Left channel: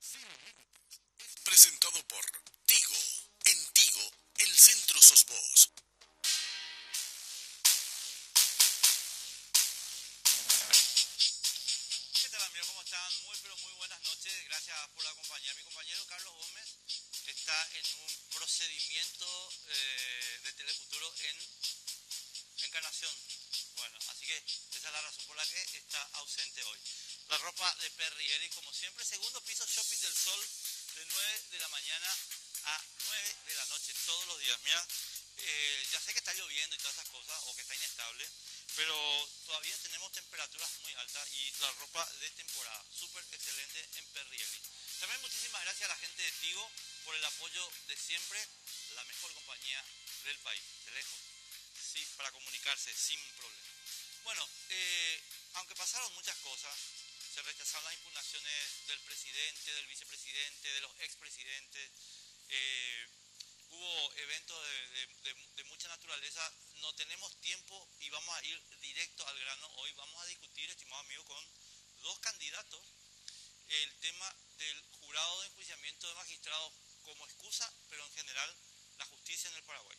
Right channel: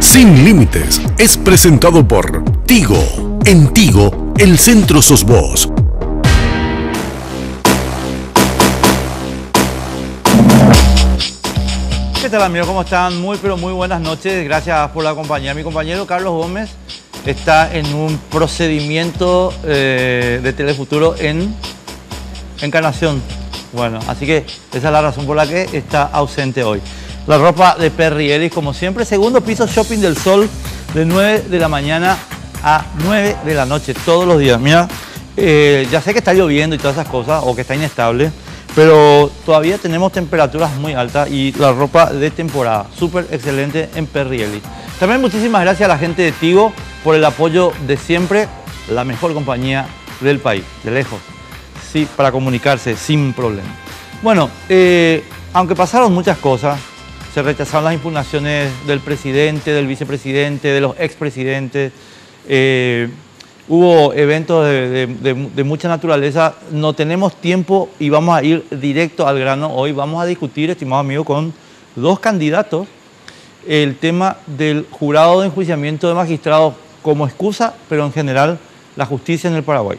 Sin Límites es presentado por Tigo. En Tigo, el centro sos vos. ¿Qué tal, amigos? ¿Cómo están? Muy buenas noches. Gracias por la compañía. Mi compañero Carlos Gómez está en un procedimiento de Telefuturo en Encarnación. Bueno, así que esa es la razón por la que está ausente hoy. La ropa de Perry Ellis, como siempre. Segundo piso, Shopping del Sol, de 9 de la mañana a 9 de la noche, todos los días. Mira, ya sé que está lloviendo y todas esas cosas, o que está inestable, pero todavía tenemos temperaturas muy altas y la ropa de temporada, súper excelente en Perry Ellis. También muchísimas gracias a la gente de Tigo por el apoyo de siempre, la mejor compañía del país, de lejos, sí, para comunicarse sin problema. Bueno, aunque pasaron muchas cosas, se rechazaron las impugnaciones del presidente, del vicepresidente, de los expresidentes, hubo eventos de mucha naturaleza. No tenemos tiempo y vamos a ir directo al grano. Hoy vamos a discutir, estimado amigo, con dos candidatos el tema del jurado de enjuiciamiento de magistrados como excusa, pero en general la justicia en el Paraguay.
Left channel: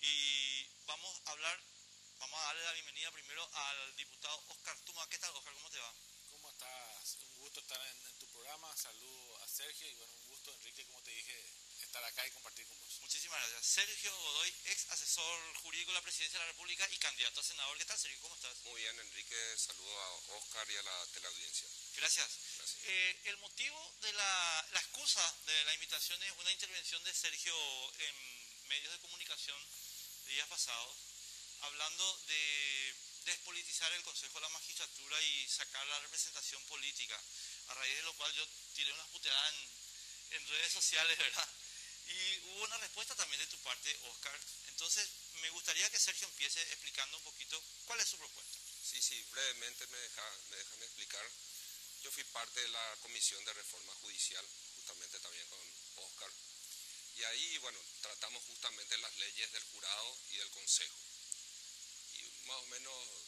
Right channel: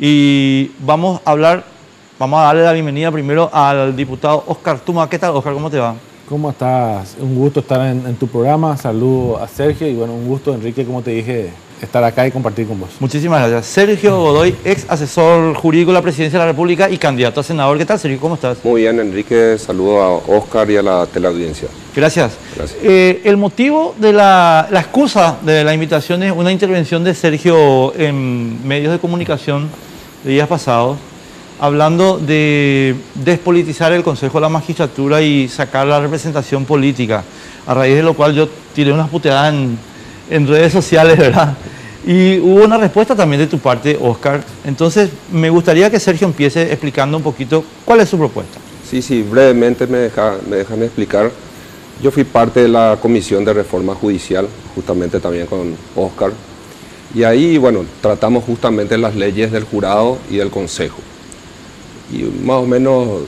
Y vamos a darle la bienvenida primero al diputado Oscar Tuma. ¿Qué tal, Oscar? ¿Cómo te va? ¿Cómo estás? Un gusto estar en tu programa. Saludo a Sergio y bueno, un gusto, Enrique, como te dije, estar acá y compartir con vos. Muchísimas gracias. Sergio Godoy, ex asesor jurídico de la Presidencia de la República y candidato a senador. ¿Qué tal, Sergio? ¿Cómo estás? Muy bien, Enrique. Saludo a Oscar y a la teleaudiencia. Gracias. Gracias. El motivo de la excusa de la invitación es una intervención de Sergio en medios de comunicación de días pasados, hablando de despolitizar el Consejo de la Magistratura y sacar la representación política, a raíz de lo cual yo tiré unas puteadas en redes sociales, ¿verdad? Y hubo una respuesta también de tu parte, Oscar. Entonces, me gustaría que Sergio empiece explicando un poquito cuál es su propuesta. Sí, brevemente me dejan explicar. Yo fui parte de la Comisión de Reforma Judicial, justamente también con Oscar, y ahí, bueno, tratamos justamente las leyes del jurado y del Consejo. Y más o menos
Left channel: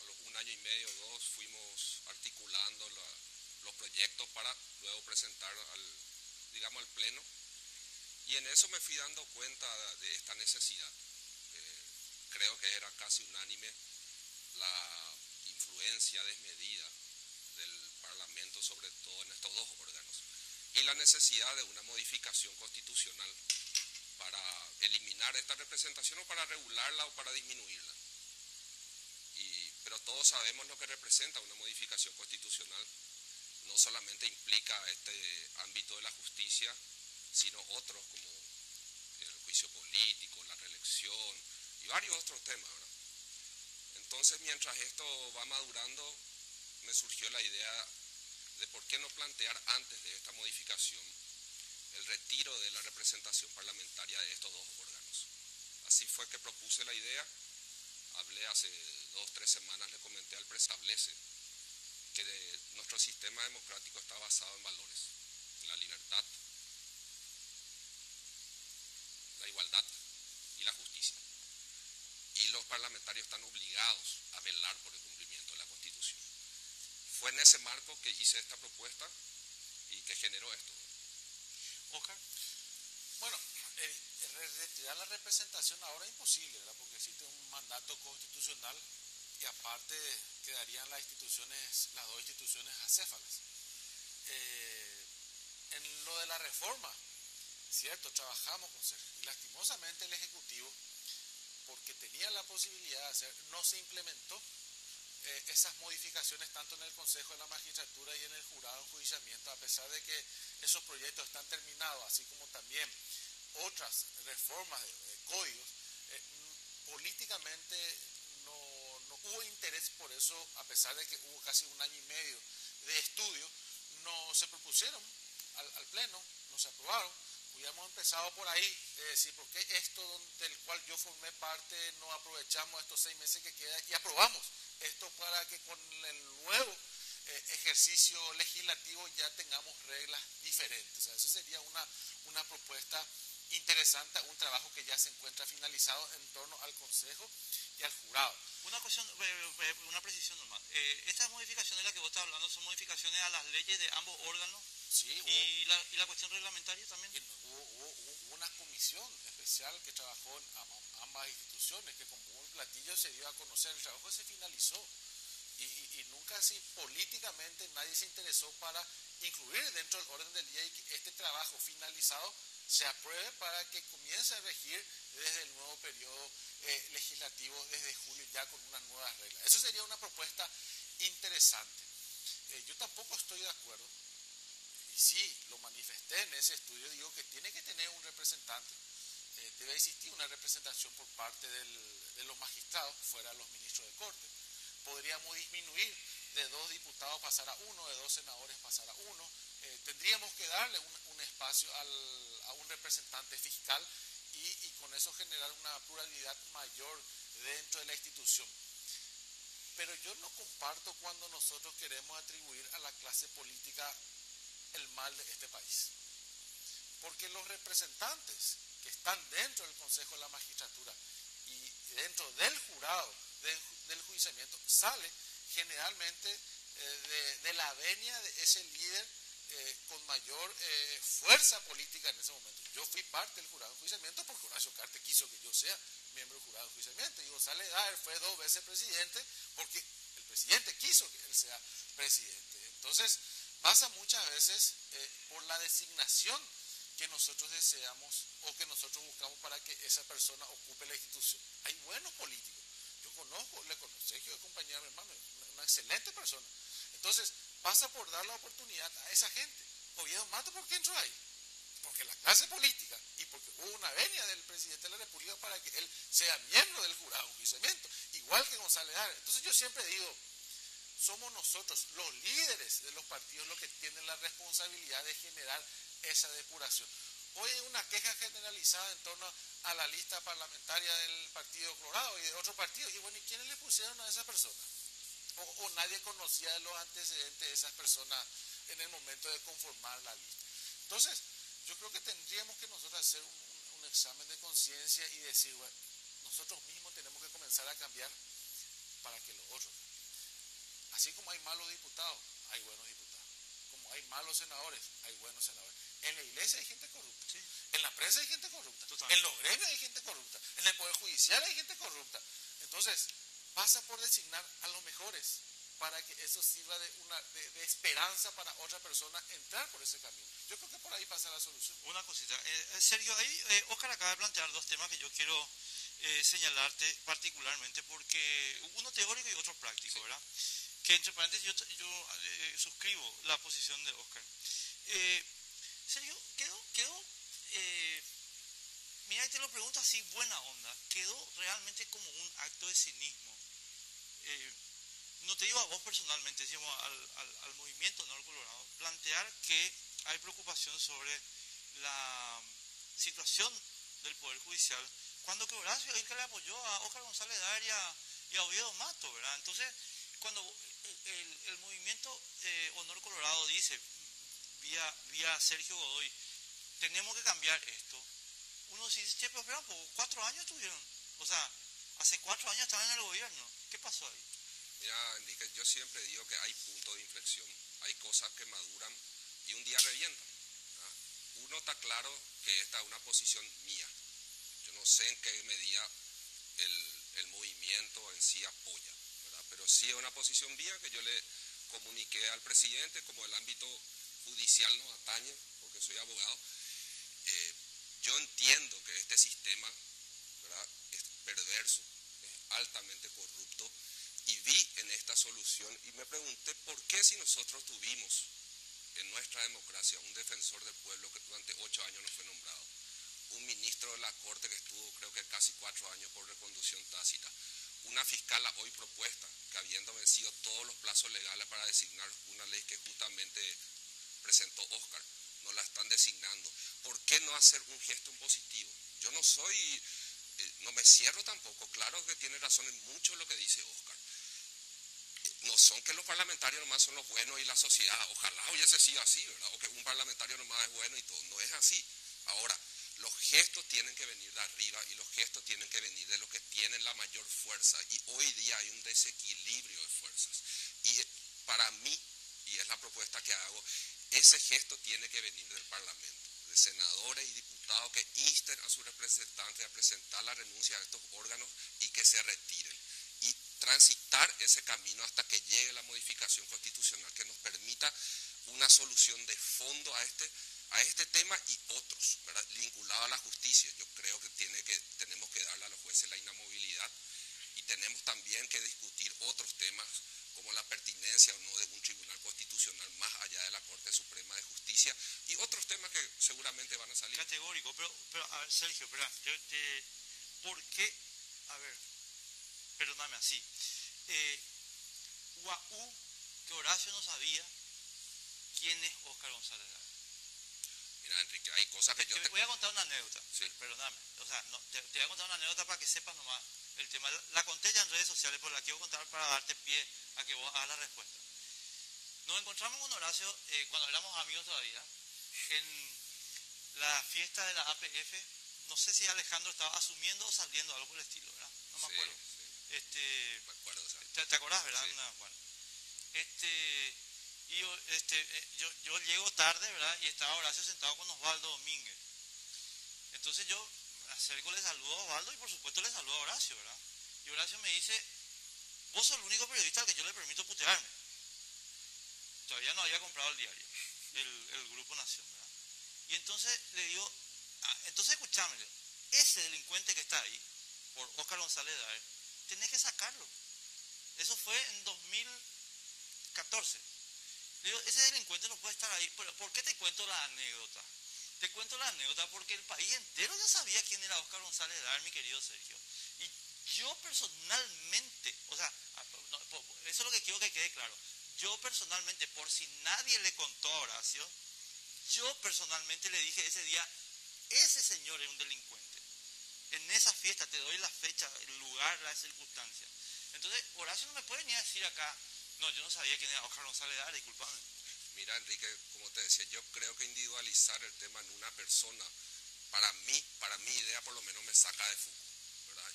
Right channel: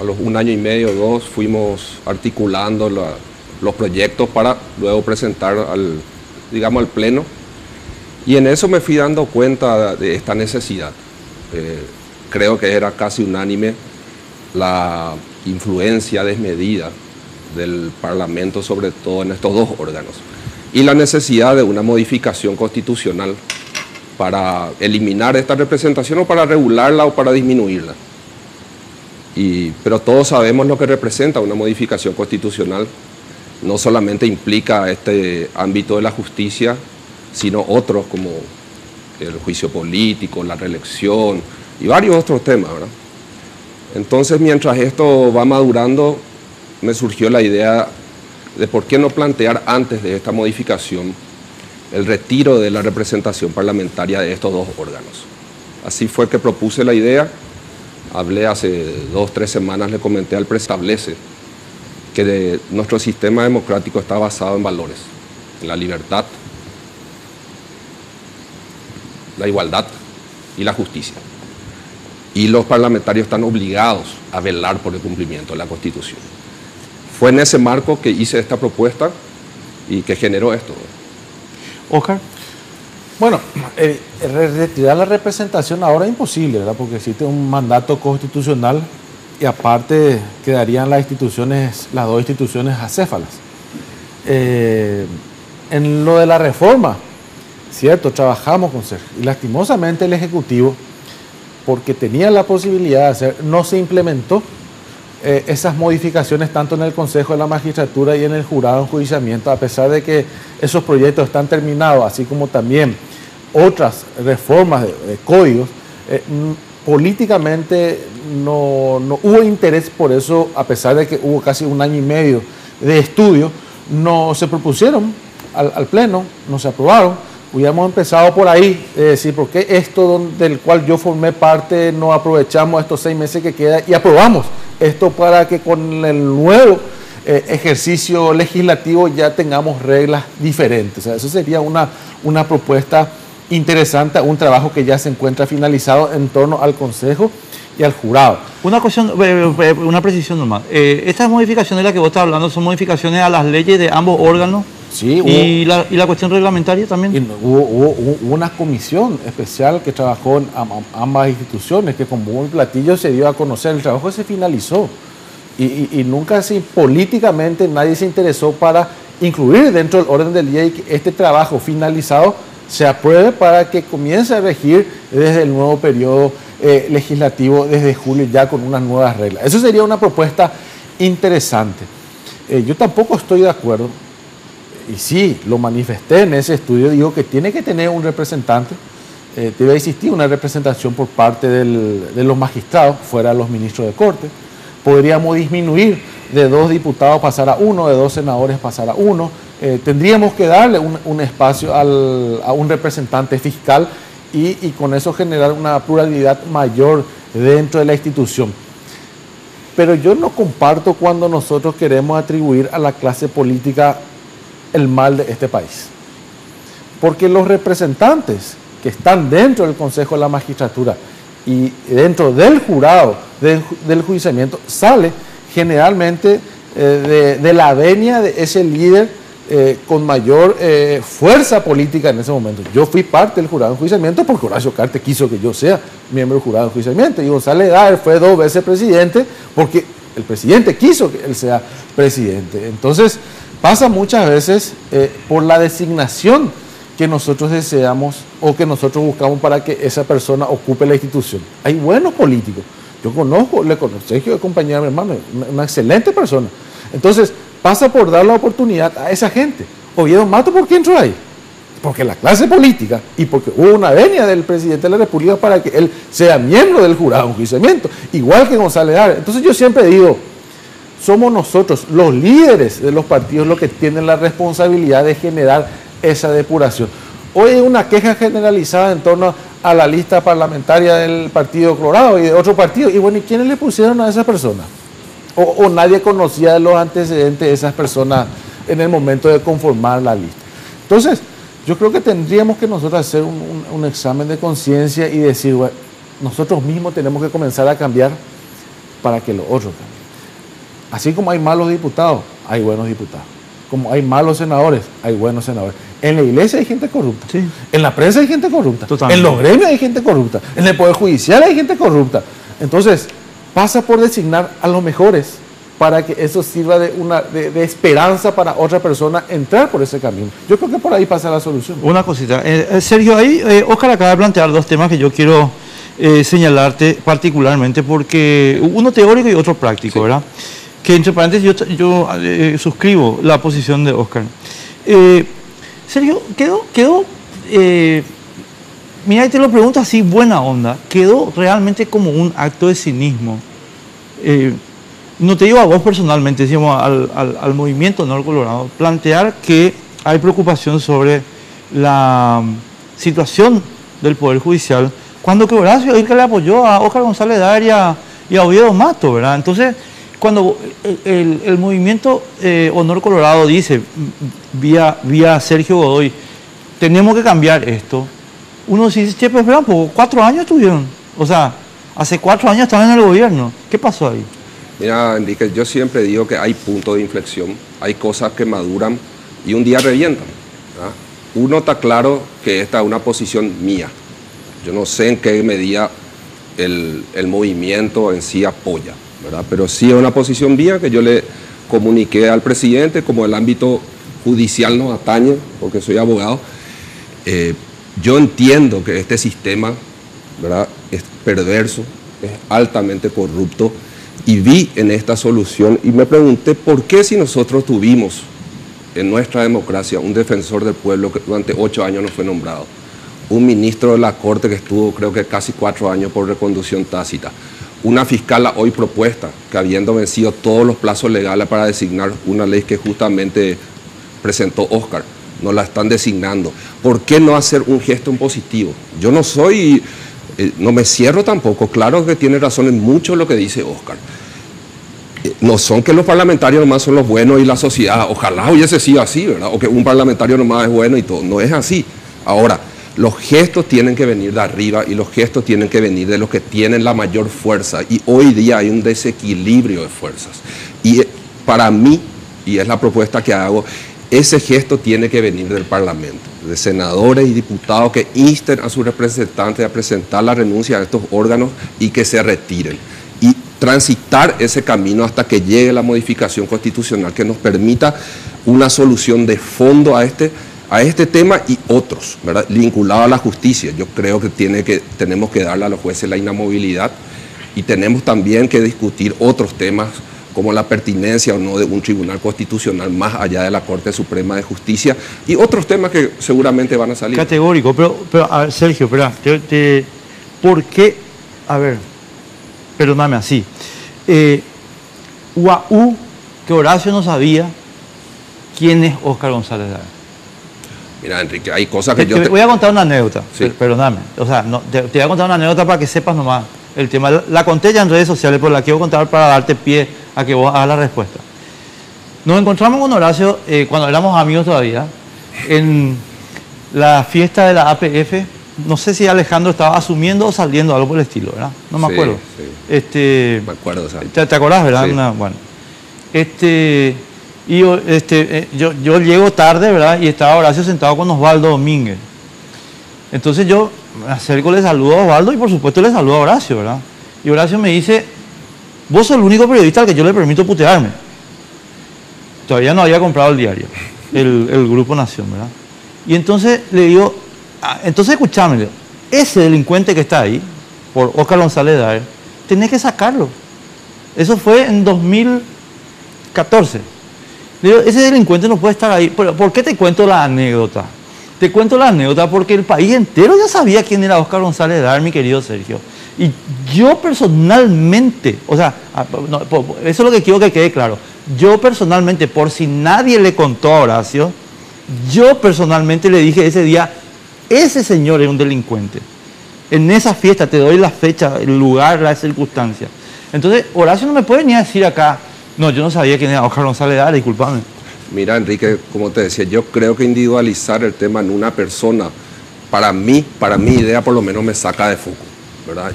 a los 1 año y medio, 2, fuimos articulando los proyectos para luego presentar al Pleno. Y en eso me fui dando cuenta de esta necesidad. Creo que era casi unánime la influencia desmedida del Parlamento, sobre todo en estos dos órganos, y la necesidad de una modificación constitucional para eliminar esta representación o para regularla o para disminuirla. Pero todos sabemos lo que representa una modificación constitucional. No solamente implica este ámbito de la justicia, sino otros como el juicio político, la reelección y varios otros temas, ¿verdad? Entonces, mientras esto va madurando, me surgió la idea de por qué no plantear antes de esta modificación el retiro de la representación parlamentaria de estos dos órganos. Así fue que propuse la idea. Hablé hace 2 o 3 semanas, le comenté al presidente, establece que nuestro sistema democrático está basado en valores, en la libertad, la igualdad y la justicia. Y los parlamentarios están obligados a velar por el cumplimiento de la Constitución. Fue en ese marco que hice esta propuesta y que generó esto. Oscar. Bueno, retirar la representación ahora es imposible, ¿verdad? Porque existe un mandato constitucional y aparte quedarían las dos instituciones acéfalas. En lo de la reforma, cierto, trabajamos con Sergio y lastimosamente el Ejecutivo, porque tenía la posibilidad de hacer, no se implementó esas modificaciones tanto en el Consejo de la Magistratura y en el Jurado de Enjuiciamiento, a pesar de que esos proyectos están terminados, así como también otras reformas de códigos. Políticamente no hubo interés por eso, a pesar de que hubo casi 1 año y medio de estudio, no se propusieron al Pleno, no se aprobaron. Hubiéramos empezado por ahí, decir, ¿por qué esto del cual yo formé parte no aprovechamos estos 6 meses que queda y aprobamos esto para que con el nuevo ejercicio legislativo ya tengamos reglas diferentes? O sea, eso sería una propuesta interesante, un trabajo que ya se encuentra finalizado en torno al Consejo y al jurado. Una cuestión, una precisión nomás. Estas modificaciones de las que vos estás hablando son modificaciones a las leyes de ambos órganos Sí, ¿Y la cuestión reglamentaria también? Y hubo una comisión especial que trabajó en ambas instituciones, que con bombo y platillo se dio a conocer. El trabajo se finalizó y nunca políticamente nadie se interesó para incluir dentro del orden del día y que este trabajo finalizado se apruebe para que comience a regir desde el nuevo periodo legislativo, desde julio, ya con unas nuevas reglas. Eso sería una propuesta interesante. Yo tampoco estoy de acuerdo. Y sí, lo manifesté en ese estudio, digo que tiene que tener un representante, debe existir una representación por parte de los magistrados, fuera de los ministros de corte. Podríamos disminuir de 2 diputados pasar a 1, de 2 senadores pasar a 1. Tendríamos que darle un espacio a un representante fiscal y con eso generar una pluralidad mayor dentro de la institución. Pero yo no comparto cuando nosotros queremos atribuir a la clase política el mal de este país. Porque los representantes que están dentro del Consejo de la Magistratura y dentro del jurado del juiciamiento sale generalmente de la venia de ese líder con mayor fuerza política en ese momento. Yo fui parte del jurado de enjuiciamiento porque Horacio Cartes quiso que yo sea miembro del jurado de enjuiciamiento y González Daer fue 2 veces presidente porque el presidente quiso que él sea presidente. Entonces pasa muchas veces por la designación que nosotros deseamos o que nosotros buscamos para que esa persona ocupe la institución. Hay buenos políticos. Yo le conozco, Sergio es compañero de mi hermano, una excelente persona. Entonces, pasa por dar la oportunidad a esa gente. Oviedo Mato, ¿por qué entró ahí? Porque la clase política y porque hubo una venia del presidente de la República para que él sea miembro del jurado de enjuiciamiento, igual que González Daer. Entonces yo siempre digo, somos nosotros, los líderes de los partidos, los que tienen la responsabilidad de generar esa depuración. Hoy hay una queja generalizada en torno a la lista parlamentaria del Partido Colorado y de otro partido. Y bueno, ¿y quiénes le pusieron a esa persona? O nadie conocía de los antecedentes de esas personas en el momento de conformar la lista. Entonces, yo creo que tendríamos que nosotros hacer un examen de conciencia y decir, bueno, nosotros mismos tenemos que comenzar a cambiar para que los otros cambien. Así como hay malos diputados, hay buenos diputados. Como hay malos senadores, hay buenos senadores. En la iglesia hay gente corrupta. Sí. En la prensa hay gente corrupta. Totalmente. En los gremios hay gente corrupta. En el Poder Judicial hay gente corrupta. Entonces, pasa por designar a los mejores para que eso sirva de esperanza para otra persona entrar por ese camino. Yo creo que por ahí pasa la solución. Una cosita. Sergio, ahí Óscar acaba de plantear 2 temas que yo quiero señalarte particularmente porque uno teórico y otro práctico, sí. ¿Verdad? Que entre paréntesis yo suscribo la posición de Óscar. Sergio, quedó mira, y te lo pregunto así, buena onda, quedó realmente como un acto de cinismo. No te digo a vos personalmente, decimos al movimiento Honor Colorado, plantear que hay preocupación sobre la situación del Poder Judicial, cuando que Horacio es el que le apoyó a Óscar González Daer y a Oviedo Mato, ¿verdad? Entonces, cuando el movimiento Honor Colorado dice, vía Sergio Godoy, tenemos que cambiar esto, uno dice, che, pero espera un poco, 4 años estuvieron, o sea, hace 4 años estaban en el gobierno, ¿qué pasó ahí? Mira, Enrique, yo siempre digo que hay puntos de inflexión, hay cosas que maduran y un día revientan, ¿verdad? Uno está claro que esta es una posición mía, yo no sé en qué medida el movimiento en sí apoya, ¿verdad? Pero sí es una posición mía que yo le comuniqué al presidente, como el ámbito judicial nos atañe, porque soy abogado. Yo entiendo que este sistema, ¿verdad?, es perverso, es altamente corrupto, y vi en esta solución y me pregunté por qué si nosotros tuvimos en nuestra democracia un defensor del pueblo que durante 8 años no fue nombrado, un ministro de la Corte que estuvo creo que casi 4 años por reconducción tácita, una fiscal hoy propuesta que habiendo vencido todos los plazos legales para designar una ley que justamente presentó Óscar, no la están designando. ¿Por qué no hacer un gesto positivo? Yo no soy, no me cierro tampoco, claro que tiene razón en mucho lo que dice Óscar. No son que los parlamentarios nomás son los buenos y la sociedad, ojalá hubiese sido así, ¿verdad? O que un parlamentario nomás es bueno y todo, no es así. Ahora, los gestos tienen que venir de arriba y los gestos tienen que venir de los que tienen la mayor fuerza. Y hoy día hay un desequilibrio de fuerzas. Y para mí, y es la propuesta que hago, ese gesto tiene que venir del Parlamento, de senadores y diputados que insten a sus representantes a presentar la renuncia a estos órganos y que se retiren. Y transitar ese camino hasta que llegue la modificación constitucional que nos permita una solución de fondo a este tema y otros, ¿verdad? Vinculado a la justicia. Yo creo que tenemos que darle a los jueces la inamovilidad y tenemos también que discutir otros temas como la pertinencia o no de un tribunal constitucional más allá de la Corte Suprema de Justicia y otros temas que seguramente van a salir. Categórico, pero a ver, Sergio, espera, ¿por qué? A ver, perdóname así. UAU, que Horacio no sabía quién es Óscar González Lara. Mira, Enrique, hay cosas que Te voy a contar una anécdota, sí. Perdóname. O sea, te voy a contar una anécdota para que sepas nomás el tema. La conté ya en redes sociales, pero la quiero contar para darte pie a que vos hagas la respuesta. Nos encontramos con Horacio cuando éramos amigos todavía, en la fiesta de la APF. No sé si Alejandro estaba asumiendo o saliendo, algo por el estilo, ¿verdad? No me acuerdo. Sí. Me acuerdo, o sea. ¿Te acordás, verdad? Sí. Bueno. Yo llego tarde, ¿verdad? Y estaba Horacio sentado con Osvaldo Domínguez. Entonces yo me acerco, le saludo a Osvaldo y por supuesto le saludo a Horacio, ¿verdad? Y Horacio me dice, vos sos el único periodista al que yo le permito putearme. Todavía no había comprado el diario, el Grupo Nación, ¿verdad? Y entonces le digo, entonces escuchame, ese delincuente que está ahí, por Óscar González Daer, tenés que sacarlo. Eso fue en 2014. Le digo, ese delincuente no puede estar ahí. Pero, ¿por qué te cuento la anécdota? Te cuento la anécdota porque el país entero ya sabía quién era Óscar González Daer, mi querido Sergio. Y yo personalmente, o sea, eso es lo que quiero que quede claro. Yo personalmente, por si nadie le contó a Horacio, yo personalmente le dije ese día, ese señor es un delincuente. En esa fiesta te doy la fecha, el lugar, la circunstancia. Entonces, Horacio no me puede ni decir acá, no, yo no sabía quién era Óscar González Daer, discúlpame. Mira, Enrique, como te decía, yo creo que individualizar el tema en una persona, para mi idea por lo menos me saca de foco, ¿verdad?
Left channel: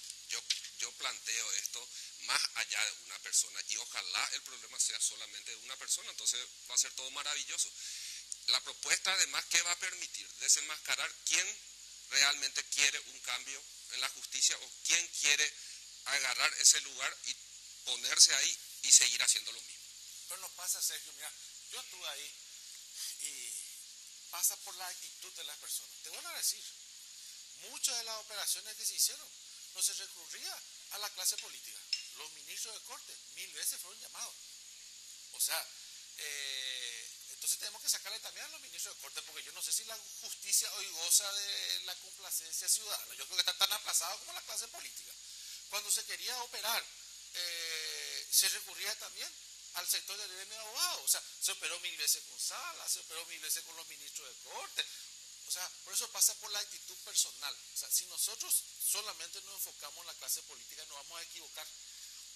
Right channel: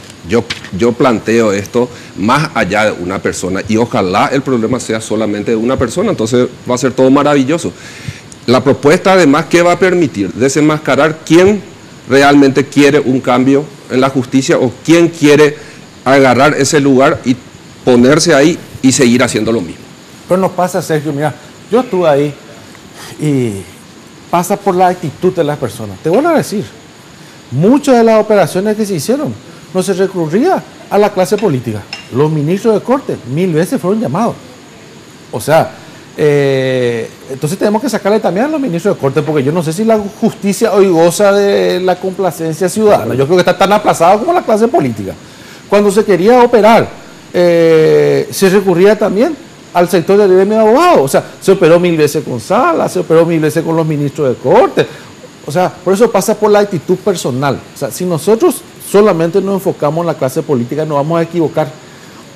Yo planteo esto más allá de una persona y ojalá el problema sea solamente de una persona, entonces va a ser todo maravilloso. La propuesta además, ¿qué va a permitir? Desenmascarar quién realmente quiere un cambio en la justicia o quién quiere agarrar ese lugar y ponerse ahí y seguir haciendo lo mismo. Pero nos pasa, Sergio, mira, yo estuve ahí y pasa por la actitud de las personas. Te voy a decir, muchas de las operaciones que se hicieron no se recurría a la clase política. Los ministros de corte 1000 veces fueron llamados. O sea, entonces tenemos que sacarle también a los ministros de corte, porque yo no sé si la justicia hoy goza de la complacencia ciudadana. Yo creo que está tan aplazado como la clase política. Cuando se quería operar, se recurría también al sector del gremio de abogados. O sea, se operó 1000 veces con Sala, se operó 1000 veces con los ministros de corte. O sea, por eso pasa por la actitud personal. O sea, si nosotros solamente nos enfocamos en la clase política, nos vamos a equivocar,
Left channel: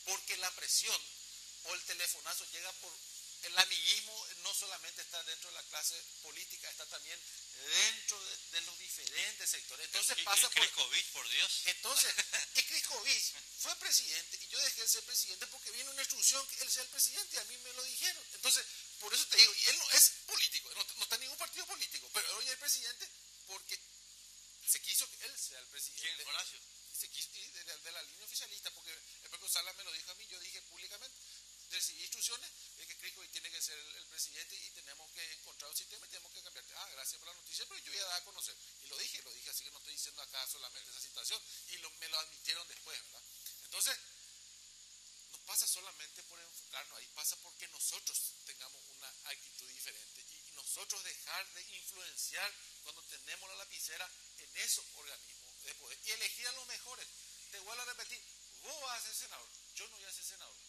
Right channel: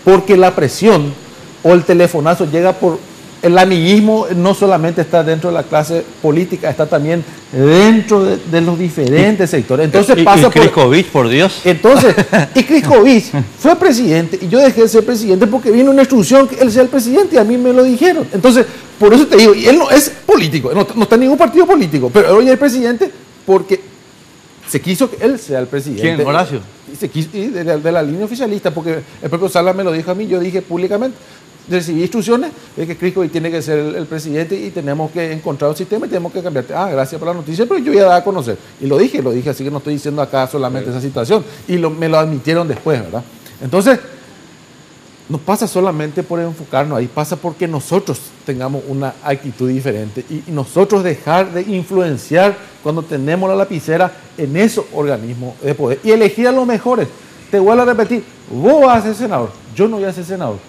porque la presión o el telefonazo llega por... El amiguismo no solamente está dentro de la clase política, está también dentro de los diferentes sectores. Entonces pasa por... Kriskovic, por Dios. Entonces, y Kriskovic fue presidente y yo dejé de ser presidente porque vino una instrucción que él sea el presidente y a mí me lo dijeron. Entonces, por eso te digo, y él no es político, no está en ningún partido político, pero hoy es el presidente porque se quiso que él sea el presidente. ¿Quién, Horacio? Y de la línea oficialista, porque el propio Sala me lo dijo a mí, yo dije públicamente, recibí instrucciones de que Kriskovic tiene que ser el presidente y tenemos que encontrar un sistema y tenemos que cambiarte. Gracias por la noticia, pero yo ya daba a conocer. Y lo dije, así que no estoy diciendo acá solamente esa situación. Y me lo admitieron después, ¿verdad? Entonces, no pasa solamente por enfocarnos ahí, pasa porque nosotros tengamos una actitud diferente y nosotros dejar de influenciar cuando tenemos la lapicera en esos organismos de poder y elegir a los mejores. Te vuelvo a repetir, vos vas a ser senador, yo no voy a ser senador.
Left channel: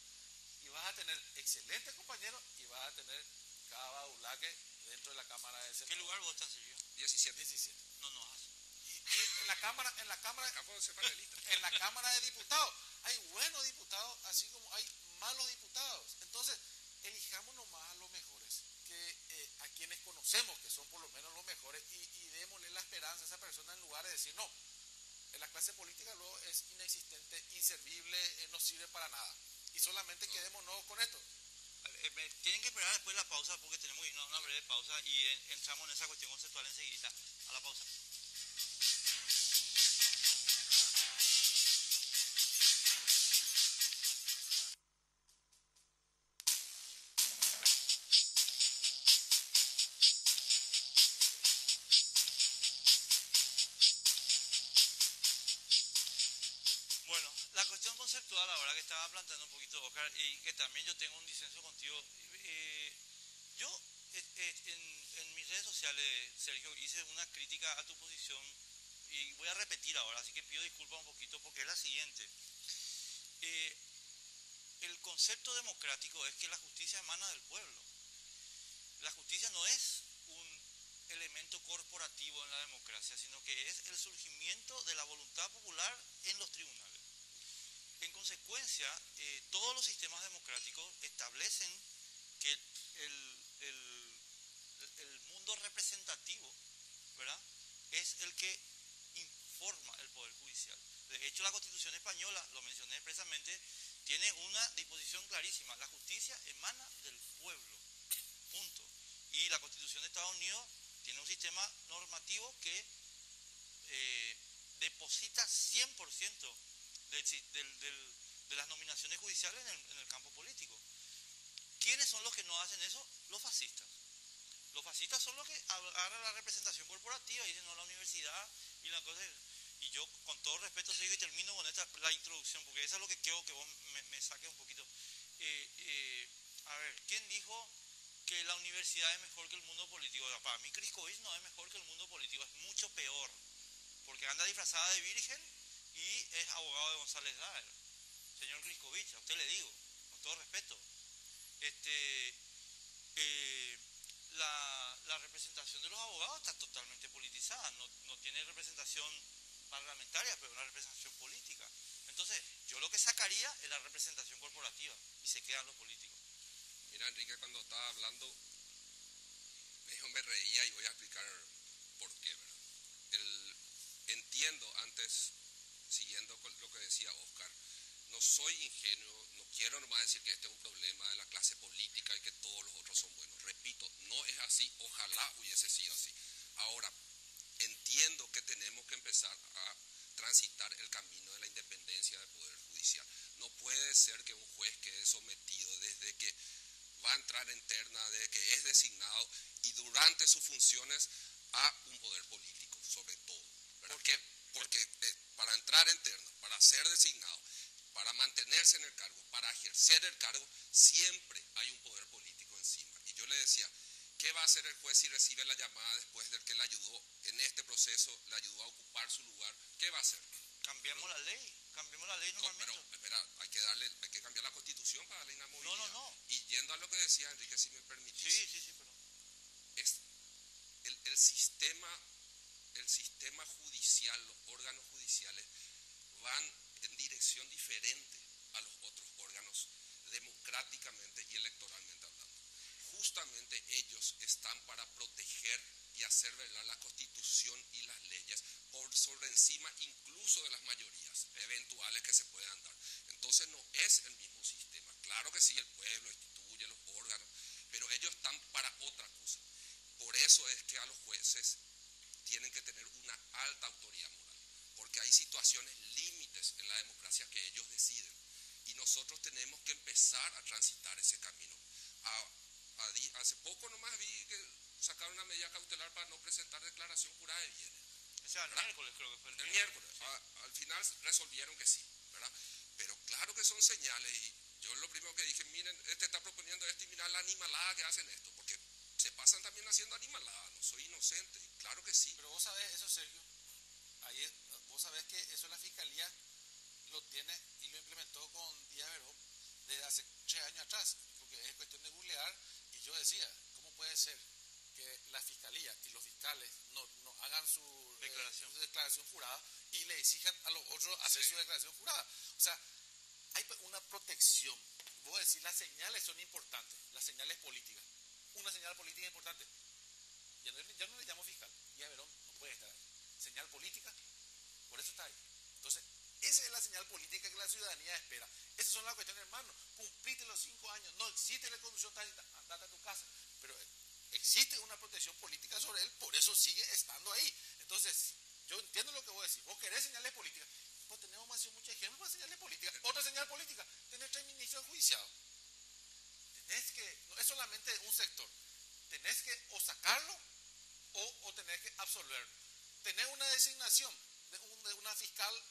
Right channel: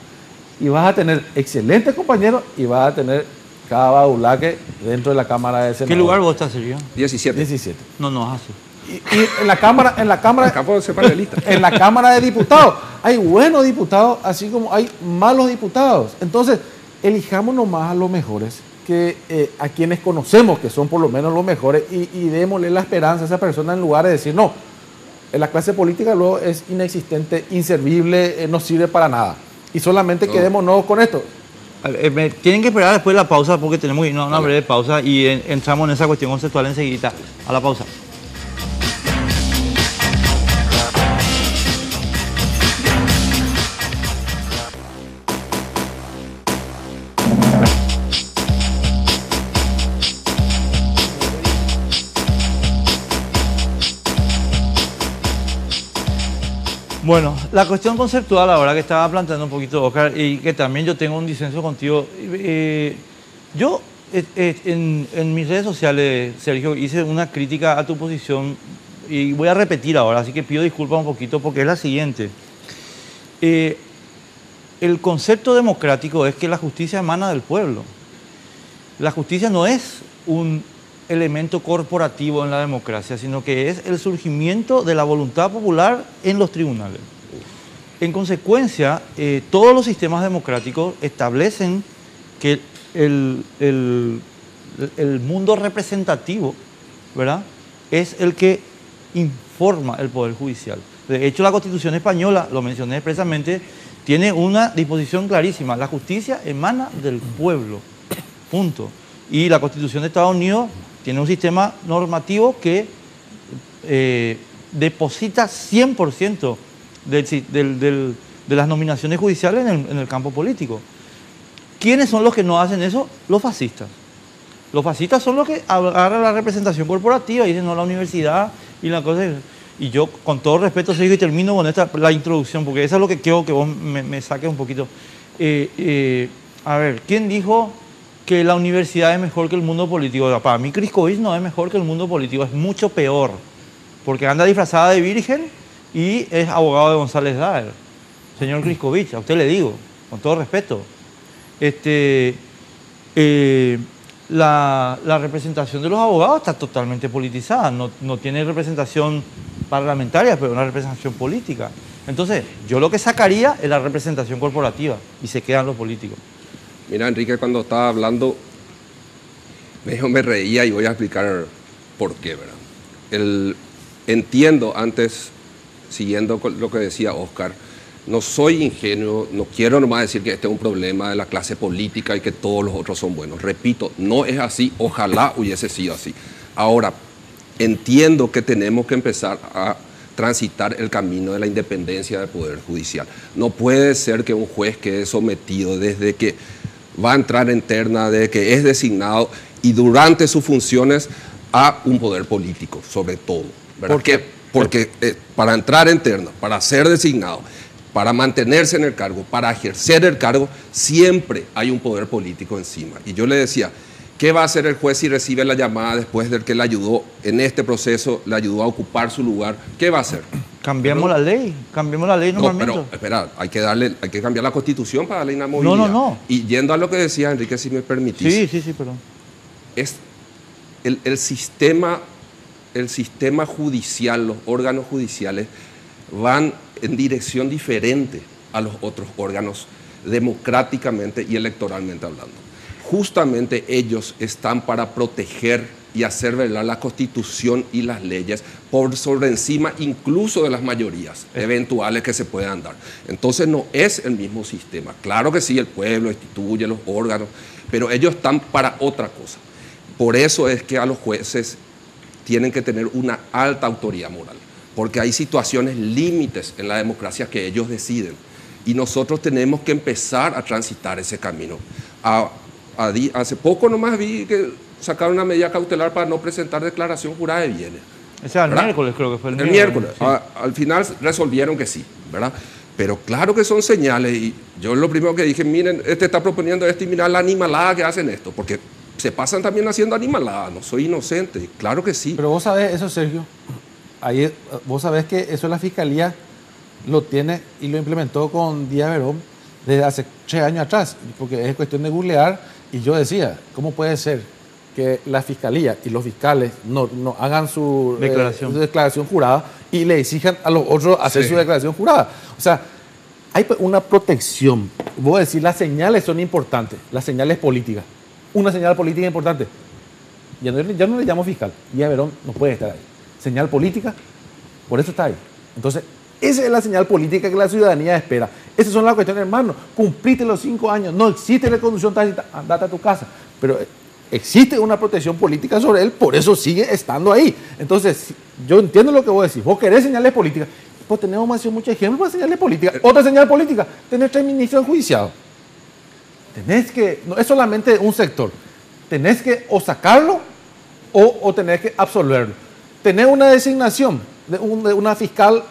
Y vas a tener excelentes compañeros y vas a tener cada badulaque dentro de la Cámara de Senadores. ¿Qué lugar vos estás, Sergio? 17. No, así. Y en la Cámara en la Cámara de Diputados hay buenos diputados, así como hay malos diputados. Entonces, elijamos nomás a los mejores, a quienes conocemos que son por lo menos los mejores, y démosle la esperanza a esa persona en lugar de decir, no, la clase política luego es inexistente, inservible, no sirve para nada. Y solamente quedémonos con esto. Tienen que esperar después de la pausa porque tenemos que irnos a una breve pausa y entramos en esa cuestión conceptual enseguida. A la pausa. Bueno, la cuestión conceptual ahora que estaba planteando un poquito Oscar y que también yo tengo un disenso contigo. Yo en mis redes sociales, Sergio, hice una crítica a tu posición y voy a repetir ahora, así que pido disculpas un poquito porque es la siguiente. El concepto democrático es que la justicia emana del pueblo. La justicia no es un elemento corporativo en la democracia, sino que es el surgimiento de la voluntad popular en los tribunales. En consecuencia, todos los sistemas democráticos establecen que el mundo representativo, ¿verdad?, es el que informa el Poder Judicial. De hecho, la Constitución española, lo mencioné expresamente, tiene una disposición clarísima. La justicia emana del pueblo, punto. Y la Constitución de Estados Unidos tiene un sistema normativo que deposita 100% de las nominaciones judiciales en el campo político. ¿Quiénes son los que no hacen eso? Los fascistas. Los fascistas son los que agarran la representación corporativa y dicen no, la universidad y la cosa. Y yo, con todo respeto, Sergio, y termino con la introducción, porque eso es lo que quiero que vos me saques un poquito. A ver, ¿quién dijo que la universidad es mejor que el mundo político? Para mí, Criscovich no es mejor que el mundo político, es mucho peor, porque anda disfrazada de virgen y es abogado de González Daer. Señor Criscovich, a usted le digo, con todo respeto. La representación de los abogados está totalmente politizada, no tiene representación parlamentaria, pero una representación política. Entonces, yo lo que sacaría es la representación corporativa y se quedan los políticos. Mira, Enrique, cuando estaba hablando, me reía y voy a explicar por qué, ¿verdad? Entiendo antes, siguiendo con lo que decía Oscar, no soy ingenuo, no quiero nomás decir que este es un problema de la clase política y que todos los otros son buenos. Repito, no es así, ojalá hubiese sido así. Ahora, entiendo que tenemos que empezar a transitar el camino de la independencia del Poder Judicial. No puede ser que un juez quede sometido desde que va a entrar en terna, desde que es designado y durante sus funciones a un poder político, sobre todo. ¿Por qué? Porque para entrar en terna, para ser designado, para mantenerse en el cargo, para ejercer el cargo, siempre hay un poder político encima. Y yo le decía, ¿qué va a hacer el juez si recibe la llamada después del que le ayudó en este proceso, le ayudó a ocupar su lugar? ¿Qué va a hacer? Cambiamos la ley normalmente. No, pero espera, hay que cambiar la Constitución para darle inamovilidad. No. Y yendo a lo que decía Enrique, si me permitís. Sí, perdón. Es el sistema judicial, los órganos judiciales van en dirección diferente a los otros órganos democráticamente y electoralmente hablando. Justamente ellos están para proteger y hacer velar la Constitución y las leyes por sobre encima incluso de las mayorías eventuales que se puedan dar. Entonces no es el mismo sistema. Claro que sí, el pueblo instituye los órganos, pero ellos están para otra cosa. Por eso es que a los jueces tienen que tener una alta autoridad moral, porque hay situaciones límites en la democracia que ellos deciden y nosotros tenemos que empezar a transitar ese camino. Hace poco nomás vi que sacaron una medida cautelar para no presentar declaración jurada de bienes. O sea, el miércoles creo que fue el miércoles. Sí. Al final resolvieron que sí, ¿verdad? Pero claro que son señales y yo lo primero que dije, miren, este está proponiendo esto y mirá la animalada que hacen esto, porque se pasan también haciendo animalada, no soy inocente, claro que sí. Pero vos sabés eso, Sergio, vos sabés que eso la Fiscalía lo tiene y lo implementó con Díaz Verón desde hace 3 años atrás, porque es cuestión de googlear y yo decía, ¿cómo puede ser que la Fiscalía y los fiscales no hagan su declaración jurada y le exijan a los otros hacer su declaración jurada? O sea, hay una protección. Vos decís, las señales son importantes, las señales políticas. Una señal política importante. Ya no le llamo fiscal. Díaz Verón no puede estar ahí. Señal política, por eso está ahí. Entonces, Esa es la señal política que la ciudadanía espera. Esas son las cuestiones, hermano. Cumpliste los 5 años, no existe reconducción tácita, andate a tu casa. Pero existe una protección política sobre él, por eso sigue estando ahí. Entonces, yo entiendo lo que vos decís. Vos querés señales políticas. Pues tenemos muchos ejemplos para señales políticas. Otra señal política, tener 3 ministros enjuiciados. Tenés que, no es solamente un sector, tenés que o sacarlo o tenés que absolverlo. Tener una designación de una fiscal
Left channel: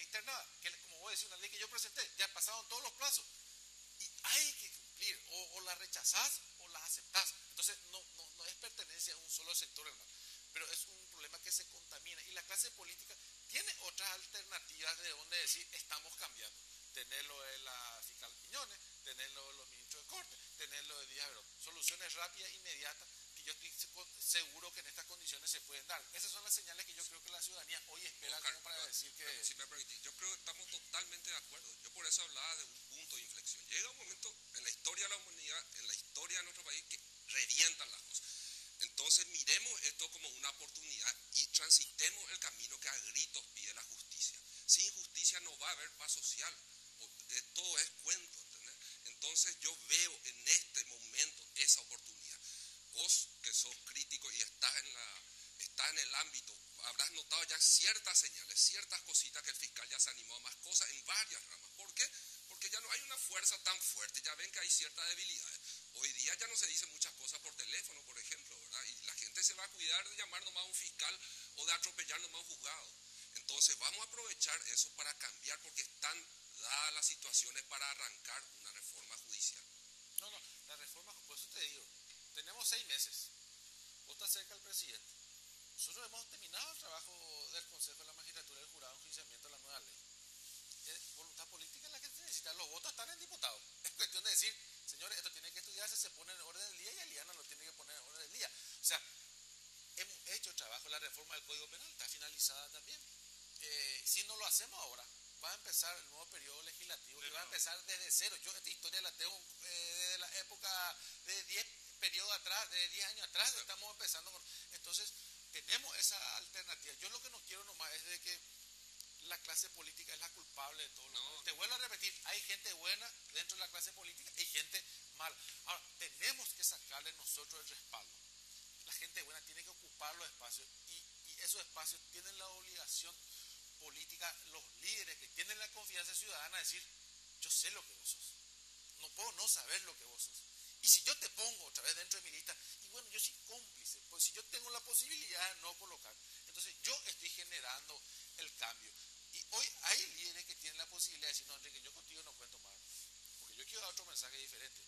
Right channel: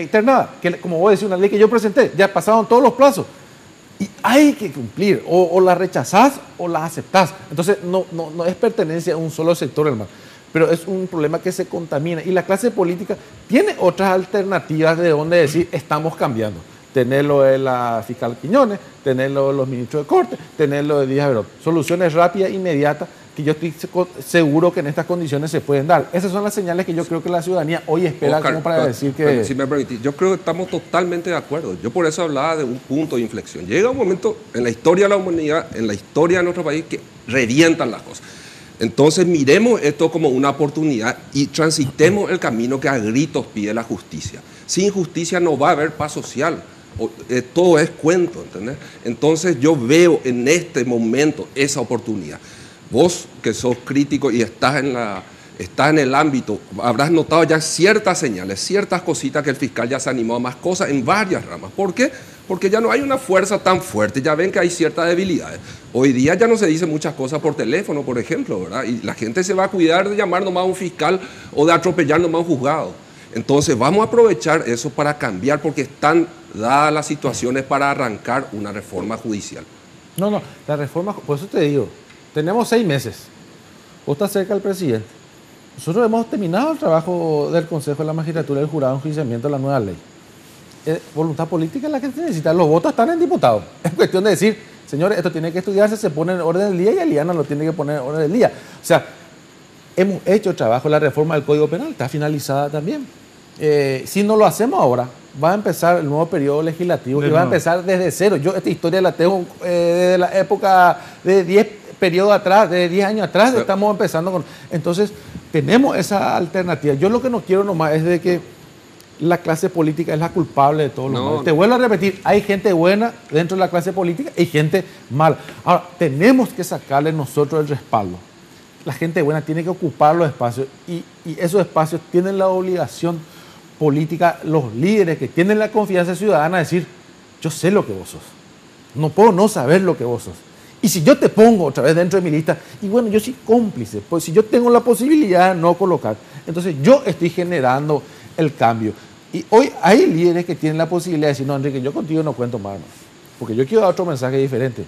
internada, que como vos decís, una ley que yo presenté, ya pasaron todos los plazos. Y hay que cumplir, o la rechazás o la aceptás. Entonces no es pertenencia a un solo sector, hermano. Pero es un problema que se contamina. Y la clase política tiene otras alternativas de donde decir, estamos cambiando. Tenerlo de la fiscal Quiñones, tenerlo de los ministros de Corte, tenerlo de Díaz Verón. Soluciones rápidas, inmediatas, que yo estoy seguro que en estas condiciones se pueden dar. Esas son las señales que yo creo que la ciudadanía hoy espera, Oscar, como para decir que... Si me permitís, yo creo que estamos totalmente de acuerdo. Yo por eso hablaba de un punto de inflexión. Llega un momento en la historia de la humanidad, en la historia de nuestro país, que revientan las cosas. Entonces miremos esto como una oportunidad y transitemos el camino que a gritos pide la justicia. Sin justicia no va a haber paz social. Todo es cuento, ¿entendés? Entonces yo veo en este momento esa oportunidad. Vos que sos crítico y estás en el ámbito, habrás notado ya ciertas señales, ciertas cositas que el fiscal ya se animó a más cosas en varias ramas. ¿Por qué? Porque ya no hay una fuerza tan fuerte, ya ven que hay ciertas debilidades. Hoy día ya no se dicen muchas cosas por teléfono, por ejemplo, ¿verdad? Y la gente se va a cuidar de llamar nomás a un fiscal o de atropellar nomás a un juzgado. Entonces vamos a aprovechar eso para cambiar, porque están dadas las situaciones para arrancar una reforma judicial. No, la reforma, por eso te digo, tenemos 6 meses. Vos estás cerca del presidente. Nosotros hemos terminado el trabajo del Consejo de la Magistratura y del Jurado de Enjuiciamiento de la nueva ley. Voluntad política es la que se necesita. Los votos están en diputados. Es cuestión de decir, señores, esto tiene que estudiarse, se pone en orden del día y Eliana lo tiene que poner en orden del día. O sea, hemos hecho el trabajo, la reforma del Código Penal está finalizada también. Si no lo hacemos ahora, va a empezar el nuevo periodo legislativo y va a empezar desde cero. Yo esta historia la tengo desde la época de 10 periodos atrás, de 10 años atrás, estamos empezando con... Entonces, tenemos esa alternativa. Yo lo que no quiero nomás es de que la clase política es la culpable de todo lo malo. Te vuelvo a repetir, hay gente buena dentro de la clase política y gente mala. Ahora, tenemos que sacarle nosotros el respaldo. La gente buena tiene que ocupar los espacios y esos espacios tienen la obligación política, los líderes que tienen la confianza ciudadana, de decir, yo sé lo que vos sos. No puedo no saber lo que vos sos. Y si yo te pongo otra vez dentro de mi lista, y bueno, yo soy cómplice, pues si yo tengo la posibilidad de no colocar, entonces yo estoy generando el cambio. Y hoy hay líderes que tienen la posibilidad de decir, no, Enrique, yo contigo no cuento más, porque yo quiero dar otro mensaje diferente.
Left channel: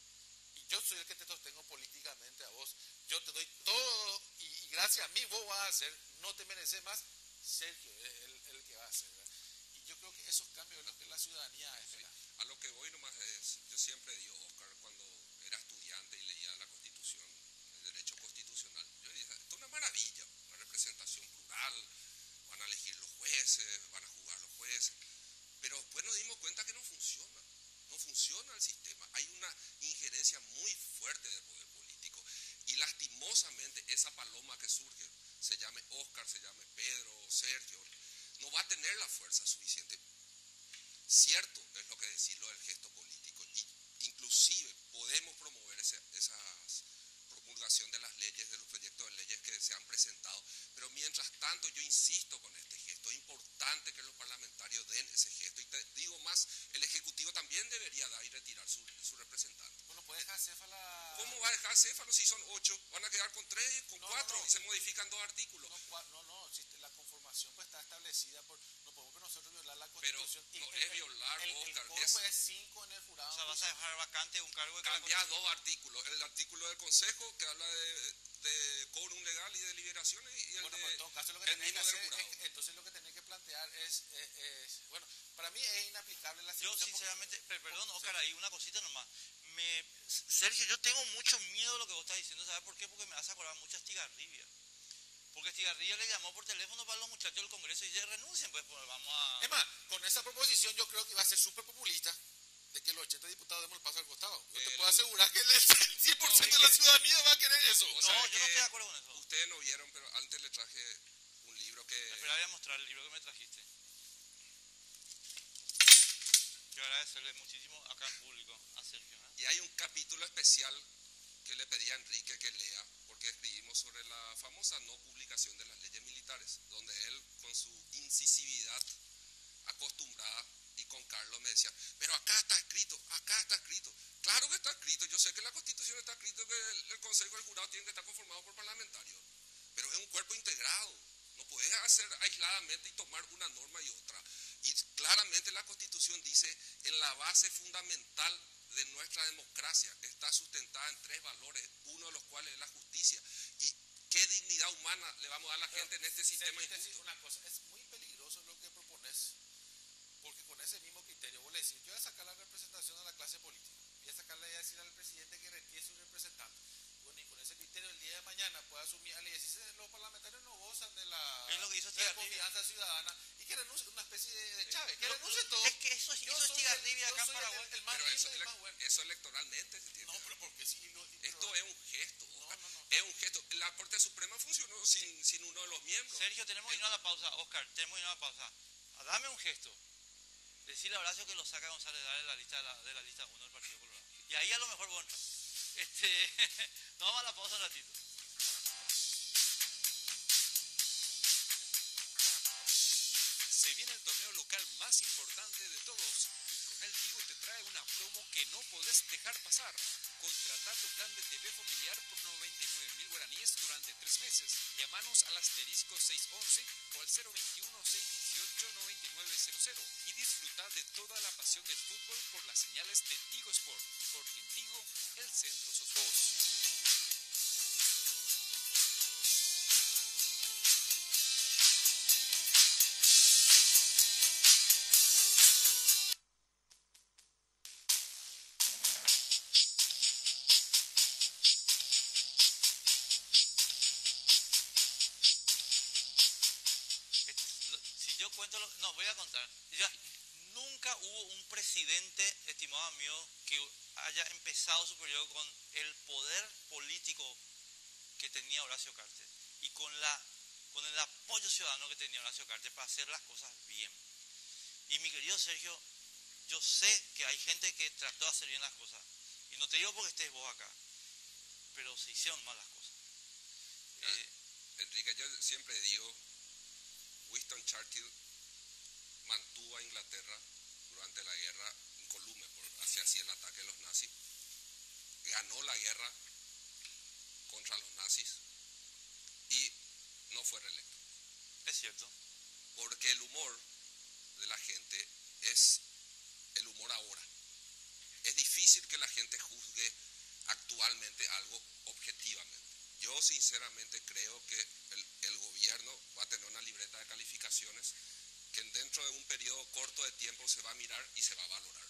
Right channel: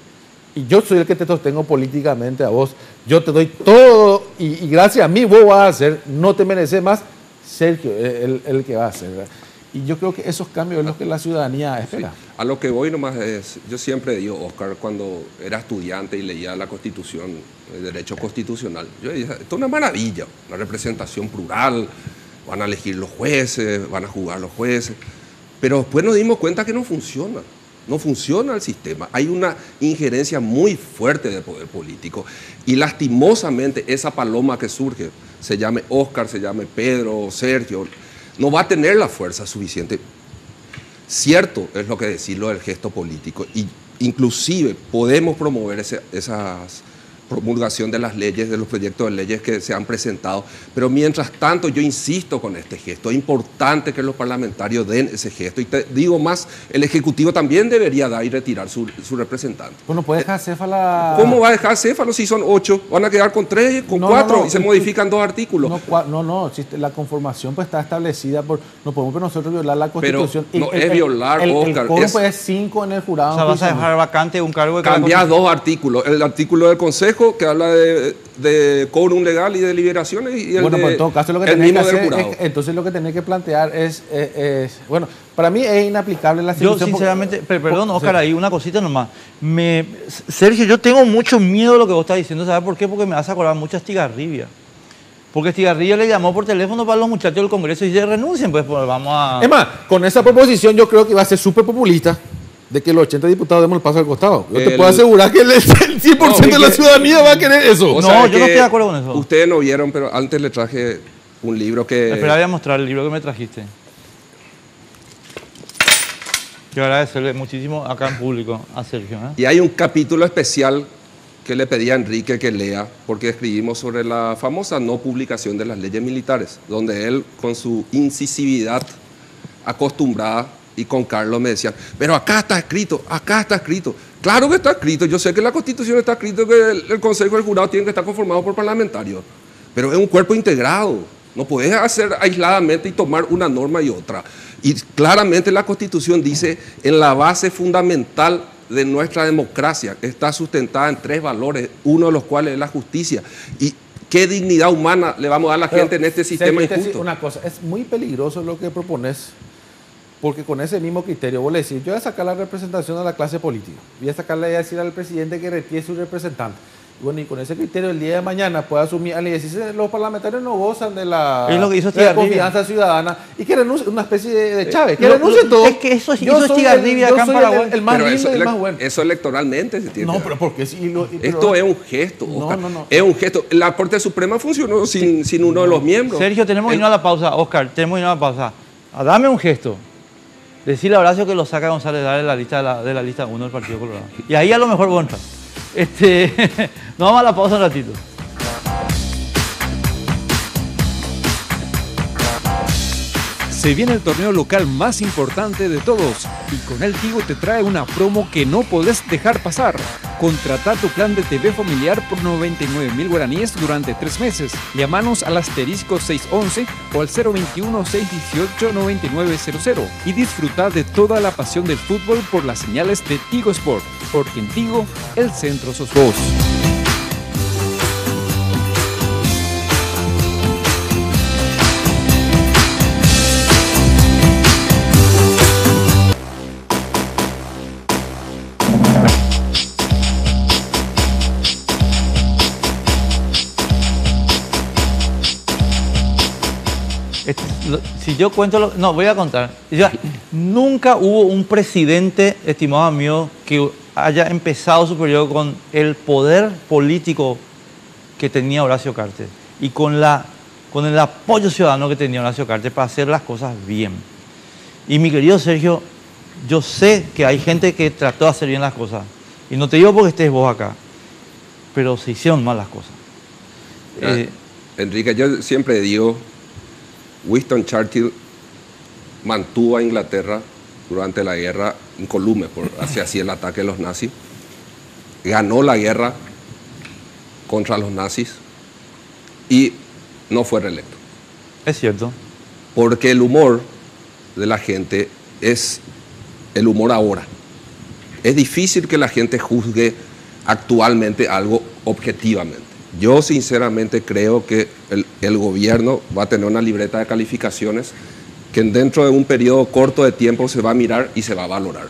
Y yo soy el que te sostengo políticamente a vos. Yo te doy todo y gracias a mí vos vas a hacer, no te mereces más, Sergio el que va a hacer, ¿verdad? Y yo creo que esos cambios es lo que la ciudadanía espera. Sí. A lo que voy nomás es, yo siempre digo, Oscar, cuando era estudiante y leía la Constitución, el derecho constitucional, yo decía, esto es una maravilla, la representación plural, van a elegir los jueces, van a jugar los jueces, pero después nos dimos cuenta que no funciona. No funciona el sistema. Hay una injerencia muy fuerte del poder político. Y lastimosamente esa paloma que surge, se llame Oscar, se llame Pedro, Sergio, no va a tener la fuerza suficiente. Cierto es lo que decirlo del gesto político. Y inclusive podemos promover esas promulgación de las leyes, de los proyectos de leyes que se han presentado. Pero mientras tanto, yo insisto con este gesto. Es importante que los parlamentarios den ese gesto. Y te digo más, el Ejecutivo también debería dar y retirar su representante. Bueno, puede dejar céfala... ¿Cómo va a dejar céfalo si son 8? Van a quedar con 3, con 4 y se modifican 2 artículos. No, la conformación pues está establecida por... No podemos nosotros violar la Constitución. Pero no es violar, Oscar. El código es 5 en el jurado. O sea, vas a dejar vacante un cargo de... Cambiar 2 artículos. El artículo del Consejo, que habla de quórum legal y de deliberaciones, y el, bueno, pues en todo caso lo que tenés que hacer entonces lo que tenés que plantear es bueno, para mí es inaplicable la situación. Yo sinceramente, perdón, Oscar, ahí una cosita nomás. Sergio, yo tengo mucho miedo de lo que vos estás diciendo, ¿sabes por qué? Porque me vas a acordar mucho a Estigarribia. Porque Estigarribia le llamó por teléfono para los muchachos del Congreso y se renuncien, pues vamos a... Es más, con esa proposición yo creo que va a ser súper populista, de que los 80 diputados demos el paso al costado. Yo te puedo asegurar que el 100% de la ciudadanía va a querer eso. No, yo no estoy de acuerdo con eso. Ustedes no vieron, pero antes le traje un libro que... Espera, voy a mostrar el libro que me trajiste. Quiero agradecerle muchísimo acá en público a Sergio. Y hay un capítulo especial que le pedí a Enrique que lea, porque escribimos sobre la famosa no publicación de las leyes militares, donde él, con su incisividad acostumbrada, y con Carlos me decían, pero acá está escrito, acá está escrito. Claro que está escrito, yo sé que en la Constitución está escrito que el Consejo y el Jurado tienen que estar conformados por parlamentarios, pero es un cuerpo integrado, no puedes hacer aisladamente y tomar una norma y otra. Y claramente la Constitución dice, en la base fundamental de nuestra democracia está sustentada en 3 valores, uno de los cuales es la justicia. ¿Y qué dignidad humana le vamos a dar a la gente en este sistema injusto? Una cosa, es muy peligroso lo que propones, porque con ese mismo criterio vos le decís, yo voy a sacar la representación a la clase política, voy a sacarle a decir al presidente que retire su representante. Y bueno, y con ese criterio el día de mañana puede asumir, y decir, los parlamentarios no gozan de la, es lo que hizo de la confianza ciudadana, y que renuncie, una especie de Chávez, que renuncie todo. Es que eso hizo Estigarribia acá en Paraguay. El más pero lindo y el más bueno. Eso electoralmente se tiene. No, pero porque sí. Esto es un gesto, Oscar. No. Es un gesto. La Corte Suprema funcionó sin uno de los miembros. Sergio, tenemos que irnos a la pausa. Oscar, tenemos que irnos a la pausa. Dame un gesto. Decirle a Horacio que lo saca González Dar de la lista 1 del Partido Colorado. Y ahí a lo mejor vos entras. Nos vamos a la pausa un ratito. Se viene el torneo local más importante de todos y con él Tigo te trae una promo que no podés dejar pasar. Contrata tu plan de TV familiar por 99.000 guaraníes durante 3 meses. Llámanos al asterisco 611 o al 021-618-9900 y disfruta de toda la pasión del fútbol por las señales de Tigo Sport, porque en Tigo el centro sos vos. Si yo cuento, no, voy a contar. Nunca hubo un presidente, estimado amigo, que haya empezado su periodo con el poder político que tenía Horacio Cartes y con el apoyo ciudadano que tenía Horacio Cartes para hacer las cosas bien. Y mi querido Sergio, yo sé que hay gente que trató de hacer bien las cosas. Y no te digo porque estés vos acá, pero se hicieron mal las cosas. Enrique, yo siempre digo, Winston Churchill mantuvo a Inglaterra durante la guerra incolume, hacia así el ataque de los nazis. Ganó la guerra contra los nazis y no fue reelecto. Es cierto. Porque el humor de la gente es el humor ahora. Es difícil que la gente juzgue actualmente algo objetivamente. Yo sinceramente creo que el gobierno va a tener una libreta de calificaciones que dentro de un periodo corto de tiempo se va a mirar y se va a valorar.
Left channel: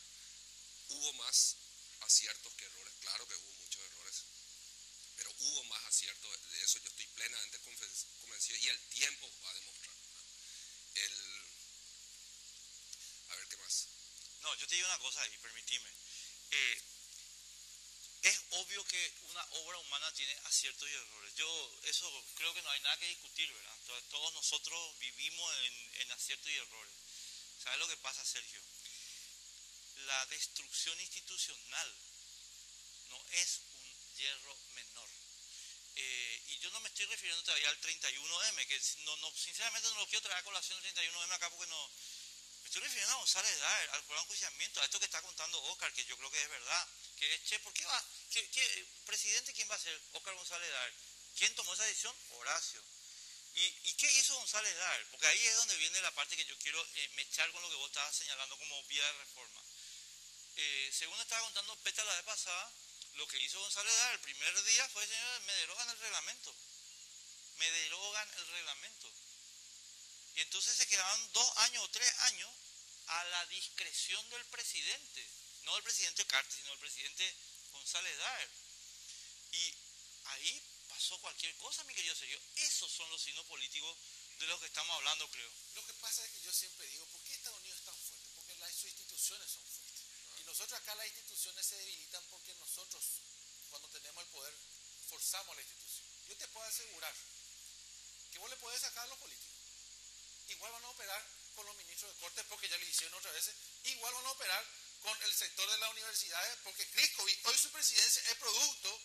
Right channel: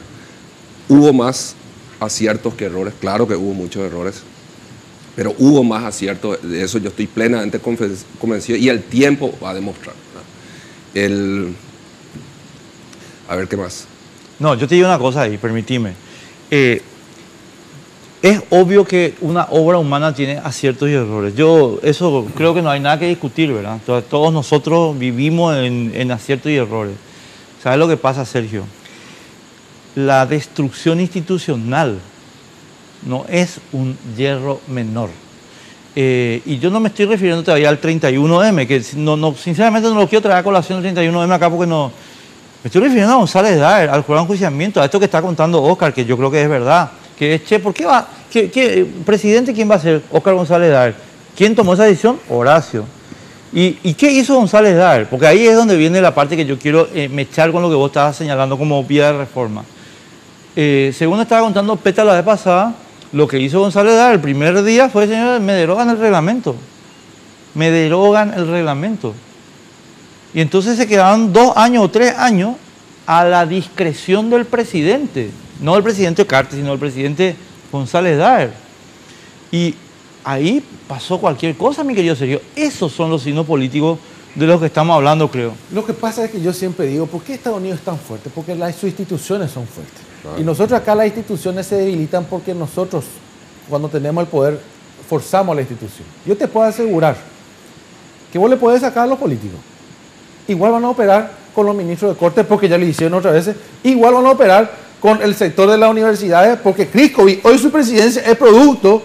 Hubo más aciertos que errores, claro que hubo muchos errores, pero hubo más aciertos, de eso yo estoy plenamente convencido y el tiempo va a demostrar. A ver, ¿qué más? No, yo te digo una cosa ahí, permitime. Es obvio que una obra humana tiene aciertos y errores. Eso creo que no hay nada que discutir, ¿verdad? Todos nosotros vivimos en aciertos y errores. ¿Sabes lo que pasa, Sergio? La destrucción institucional no es un hierro menor. Y yo no me estoy refiriendo todavía al 31M, que sinceramente no lo quiero traer a colación el 31M acá porque no... Me estoy refiriendo a González Daer, al jurado de enjuiciamiento, a esto que está contando Oscar, que yo creo que es verdad. Que es, ¿por qué va? ¿Presidente quién va a ser? Oscar González Daer. ¿Quién tomó esa decisión? Horacio. ¿Y qué hizo González Daer? Porque ahí es donde viene la parte que yo quiero mechar con lo que vos estabas señalando como vía de reforma. Según estaba contando Peta la vez pasada, lo que hizo González Daer el primer día fue, señor, me derogan el reglamento. Me derogan el reglamento. Y entonces se quedaron 2 años o 3 años a la discreción del presidente. No el presidente Cartes, sino el presidente González Daer. Y ahí pasó cualquier cosa, mi querido Sergio. Esos son los signos políticos de los que estamos hablando, creo. Lo que pasa es que yo siempre digo, ¿por qué Estados Unidos es tan fuerte? Porque sus instituciones son fuertes. Claro. Y nosotros acá las instituciones se debilitan porque nosotros, cuando tenemos el poder, forzamos a la institución. Yo te puedo asegurar que vos le podés sacar a los políticos. Igual van a operar con los ministros de Corte porque ya lo hicieron otras veces. Igual van a operar con el sector de las universidades porque Criscovi, hoy su presidencia es producto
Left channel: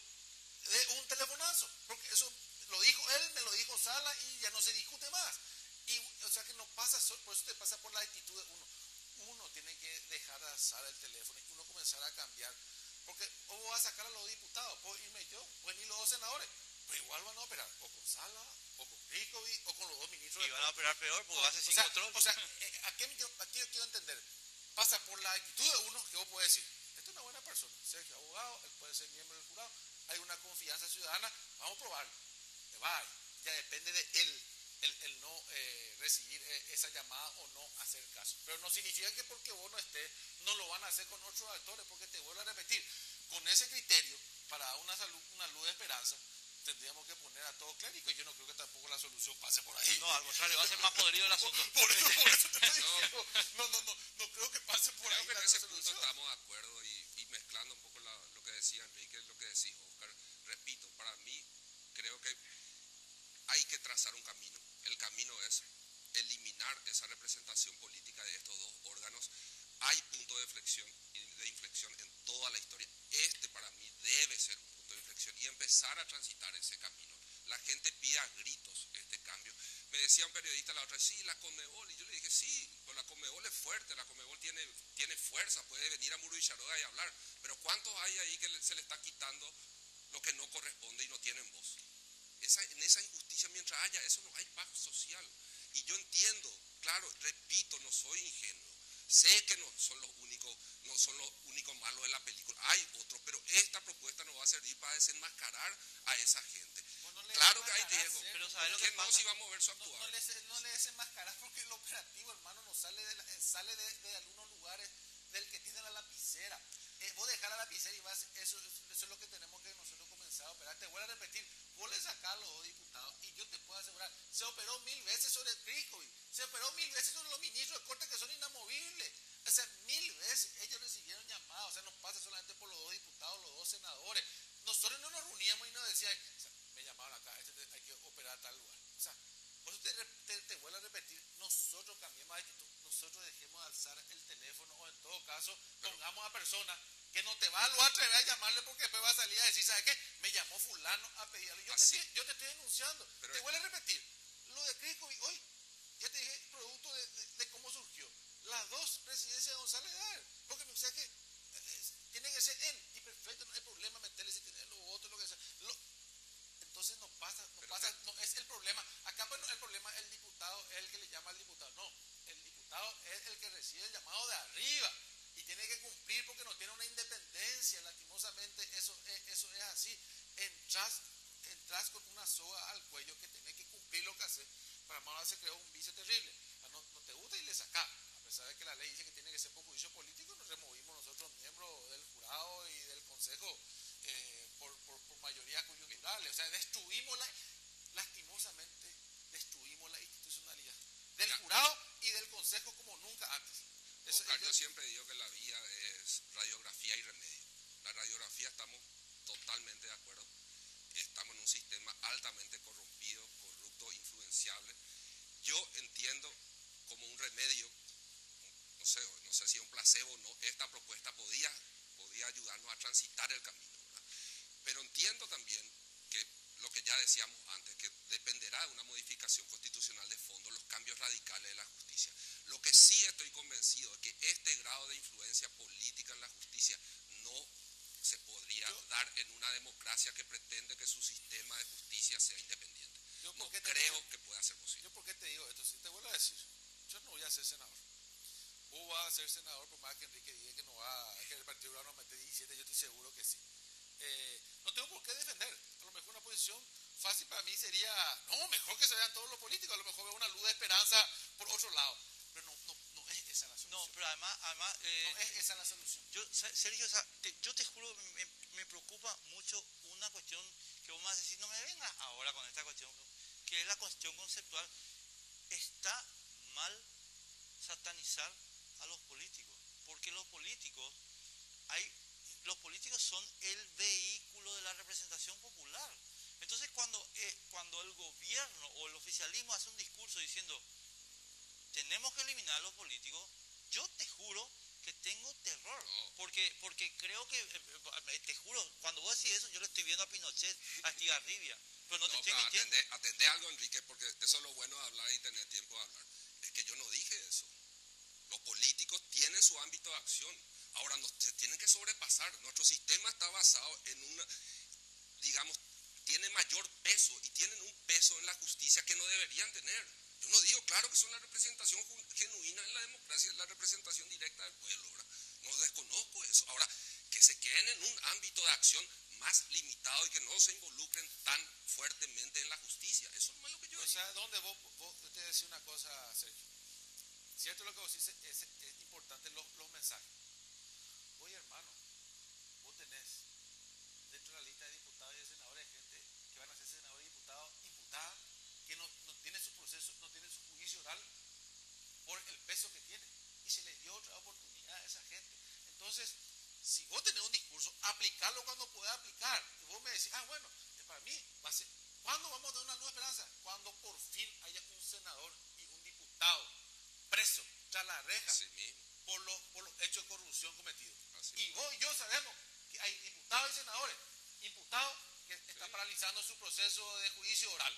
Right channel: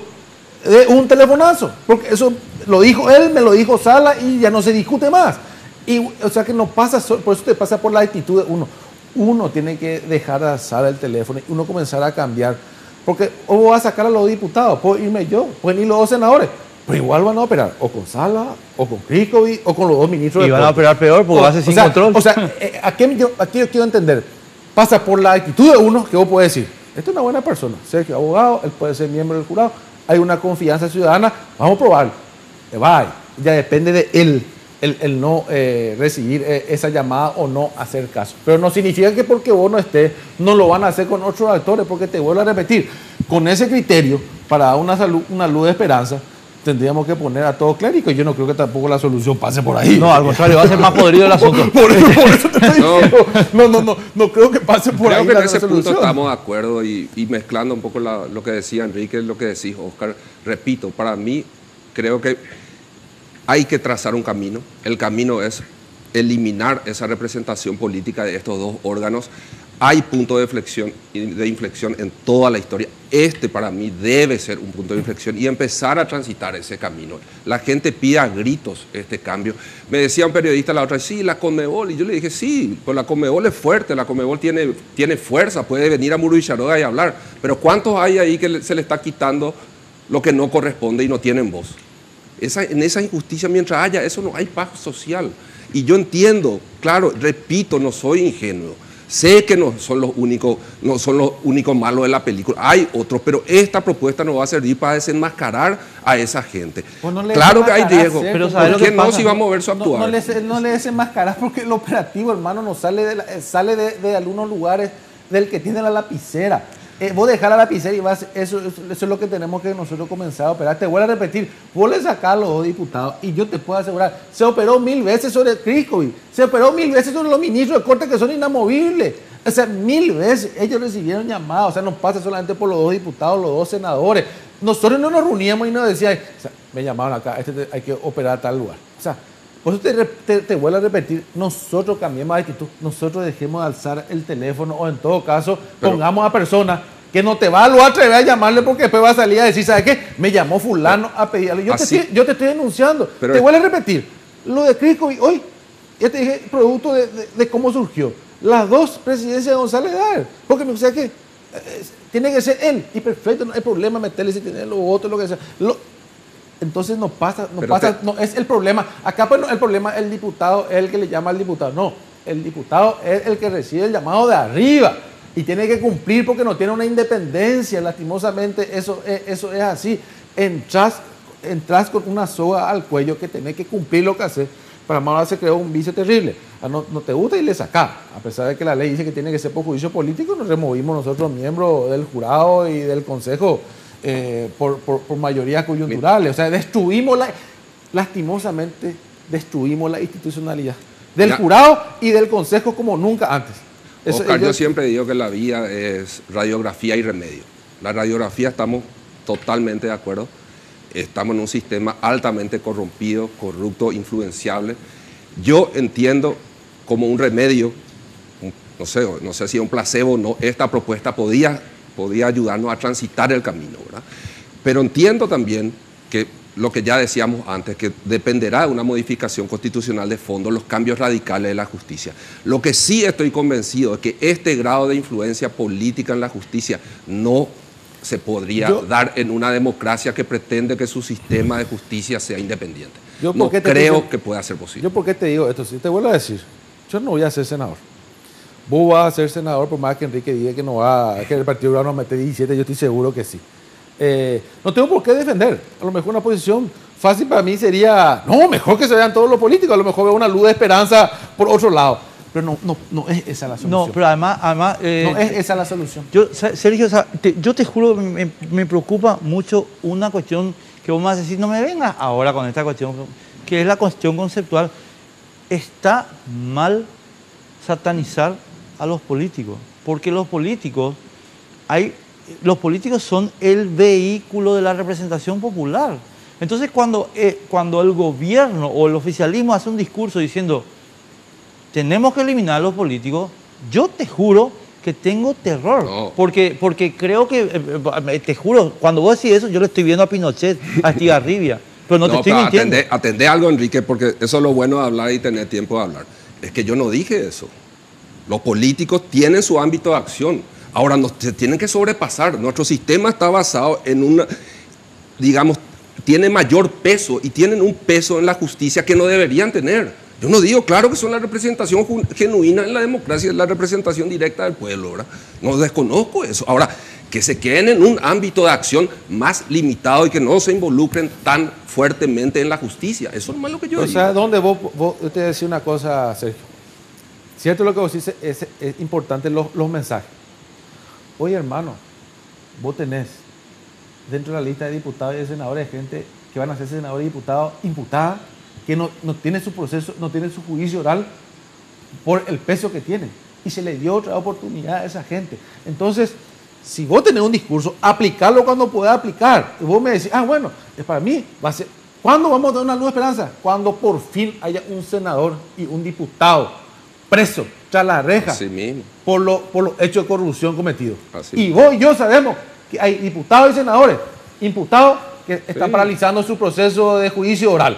de un telefonazo. Porque eso lo dijo él, me lo dijo Sala y ya no se discute más. Y, o sea que no pasa, por eso te pasa por la actitud de uno. Uno tiene que dejar de alzar el teléfono y uno comenzar a cambiar. Porque o voy a sacar a los diputados, puedo irme yo, pueden ir los dos senadores. Pero igual van a operar o con Sala, o con Criscovi, o con los dos ministros. Y van a operar peor porque va a ser sin control. O sea, aquí yo quiero entender. Pasa por la actitud de uno que vos podés decir, esta es una buena persona, sé que es abogado, él puede ser miembro del jurado, hay una confianza ciudadana, vamos a probarlo. Ya depende de él el no recibir esa llamada o no hacer caso. Pero no significa que porque vos no estés, no lo van a hacer con otros actores, porque te vuelvo a repetir, con ese criterio, para dar una luz de esperanza, tendríamos que poner a todos clérigos. Yo no creo que tampoco la solución pase por ahí. No, al contrario, va a ser más podrido el asunto. Por eso te estoy diciendo. No creo que pase por Creo ahí. que en ese punto estamos de acuerdo y mezclando un poco lo que decía Enrique, lo que decís, Oscar. Repito, para mí creo que hay que trazar un camino. El camino es eliminar esa representación política de estos dos órganos. Hay puntos de inflexión en toda la historia. Este para mí debe ser un punto de inflexión y empezar a transitar ese camino. La gente pide a gritos este cambio. Me decía un periodista la otra vez, sí, la Conmebol. Y yo le dije, sí, pues la Conmebol es fuerte, la Conmebol tiene fuerza, puede venir a Murubicharoga y hablar. Pero ¿cuántos hay ahí que se le está quitando lo que no corresponde y no tienen voz? En esa injusticia, mientras haya eso, no hay paz social. Y yo entiendo, claro, repito, no soy ingenuo. Sé que no son los únicos malos de la película. Hay otros, pero esta propuesta nos va a servir para desenmascarar a esa gente. Pues no claro que hay riesgo, pero ¿por qué no si vamos a ver su actuar? No le desenmascaras porque el operativo, hermano, no sale de algunos lugares del que tiene la lapicera. Vos dejás la lapicera y vas, eso es lo que tenemos que nosotros comenzar a operar. Te vuelvo a repetir, vos le sacás a los dos diputados y yo te puedo asegurar, se operó 1000 veces sobre Criscovi, se operó 1000 veces sobre los ministros de Corte que son inamovibles. O sea, 1000 veces ellos recibieron llamadas, o sea, no pasa solamente por los dos diputados, los dos senadores. Nosotros no nos reuníamos y nos decían, o sea, me llamaron acá, hay que operar a tal lugar. O sea, por eso te vuelvo a repetir, nosotros cambiemos de actitud, nosotros dejemos de alzar el teléfono o en todo caso pongamos a personas que no te va a atrever a llamarle porque después va a salir a decir, ¿sabes qué? Me llamó fulano a pedirle. Yo te estoy denunciando. Te vuelvo a repetir, lo de Criscovi hoy, ya te dije, producto de cómo surgió. Las dos presidencias de González Daer, porque me gusta que tiene que ser él, y perfecto, no hay problema meterle si tiene los votos, lo que sea. Entonces no es el problema. Acá pues no, el problema el diputado es el que le llama al diputado. No, el diputado es el que recibe el llamado de arriba y tiene que cumplir porque no tiene una independencia. Lastimosamente eso es así. Entras con una soga al cuello que tenés que cumplir lo que haces. Para más se creó un vicio terrible. No te gusta y le sacás. A pesar de que la ley dice que tiene que ser por juicio político, nos removimos nosotros miembros del jurado y del consejo por mayoría coyunturales. O sea, lastimosamente destruimos la institucionalidad del jurado y del consejo como nunca antes. Oscar, yo siempre digo que la vida es radiografía y remedio. La radiografía estamos totalmente de acuerdo. Estamos en un sistema altamente corrompido, corrupto, influenciable. Yo entiendo como un remedio, no sé si es un placebo o no, esta propuesta podía ayudarnos a transitar el camino, ¿verdad? Pero entiendo también que lo que ya decíamos antes, que dependerá de una modificación constitucional de fondo, los cambios radicales de la justicia. Lo que sí estoy convencido es que este grado de influencia política en la justicia no se podría dar en una democracia que pretende que su sistema de justicia sea independiente. No creo que pueda ser posible. ¿Yo por qué te digo esto? Si te vuelvo a decir, yo no voy a ser senador. Vos vas a ser senador por más que Enrique diga que el Partido Popular nos mete 17, yo estoy seguro que sí. No tengo por qué defender. A lo mejor una posición fácil para mí sería, no, mejor que se vean todos los políticos, a lo mejor veo una luz de esperanza por otro lado. Pero no es esa la solución. No, pero además no es esa la solución. Sergio, yo te juro, me preocupa mucho una cuestión que vos me vas a decir, no me vengas ahora con esta cuestión, que es la cuestión conceptual. Está mal satanizar a los políticos, porque los políticos son el vehículo de la representación popular. Entonces, cuando el gobierno o el oficialismo hace un discurso diciendo tenemos que eliminar a los políticos, yo te juro que tengo terror. No. Porque creo que, te juro, cuando vos decís eso, yo le estoy viendo a Pinochet, a Estigarribia, pero no te estoy mintiendo. Atendé algo, Enrique, porque eso es lo bueno de hablar y tener tiempo de hablar. Es que yo no dije eso. Los políticos tienen su ámbito de acción. Ahora, se tienen que sobrepasar. Nuestro sistema está basado en una, digamos, tiene mayor peso y tienen un peso en la justicia que no deberían tener. Yo no digo, claro que son la representación genuina en la democracia, es la representación directa del pueblo, ¿verdad? No desconozco eso. Ahora, que se queden en un ámbito de acción más limitado y que no se involucren tan fuertemente en la justicia. Eso no es lo que yo digo. O sea, ¿dónde yo te decía una cosa, Sergio? Cierto lo que vos dices, es importante los mensajes. Oye, hermano, vos tenés dentro de la lista de diputados y de senadores gente que van a ser senadores y diputados imputada, que no tiene su proceso, no tiene su juicio oral por el peso que tiene. Y se le dio otra oportunidad a esa gente. Entonces, si vos tenés un discurso, aplicarlo cuando puedas aplicar. Y vos me decís, bueno, es para mí, va a ser. ¿Cuándo vamos a dar una luz de esperanza? Cuando por fin haya un senador y un diputado preso tras la reja. Así mismo. Por los hechos de corrupción cometidos. Así Y mismo. vos y yo sabemos que hay diputados y senadores imputados que están paralizando su proceso de juicio oral.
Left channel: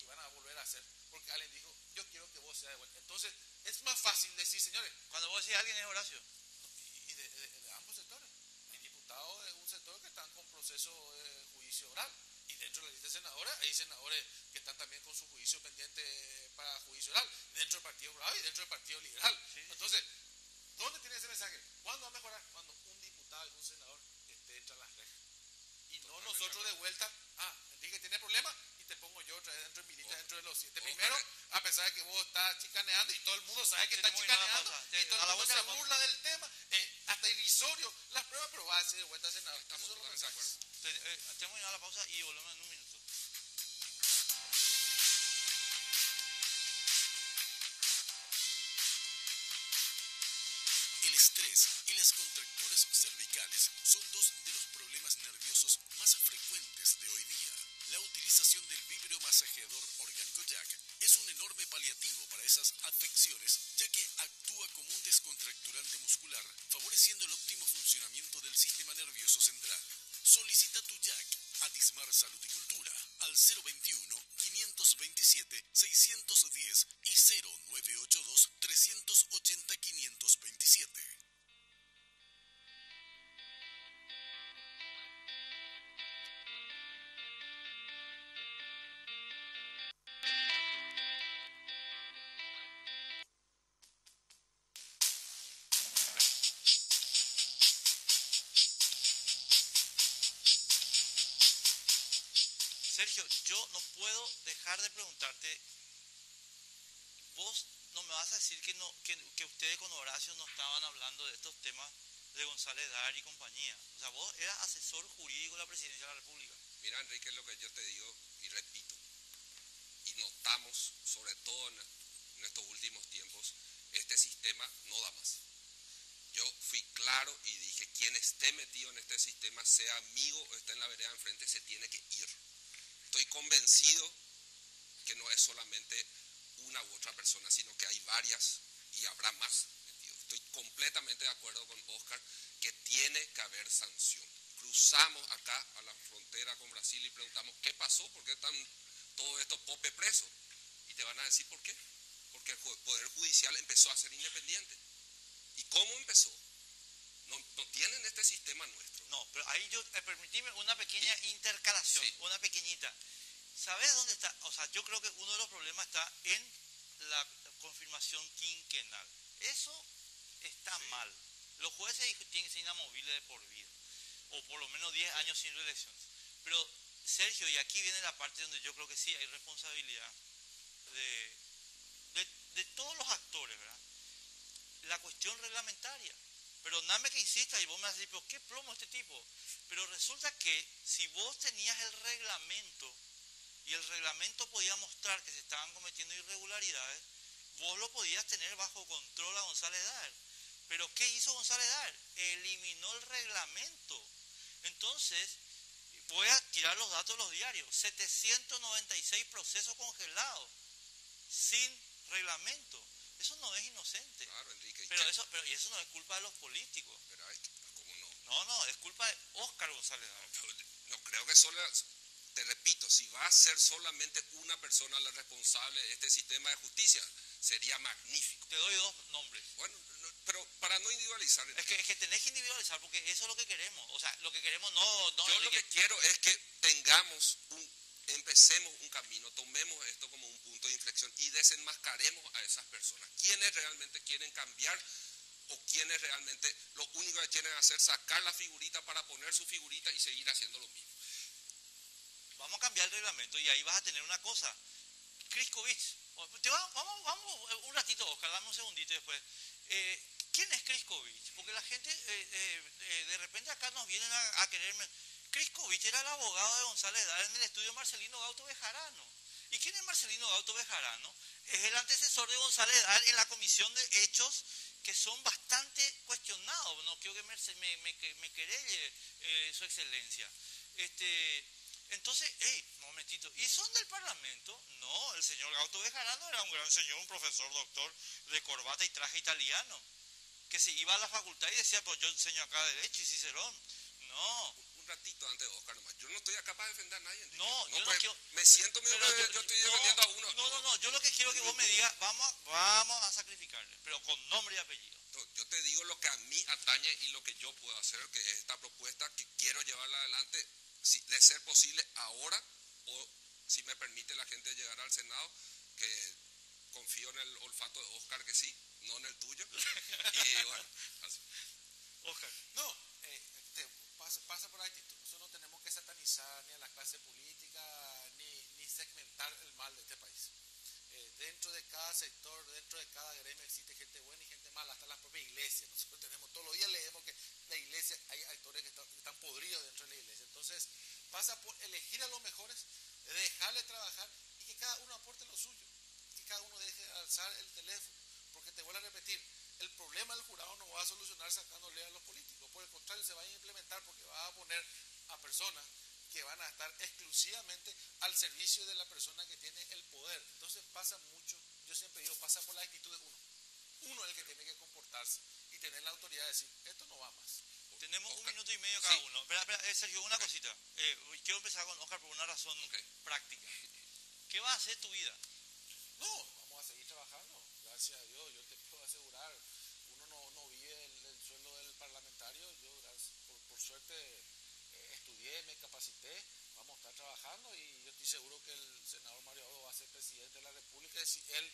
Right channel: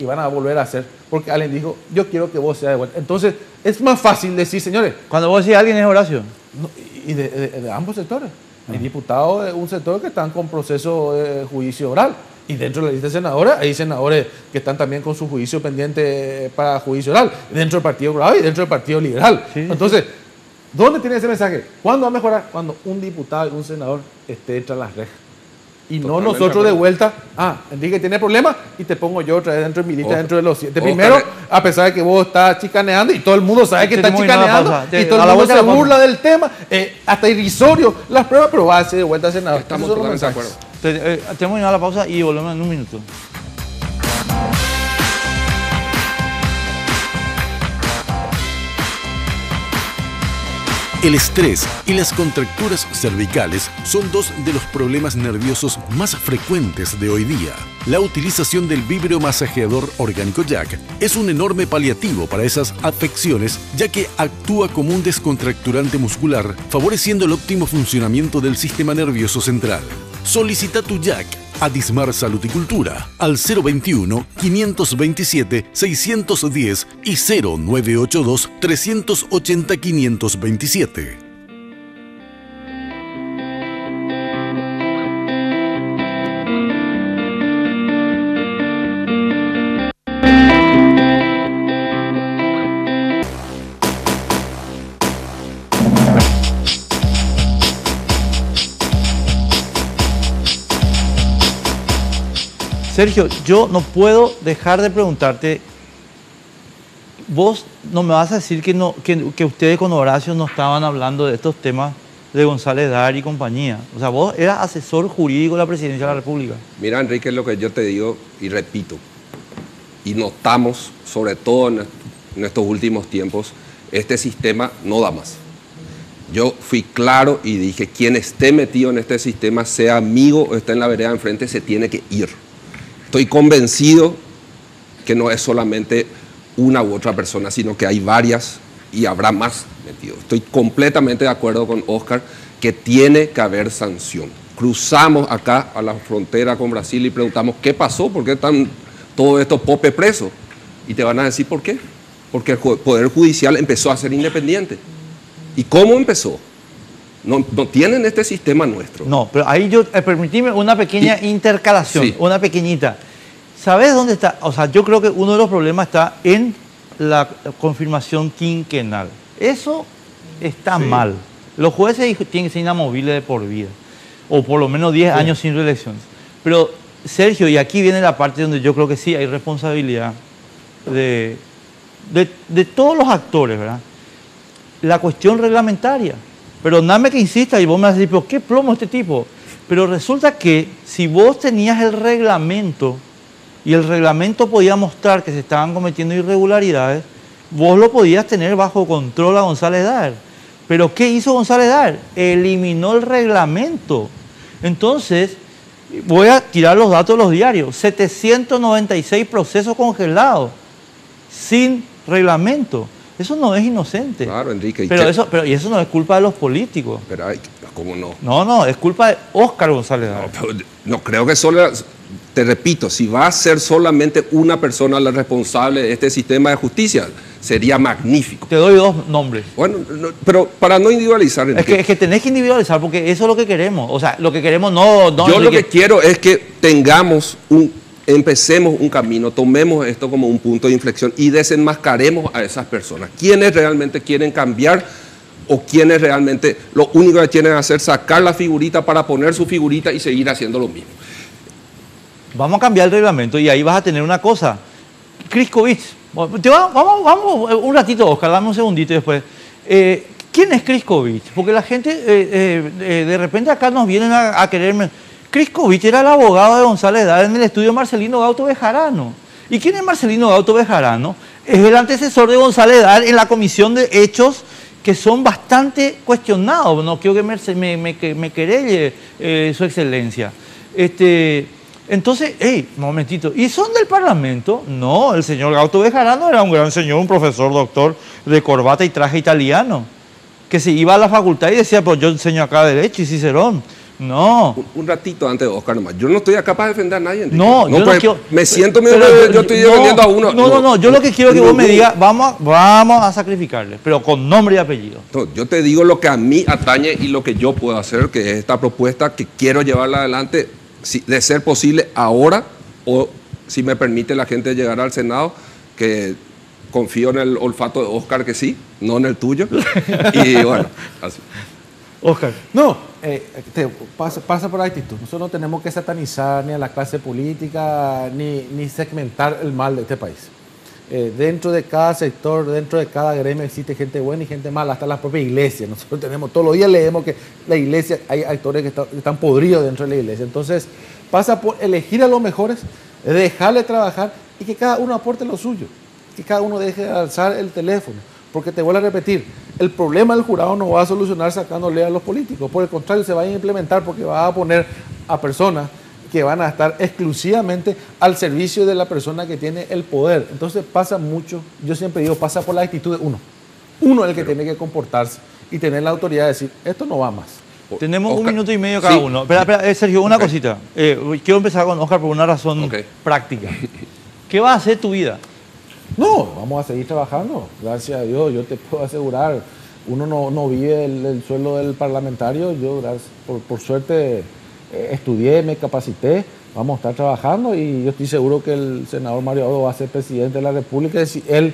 Y van a volver a hacer, porque alguien dijo, yo quiero que vos seas de vuelta. Entonces, es más fácil decir, señores, Cuando vos decís alguien es Horacio. y de ambos sectores. Hay diputados de un sector que están con proceso de juicio oral. Y dentro de la lista de senadores, hay senadores que están también con su juicio pendiente para juicio oral. Dentro del Partido Colorado y dentro del Partido Liberal. Sí. Entonces, ¿dónde tiene ese mensaje? ¿Cuándo va a mejorar? Cuando un diputado y un senador esté tras las rejas. Y no Totalmente nosotros de de vuelta, Enrique tiene problemas y te pongo yo otra vez dentro de mi lista, Ojo. dentro de los 7 Ojo, primeros, a pesar de que vos estás chicaneando y todo el mundo sabe que está Tenemos que ir a la chicaneando pausa. y todo A el la mundo vuelta se de la pausa. burla del tema, hasta irrisorio las pruebas, pero va a ser de vuelta al senador. Estamos Esos son los totalmente de mensajes. acuerdo. Tenemos que ir a la pausa y volvemos en un minuto. El estrés y las contracturas cervicales son dos de los problemas nerviosos más frecuentes de hoy día. La utilización del vibromasajeador orgánico Jack es un enorme paliativo para esas afecciones, ya que actúa como un descontracturante muscular, favoreciendo el óptimo funcionamiento del sistema nervioso central. Solicita tu Jack a Dismar Salud y Cultura al 021-527-610 y 0982-380-527. Sergio, yo no puedo dejar de preguntarte, vos no me vas a decir que ustedes con Horacio no estaban hablando de estos temas de González Dar y compañía. O sea, vos eras asesor jurídico de la Presidencia de la República. Mira, Enrique, lo que yo te digo y repito, y notamos, sobre todo en estos últimos tiempos, este sistema no da más. Yo fui claro y dije, quien esté metido en este sistema, sea amigo o esté en la vereda de enfrente, se tiene que ir. Estoy convencido que no es solamente una u otra persona, sino que hay varias y habrá más metidos. Estoy completamente de acuerdo con Oscar que tiene que haber sanción. Cruzamos acá a la frontera con Brasil y preguntamos, ¿qué pasó? ¿Por qué están todos estos popes presos? Y te van a decir, ¿por qué? Porque el Poder Judicial empezó a ser independiente. ¿Y cómo empezó? No tienen este sistema nuestro. No, pero ahí yo, permitime una pequeña intercalación, Sí. una pequeñita. ¿Sabes dónde está? O sea, yo creo que uno de los problemas está en la confirmación quinquenal. Eso está mal. Los jueces tienen que ser inamovibles de por vida, o por lo menos 10 años sin reelecciones. Pero, Sergio, y aquí viene la parte donde yo creo que sí hay responsabilidad de todos los actores, ¿verdad? La cuestión reglamentaria. Perdóname que insista y vos me vas a decir, pero qué plomo este tipo. Pero resulta que si vos tenías el reglamento y el reglamento podía mostrar que se estaban cometiendo irregularidades, vos lo podías tener bajo control a González Dar. Pero ¿qué hizo González Dar? Eliminó el reglamento. Entonces, voy a tirar los datos de los diarios. 796 procesos congelados. sin reglamento. Eso no es inocente. Claro, Enrique. Pero eso no es culpa de los políticos. Pero, ¿cómo no? No, es culpa de Óscar González Dávila. No creo que solo, te repito, si va a ser solamente una persona la responsable de este sistema de justicia, sería magnífico. Te doy 2 nombres. Bueno, pero para no individualizar, Es que tenés que individualizar porque eso es lo que queremos. O sea, lo que queremos no yo lo que quiero es que empecemos un camino, tomemos esto como un punto de inflexión y desenmascaremos a esas personas. ¿Quiénes realmente quieren cambiar o quienes realmente lo único que quieren hacer es sacar la figurita para poner su figurita y seguir haciendo lo mismo? Vamos a cambiar el reglamento y ahí vas a tener una cosa. Kriskovich, vamos un ratito, Oscar, dame un segundito y después. ¿Quién es Kriskovich? Porque la gente de repente acá nos vienen a quererme. Kriskovich era el abogado de González Dávila en el estudio Marcelino Gauto Bejarano. ¿Y quién es Marcelino Gauto Bejarano? Es el antecesor de González Dávila en la comisión de hechos que son bastante cuestionados. No quiero que me querelle su excelencia. Entonces, un momentito, ¿y son del Parlamento? No, el señor Gauto Bejarano era un gran señor, un profesor, doctor de corbata y traje italiano, que se iba a la facultad y decía, pues yo enseño acá Derecho y Cicerón. No. Un ratito antes de Oscar nomás. Yo no estoy acá para defender a nadie, Enrique. No, yo no quiero... Me siento medio yo estoy defendiendo a uno. No, yo lo que quiero que vos me digas, vamos a sacrificarle, pero con nombre y apellido. No, yo te digo lo que a mí atañe y lo que yo puedo hacer, que es esta propuesta que quiero llevarla adelante, de ser posible ahora, o si me permite la gente llegar al Senado, que confío en el olfato de Oscar que sí, no en el tuyo. Y bueno, así. Oscar. No, pasa por la actitud. Nosotros no tenemos que satanizar ni a la clase política ni segmentar el mal de este país. Dentro de cada sector, dentro de cada gremio existe gente buena y gente mala, hasta la propia iglesia. Nosotros tenemos, todos los días leemos que la iglesia, hay actores que están podridos dentro de la iglesia. Entonces, pasa por elegir a los mejores, dejarle trabajar y que cada uno aporte lo suyo. Que cada uno deje de alzar el teléfono. Porque te vuelvo a repetir, el problema del jurado no va a solucionar sacándole a los políticos. Por el contrario, se va a implementar porque va a poner a personas que van a estar exclusivamente al servicio de la persona que tiene el poder. Entonces pasa mucho, yo siempre digo, pasa por la actitud de uno. Uno es el que tiene que comportarse y tener la autoridad de decir, esto no va más. Tenemos Oscar, 1 minuto y medio cada uno. Espera, Sergio, una cosita. Quiero empezar con Oscar por una razón práctica. ¿Qué va a hacer tu vida? No, vamos a seguir trabajando. Gracias a Dios, yo te puedo asegurar, uno no vive el sueldo del parlamentario. Yo, por suerte, estudié, me capacité, vamos a estar trabajando y yo estoy seguro que el senador Mario Abreu va a ser presidente de la República. Y si él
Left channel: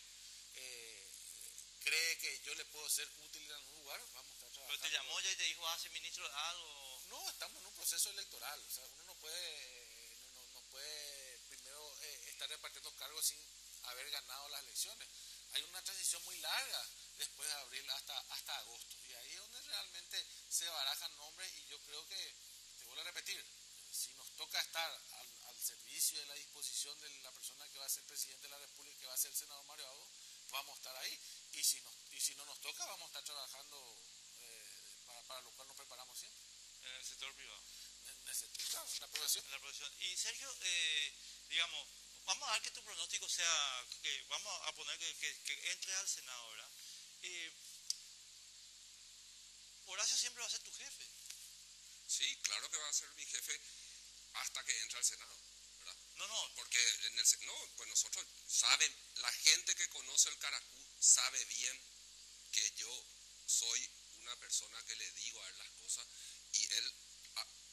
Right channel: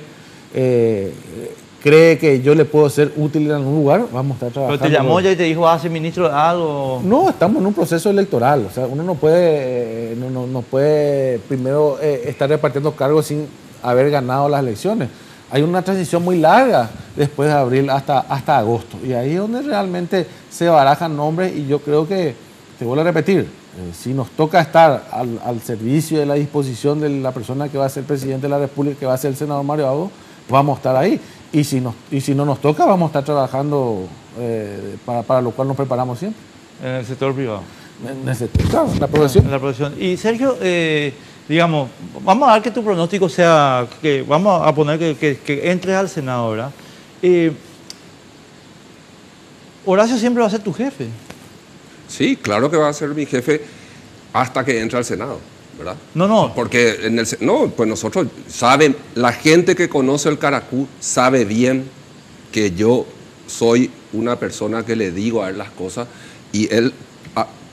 cree que yo le puedo ser útil en algún lugar, vamos a estar trabajando. ¿Pero te llamó ya y te dijo, vas a ser ministro de algo? No, estamos en un proceso electoral. O sea, uno no puede primero estar repartiendo cargos sin haber ganado las elecciones. Hay una transición muy larga después de abril hasta agosto. Y ahí es donde realmente se barajan nombres y yo creo que, te vuelvo a repetir, si nos toca estar al servicio de la disposición de la persona que va a ser presidente de la República, que va a ser el senador Mario Abreu, vamos a estar ahí. Y si no nos toca, vamos a estar trabajando para lo cual nos preparamos siempre. En el sector privado. En el sector, claro, la profesión. En la profesión. Y Sergio, digamos, vamos a dar que tu pronóstico sea, que vamos a poner que entres al Senado ahora. Horacio siempre va a ser tu jefe. Sí, claro que va a ser mi jefe hasta que entre al Senado, ¿verdad? No. Porque pues nosotros saben, la gente que conoce el Caracú sabe bien que yo soy una persona que le digo a él las cosas y él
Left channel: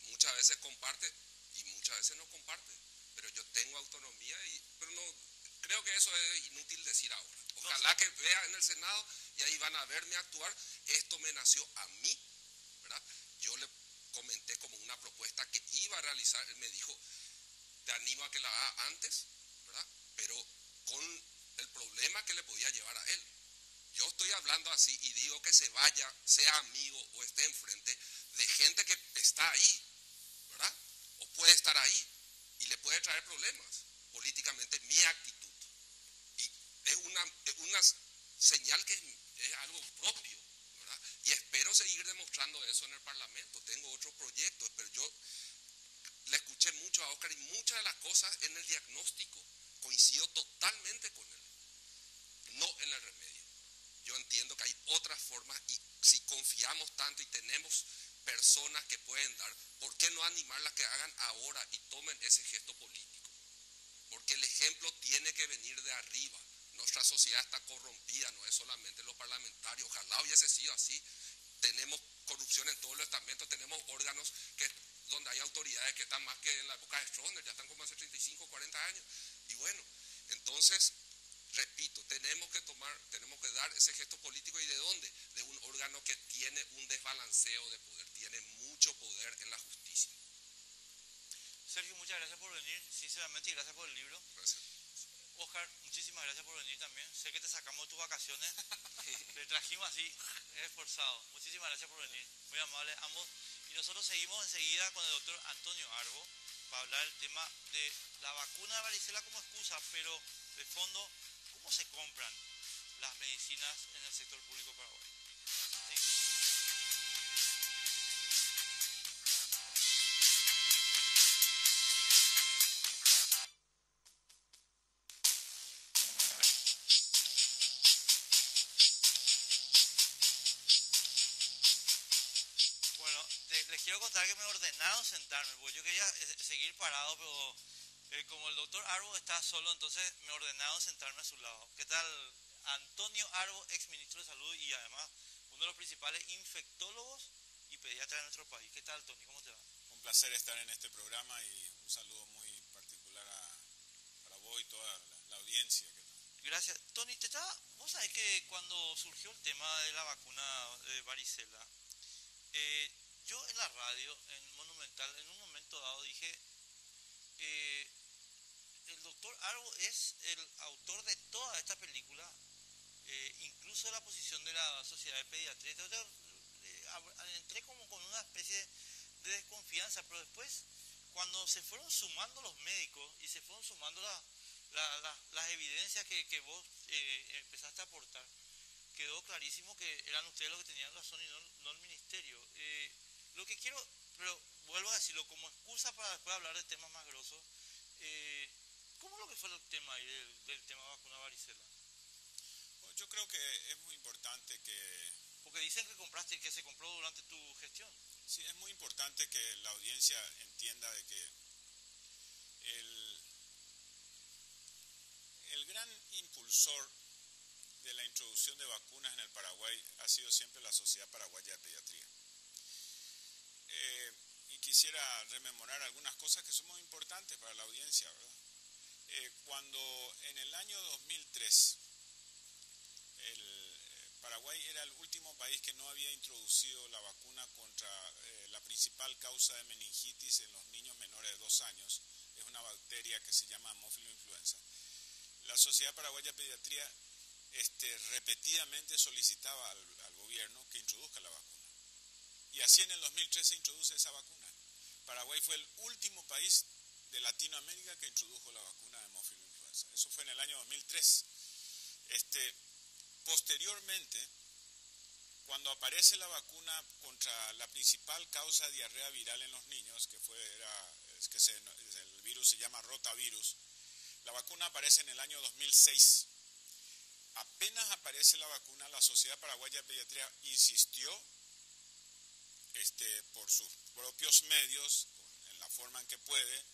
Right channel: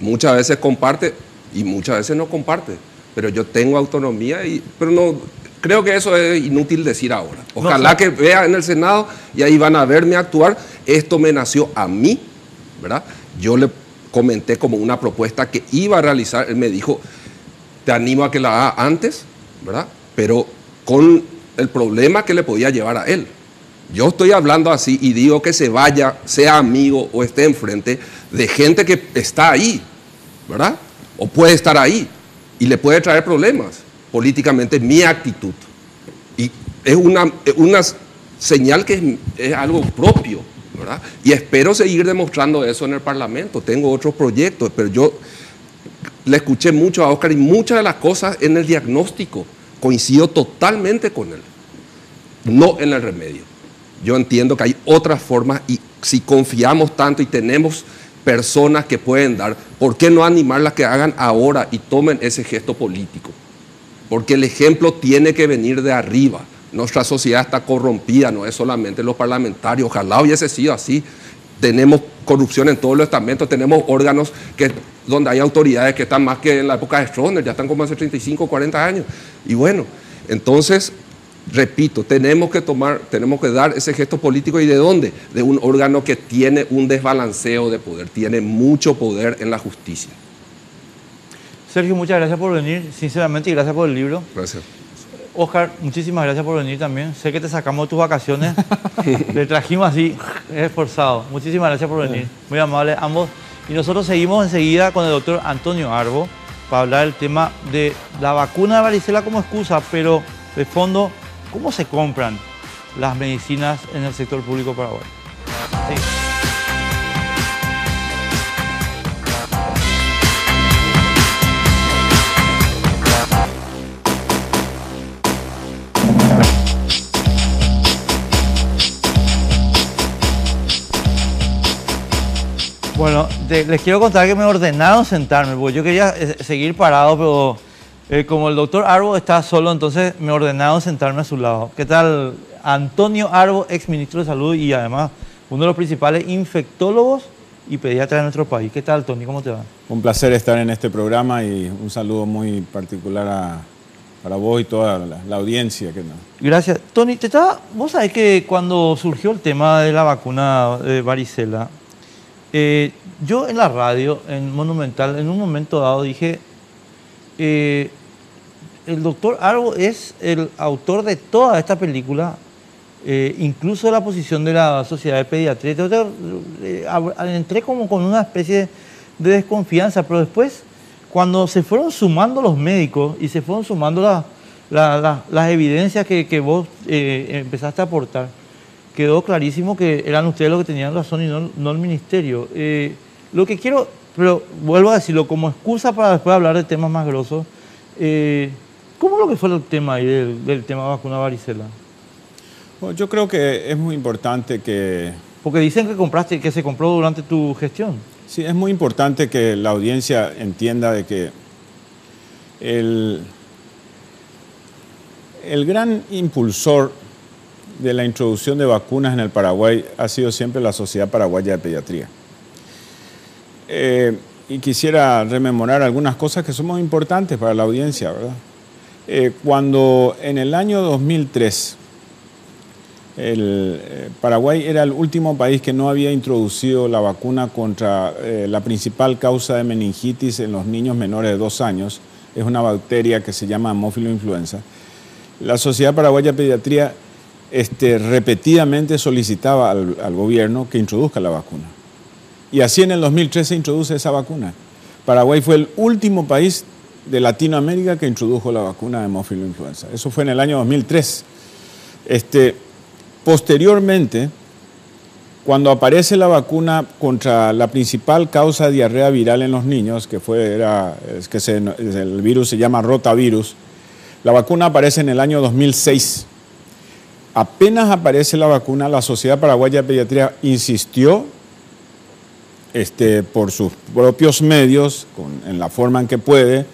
muchas veces comparte y muchas veces no comparte. Pero yo tengo autonomía, pero no creo que eso es inútil decir ahora. Ojalá que vea en el Senado y ahí van a verme actuar. Esto me nació a mí, ¿verdad? Yo le comenté como una propuesta que iba a realizar. Él me dijo, te animo a que la haga antes, ¿verdad? Pero con el problema que le podía llevar a él. Yo estoy hablando así y digo que se vaya, sea amigo o esté enfrente de gente que está ahí, ¿verdad? O puede estar ahí. Y le puede traer problemas políticamente mi actitud. Y es una señal que es algo propio, ¿verdad? Y espero seguir demostrando eso en el Parlamento. Tengo otros proyectos, pero yo le escuché mucho a Oscar y muchas de las cosas en el diagnóstico coincido totalmente con él. no en el remedio. Yo entiendo que hay otras formas y si confiamos tanto y tenemos personas que pueden dar, ¿por qué no animarlas que hagan ahora y tomen ese gesto político? Porque el ejemplo tiene que venir de arriba. Nuestra sociedad está corrompida, no es solamente los parlamentarios, ojalá hubiese sido así. Tenemos corrupción en todos los estamentos, tenemos órganos donde hay autoridades que están más que en la época de Stroessner, ya están como hace 35, 40 años. Y bueno, entonces, repito, tenemos que dar ese gesto político. ¿Y de dónde? De un órgano que tiene un desbalanceo de poder, tiene mucho poder en la justicia. Sergio, muchas gracias por venir, sinceramente, y gracias por el libro. Gracias. Oscar, muchísimas gracias por venir también. Sé que te sacamos de tus vacaciones, te trajimos así, esforzado. Muchísimas gracias por venir, muy amables ambos. Y nosotros seguimos enseguida con el doctor Antonio Arbo para hablar del tema de la vacuna de varicela como excusa, pero de fondo, ¿cómo se compran las medicinas en el sector público paraguayo? Sí. Bueno, les quiero contar que me ordenaron sentarme, porque yo quería seguir parado, pero como el doctor Arbo está solo, entonces me ordenaron sentarme a su lado. ¿Qué tal? Antonio Arbo, ex ministro de Salud y además uno de los principales infectólogos y pediatras de nuestro país. ¿Qué tal, Tony? ¿Cómo te va? Un placer estar en este programa y un saludo muy particular para vos y toda la audiencia. Gracias. Tony, vos sabés que cuando surgió el tema de la vacuna de varicela, yo en la radio, en Monumental, en un momento dado dije, el doctor Arbo es el autor de toda esta película, incluso de la posición de la Sociedad de Pediatría. Entonces, entré como con una especie de desconfianza, pero después, cuando se fueron sumando los médicos y se fueron sumando las evidencias que vos empezaste a aportar, quedó clarísimo que eran ustedes los que tenían razón y no el ministerio. Lo que quiero, pero vuelvo a decirlo, como excusa para después hablar de temas más grosos, ¿cómo es lo que fue el tema ahí del tema de vacuna varicela? Bueno, yo creo que es muy importante que... Porque dicen que se compró durante tu gestión. Sí, es muy importante que la audiencia entienda de que el gran impulsor de la introducción de vacunas en el Paraguay ha sido siempre la Sociedad Paraguaya de Pediatría. Y quisiera rememorar algunas cosas que son muy importantes para la audiencia, ¿verdad? Cuando en el año 2003 el Paraguay era el último país que no había introducido la vacuna contra la principal causa de meningitis en los niños menores de 2 años, es una bacteria que se llama Haemophilus influenza, la Sociedad Paraguaya de Pediatría repetidamente solicitaba al gobierno que introduzca la vacuna. Y así en el 2003 se introduce esa vacuna. Paraguay fue el último país de Latinoamérica que introdujo la vacuna de Haemophilus influenza. Eso fue en el año 2003. Posteriormente, cuando aparece la vacuna contra la principal causa de diarrea viral en los niños, el virus se llama rotavirus, la vacuna aparece en el año 2006. Apenas aparece la vacuna, la Sociedad Paraguaya de Pediatría insistió por sus propios medios, en la forma en que puede,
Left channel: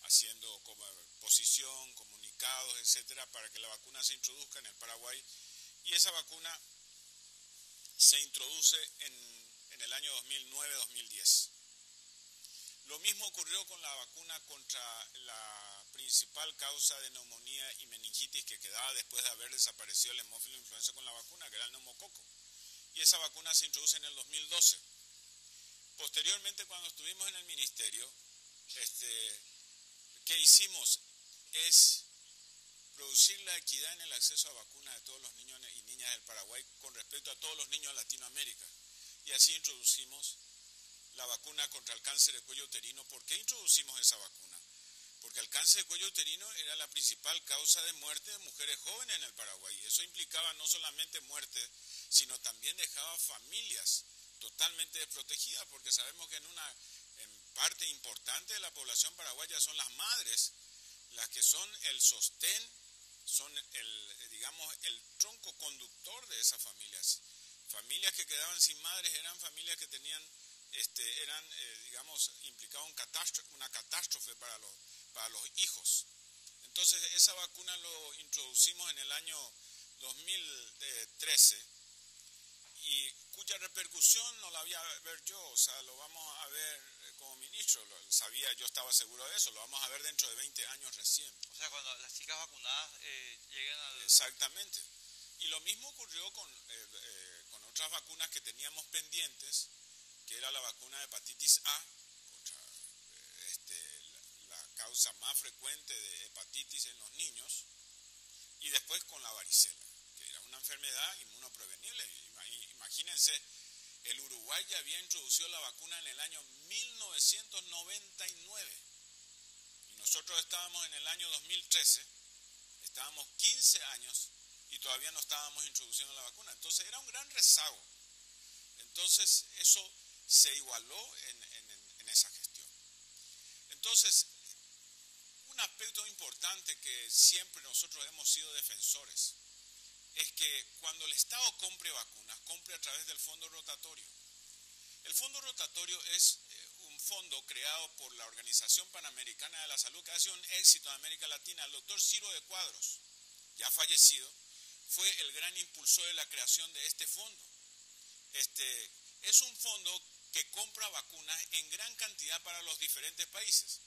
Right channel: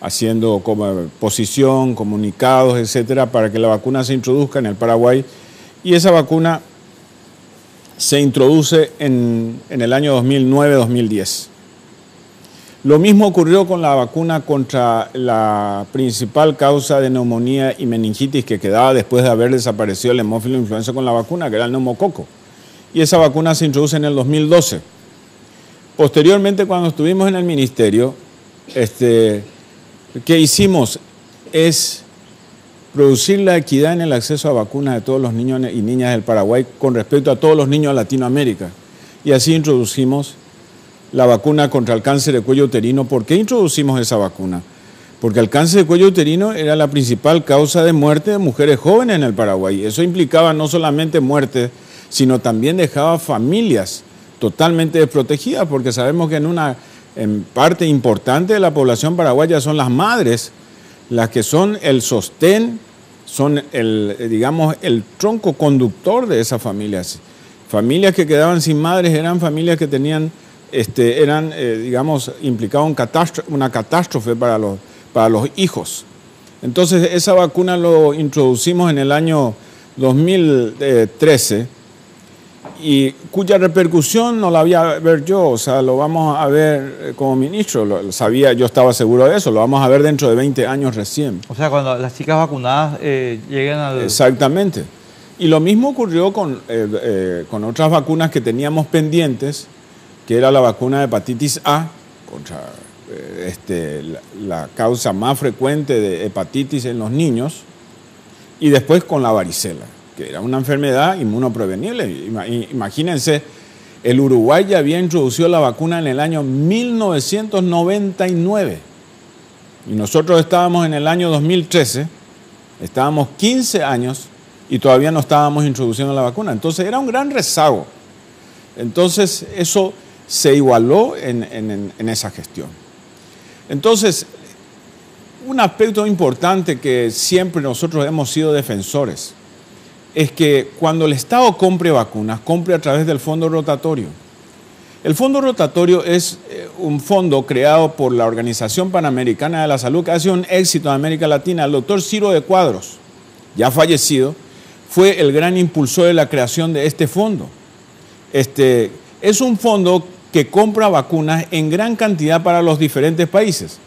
haciendo como posición, comunicados, etcétera, para que la vacuna se introduzca en el Paraguay. Y esa vacuna se introduce en el año 2009-2010. Lo mismo ocurrió con la vacuna contra la principal causa de neumonía y meningitis que quedaba después de haber desaparecido el Haemophilus influenza con la vacuna, que era el neumococo. Y esa vacuna se introduce en el 2012. Posteriormente, cuando estuvimos en el ministerio, ¿qué hicimos? Es producir la equidad en el acceso a vacunas de todos los niños y niñas del Paraguay con respecto a todos los niños de Latinoamérica. Y así introducimos la vacuna contra el cáncer de cuello uterino. ¿Por qué introducimos esa vacuna? Porque el cáncer de cuello uterino era la principal causa de muerte de mujeres jóvenes en el Paraguay. Eso implicaba no solamente muerte, sino también dejaba familias totalmente desprotegidas, porque sabemos que en parte importante de la población paraguaya son las madres, las que son el sostén son digamos, el tronco conductor de esas familias. Familias que quedaban sin madres eran familias que tenían, digamos, implicaban una catástrofe para los hijos. Entonces, esa vacuna lo introducimos en el año 2013 y cuya repercusión no la voy a ver yo, o sea, lo vamos a ver como ministro, yo estaba seguro de eso, lo vamos a ver dentro de 20 años recién. O sea, cuando las chicas vacunadas lleguen al... Exactamente. Y lo mismo ocurrió con otras vacunas que teníamos pendientes, que era la vacuna de hepatitis A, contra la causa más frecuente de hepatitis en los niños, y después con la varicela, que era una enfermedad inmunoprevenible. Imagínense, el Uruguay ya había introducido la vacuna en el año 1999, y nosotros estábamos en el año 2013, estábamos 15 años, y todavía no estábamos introduciendo la vacuna. Entonces era un gran rezago. Entonces eso se igualó en esa gestión. Entonces, un aspecto importante que siempre nosotros hemos sido defensores es que cuando el Estado compre vacunas, compre a través del fondo rotatorio. El fondo rotatorio es un fondo creado por la Organización Panamericana de la Salud, que ha sido un éxito en América Latina. El doctor Ciro de Cuadros, ya fallecido, fue el gran impulsor de la creación de este fondo. Es un fondo que compra vacunas en gran cantidad para los diferentes países.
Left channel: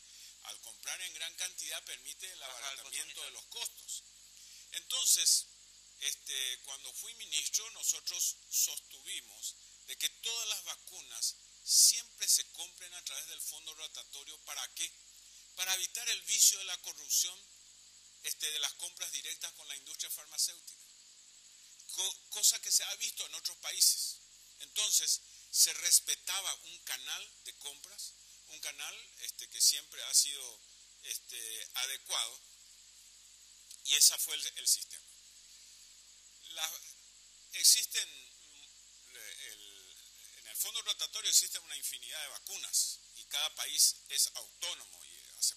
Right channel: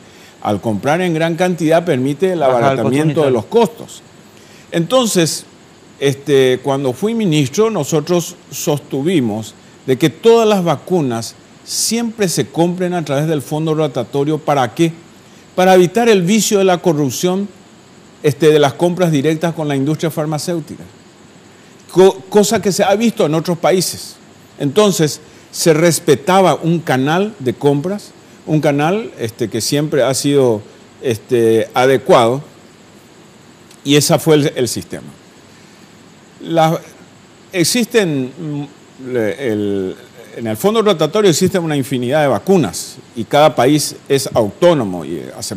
Al comprar en gran cantidad permite el abaratamiento de los costos. Entonces, cuando fui ministro, nosotros sostuvimos de que todas las vacunas siempre se compren a través del fondo rotatorio. ¿Para qué? Para evitar el vicio de la corrupción de las compras directas con la industria farmacéutica, cosa que se ha visto en otros países. Entonces, se respetaba un canal de compras, un canal que siempre ha sido adecuado, y ese fue el sistema. En el fondo rotatorio existe una infinidad de vacunas y cada país es autónomo, y hace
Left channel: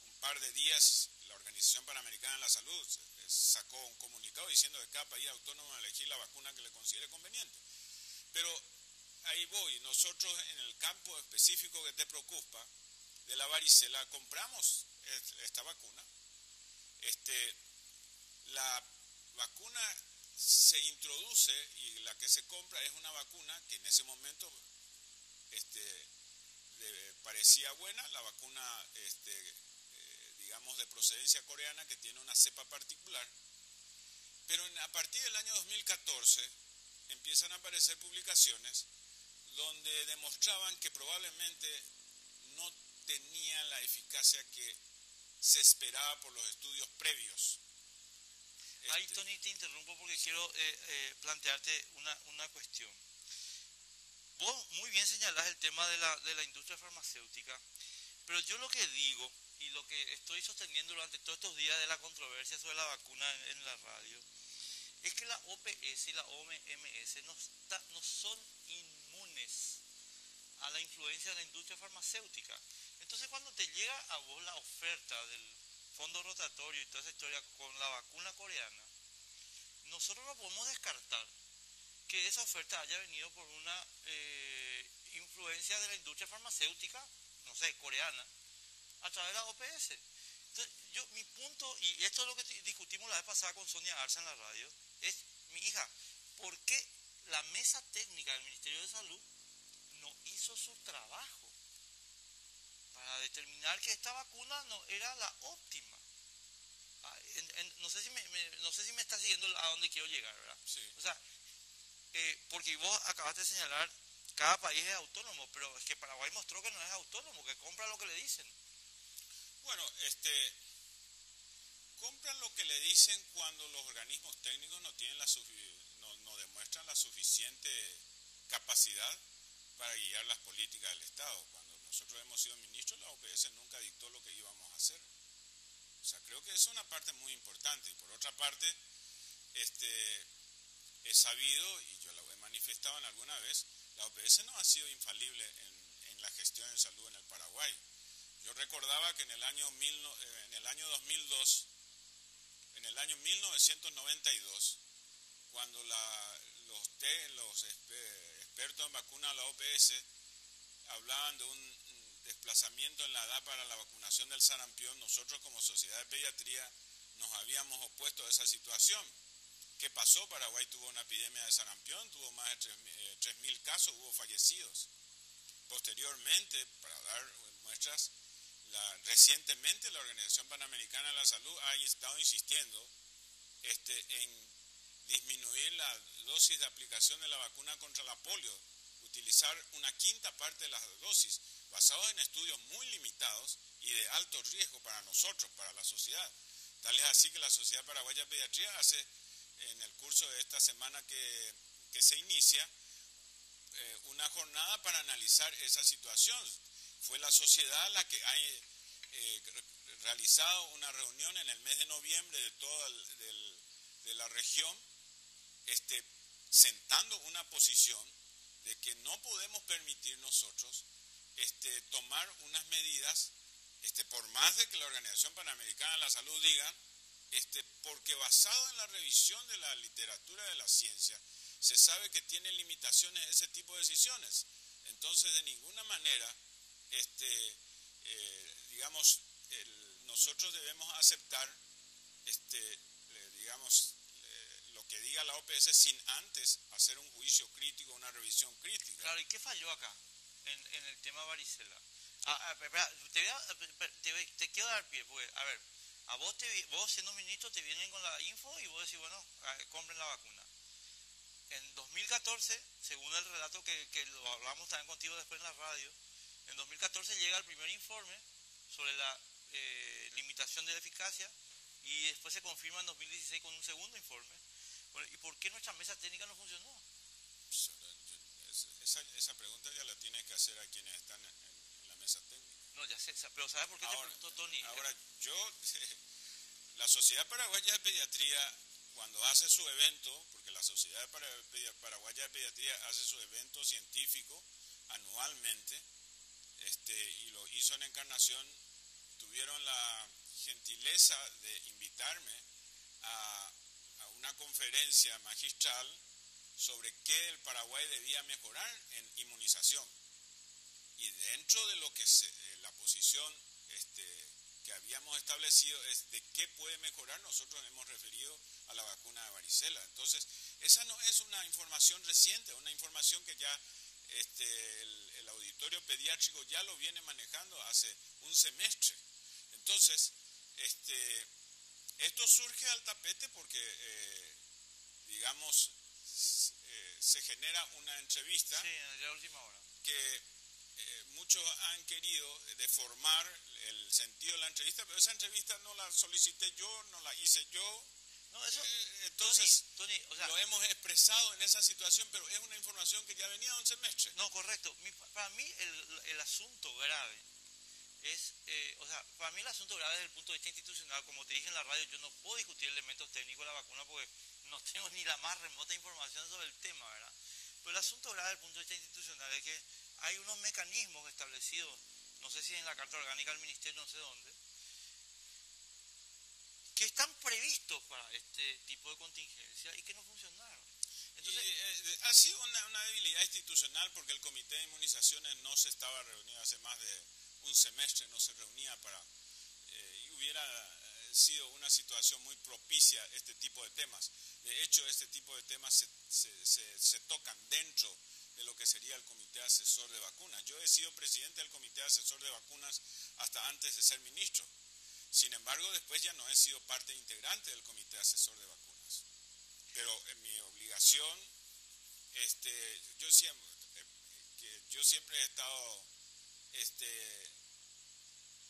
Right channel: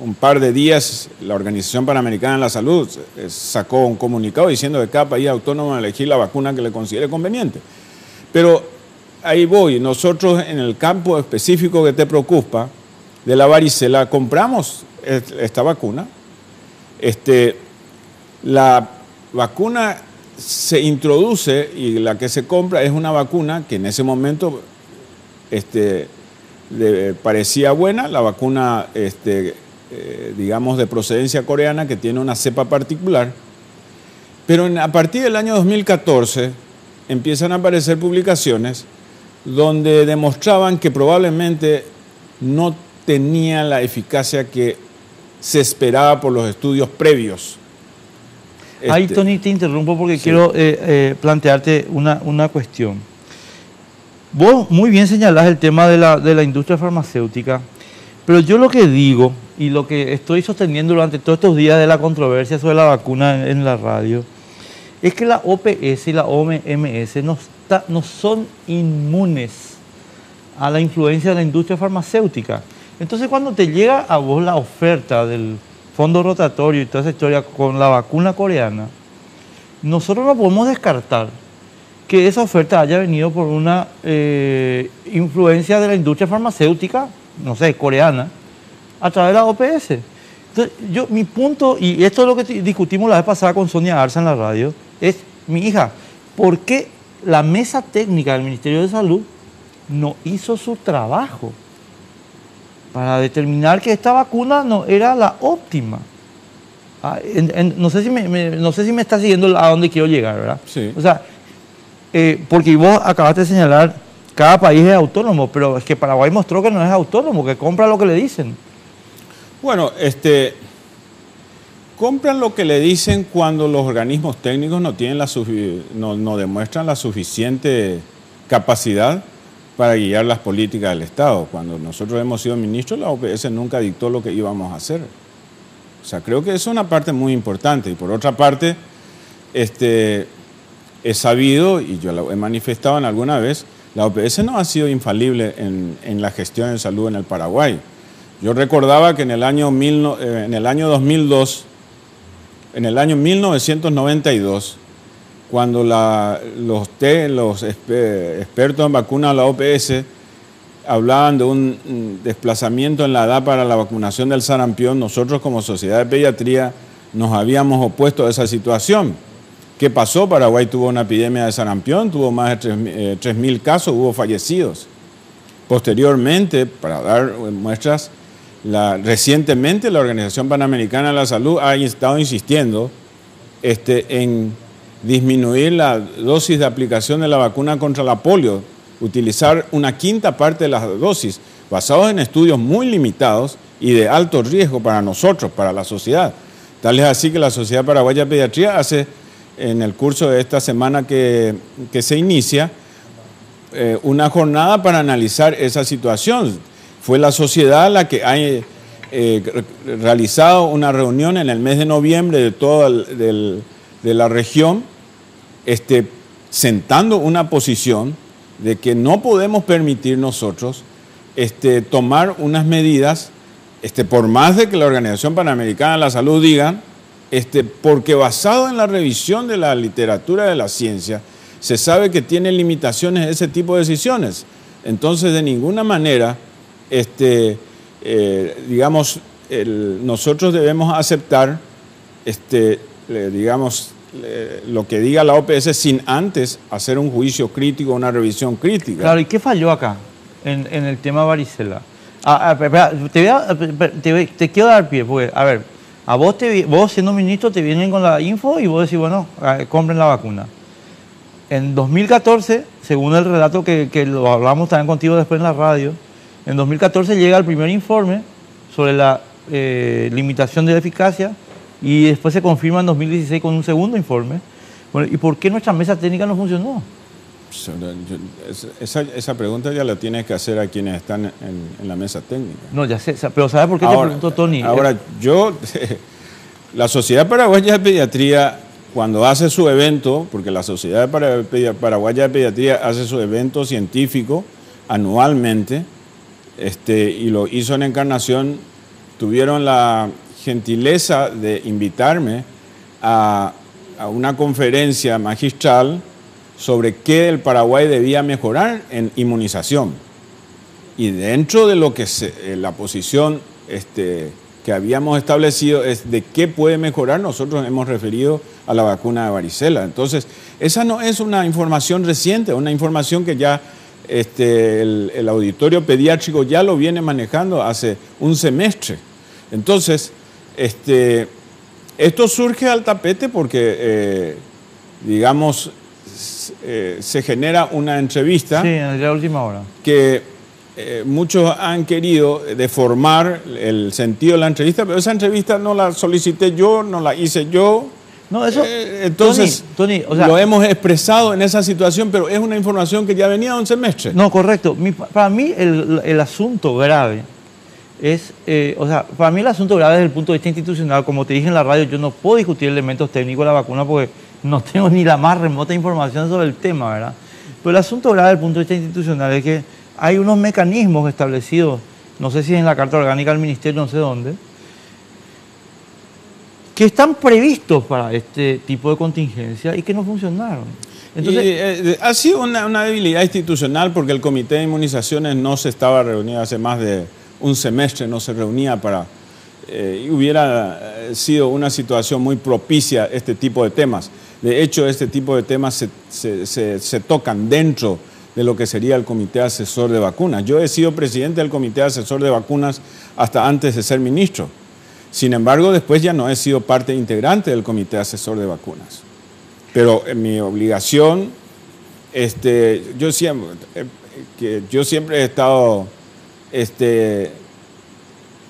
un par de días la Organización Panamericana de la Salud sacó un comunicado diciendo que cada país es autónomo de elegir la vacuna que le considere conveniente. Pero ahí voy, nosotros en el campo específico que te preocupa, de la varicela, compramos esta vacuna. La vacuna se introduce y la que se compra es una vacuna que en ese momento parecía buena, la vacuna, digamos, de procedencia coreana, que tiene una cepa particular. Pero a partir del año 2014 empiezan a aparecer publicaciones donde demostraban que probablemente no tenía la eficacia que se esperaba por los estudios previos. Ahí, Tony, te interrumpo porque sí, quiero plantearte una cuestión. Vos muy bien señalás el tema de la industria farmacéutica, pero yo lo que digo y lo que estoy sosteniendo durante todos estos días de la controversia sobre la vacuna en la radio, es que la OPS y la OMS no son inmunes a la influencia de la industria farmacéutica. Entonces, cuando te llega a vos la oferta del fondo rotatorio y toda esa historia con la vacuna coreana, nosotros no podemos descartar que esa oferta haya venido por una influencia de la industria farmacéutica, no sé, coreana, a través de la OPS. Entonces, mi punto, y esto es lo que discutimos la vez pasada con Sonia Arza en la radio, es, mi hija, ¿por qué la mesa técnica del Ministerio de Salud no hizo su trabajo para determinar que esta vacuna no era la óptima? No sé si me está siguiendo a dónde quiero llegar, ¿verdad? Sí. O sea, porque vos acabaste de señalar, cada país es autónomo, pero es que Paraguay mostró que no es autónomo, que compra lo que le dicen. Bueno, compran lo que le dicen cuando los organismos técnicos no demuestran la suficiente capacidad para guiar las políticas del Estado. Cuando nosotros hemos sido ministros, la OPS nunca dictó lo que íbamos a hacer. O sea, creo que eso es una parte muy importante. Y por otra parte, he sabido, y yo lo he manifestado en alguna vez, la OPS no ha sido infalible en la gestión de salud en el Paraguay. Yo recordaba que en el año 2002, en el año 1992, cuando los expertos en vacunas de la OPS hablaban de un desplazamiento en la edad para la vacunación del sarampión, nosotros como Sociedad de Pediatría nos habíamos opuesto a esa situación. ¿Qué pasó? Paraguay tuvo una epidemia de sarampión, tuvo más de 3.000 casos, hubo fallecidos. Posteriormente, para dar muestras, recientemente la Organización Panamericana de la Salud ha estado insistiendo en disminuir la dosis de aplicación de la vacuna contra la polio, utilizar una quinta parte de las dosis, basados en estudios muy limitados y de alto riesgo para nosotros, para la sociedad. Tal es así que la Sociedad Paraguaya de Pediatría hace, en el curso de esta semana que se inicia, una jornada para analizar esa situación. Fue la sociedad la que ha realizado una reunión en el mes de noviembre de toda de la región, sentando una posición de que no podemos permitir nosotros tomar unas medidas, por más de que la Organización Panamericana de la Salud diga, porque basado en la revisión de la literatura de la ciencia, se sabe que tiene limitaciones ese tipo de decisiones. Entonces, de ninguna manera, nosotros debemos aceptar, lo que diga la OPS sin antes hacer un juicio crítico, una revisión crítica. Claro, ¿y qué falló acá en el tema varicela? Te quiero dar pie, porque, a ver, vos siendo ministro te vienen con la info y vos decís, bueno, compren la vacuna. En 2014, según el relato que lo hablamos también contigo después en la radio, en 2014 llega el primer informe sobre la limitación de la eficacia y después se confirma en 2016 con un segundo informe. Bueno, ¿y por qué nuestra mesa técnica no funcionó? Esa pregunta ya la tienes que hacer a quienes están en la mesa técnica. No, ya sé, pero ¿sabes por qué te pregunto, Tony? Ahora, la Sociedad Paraguaya de Pediatría, cuando hace su evento, porque la Sociedad Paraguaya de Pediatría hace su evento científico anualmente, y lo hizo en Encarnación, tuvieron la gentileza de invitarme a una conferencia magistral sobre qué el Paraguay debía mejorar en inmunización. Y dentro de lo que la posición que habíamos establecido es de qué puede mejorar, nosotros hemos referido a la vacuna de varicela. Entonces, esa no es una información reciente, una información que ya el auditorio pediátrico ya lo viene manejando hace un semestre. Entonces, esto surge al tapete porque, se genera una entrevista. Sí, en la última hora. Que muchos han querido deformar el sentido de la entrevista, pero esa entrevista no la solicité yo, no la hice yo. No, eso, entonces, Tony, o sea, lo hemos expresado en esa situación, pero es una información que ya venía de un semestre. No, correcto. Para mí el asunto grave es, para mí el asunto grave desde el punto de vista institucional, como te dije en la radio, yo no puedo discutir elementos técnicos de la vacuna porque no tengo ni la más remota información sobre el tema, ¿verdad? Pero el asunto grave desde el punto de vista institucional es que hay unos mecanismos establecidos, no sé si en la Carta Orgánica del Ministerio, no sé dónde, que están previstos para este tipo de contingencia y que no funcionaron. Entonces, ha sido una debilidad institucional porque el Comité de Inmunizaciones no se estaba reunido hace más de un semestre, no se reunía para... y hubiera sido una situación muy propicia este tipo de temas. De hecho, este tipo de temas se tocan dentro de lo que sería el Comité Asesor de Vacunas. Yo he sido presidente del Comité Asesor de Vacunas hasta antes de ser ministro. Sin embargo, después ya no he sido parte integrante del Comité Asesor de Vacunas. Pero en mi obligación, yo siempre he estado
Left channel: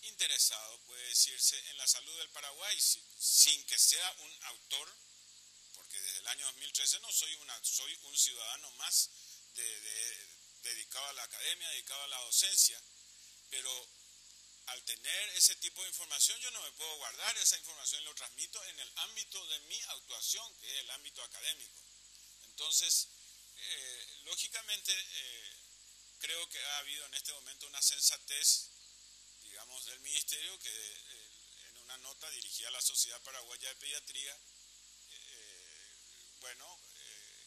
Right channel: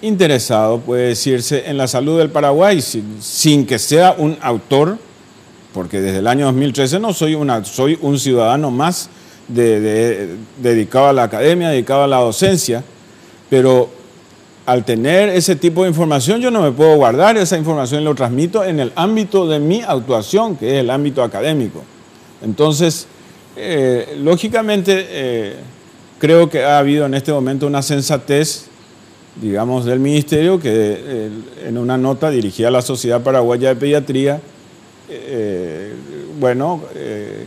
interesado, puede decirse, en la salud del Paraguay, sin que sea un autor, porque desde el año 2013 no soy un ciudadano más dedicado a la academia, dedicado a la docencia, pero al tener ese tipo de información yo no me puedo guardar esa información y lo transmito en el ámbito de mi actuación, que es el ámbito académico. Entonces, lógicamente, creo que ha habido en este momento una sensatez digamos, del Ministerio, que en una nota dirigida a la Sociedad Paraguaya de Pediatría,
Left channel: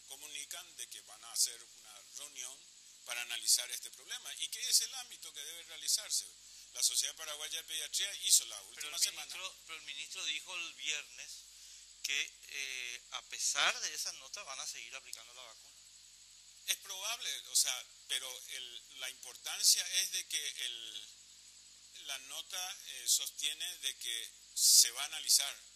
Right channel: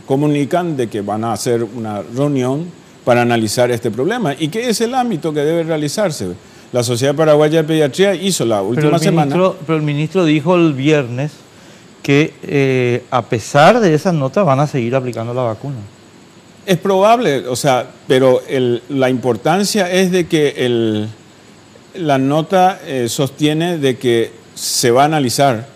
comunican de que van a hacer una reunión para analizar este problema y que es el ámbito que debe realizarse. La Sociedad Paraguaya de Pediatría hizo la última semana... Pero el ministro dijo el viernes que a pesar de esas notas van a seguir aplicando la vacuna. Es probable, o sea, pero la importancia es de que la nota sostiene de que se va a analizar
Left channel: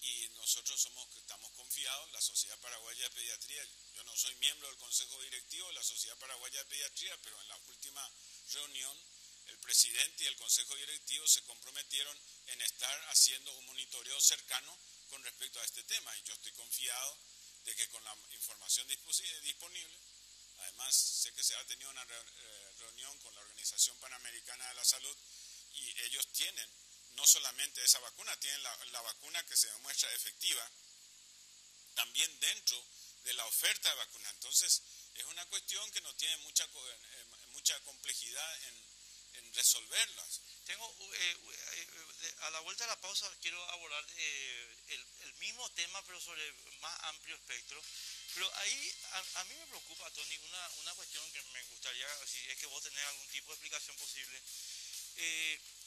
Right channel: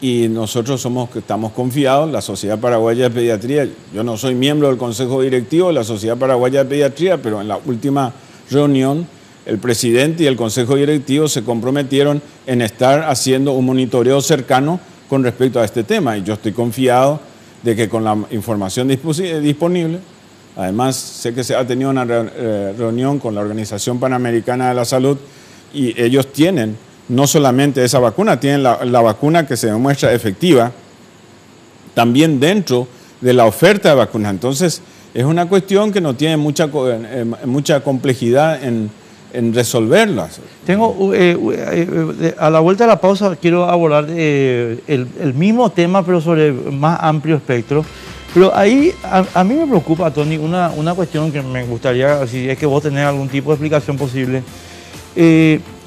y nosotros estamos confiados, la Sociedad Paraguaya de Pediatría, yo no soy miembro del Consejo Directivo de la Sociedad Paraguaya de Pediatría, pero en la última reunión el presidente y el Consejo Directivo se comprometieron en estar haciendo un monitoreo cercano con respecto a este tema y yo estoy confiado de que con la información disponible, además sé que se ha tenido una reunión con la Organización Panamericana de la Salud y ellos tienen no solamente esa vacuna, tienen la vacuna que se demuestra efectiva también dentro de la oferta de vacunas. Entonces es una cuestión que no tiene mucha complejidad en resolverlas. A la vuelta de la pausa quiero abordar el mismo tema, pero sobre más amplio espectro. Pero ahí a mí me preocupa, Tony, una cuestión que me gustaría, si es que vos tenés algún tipo de explicación posible.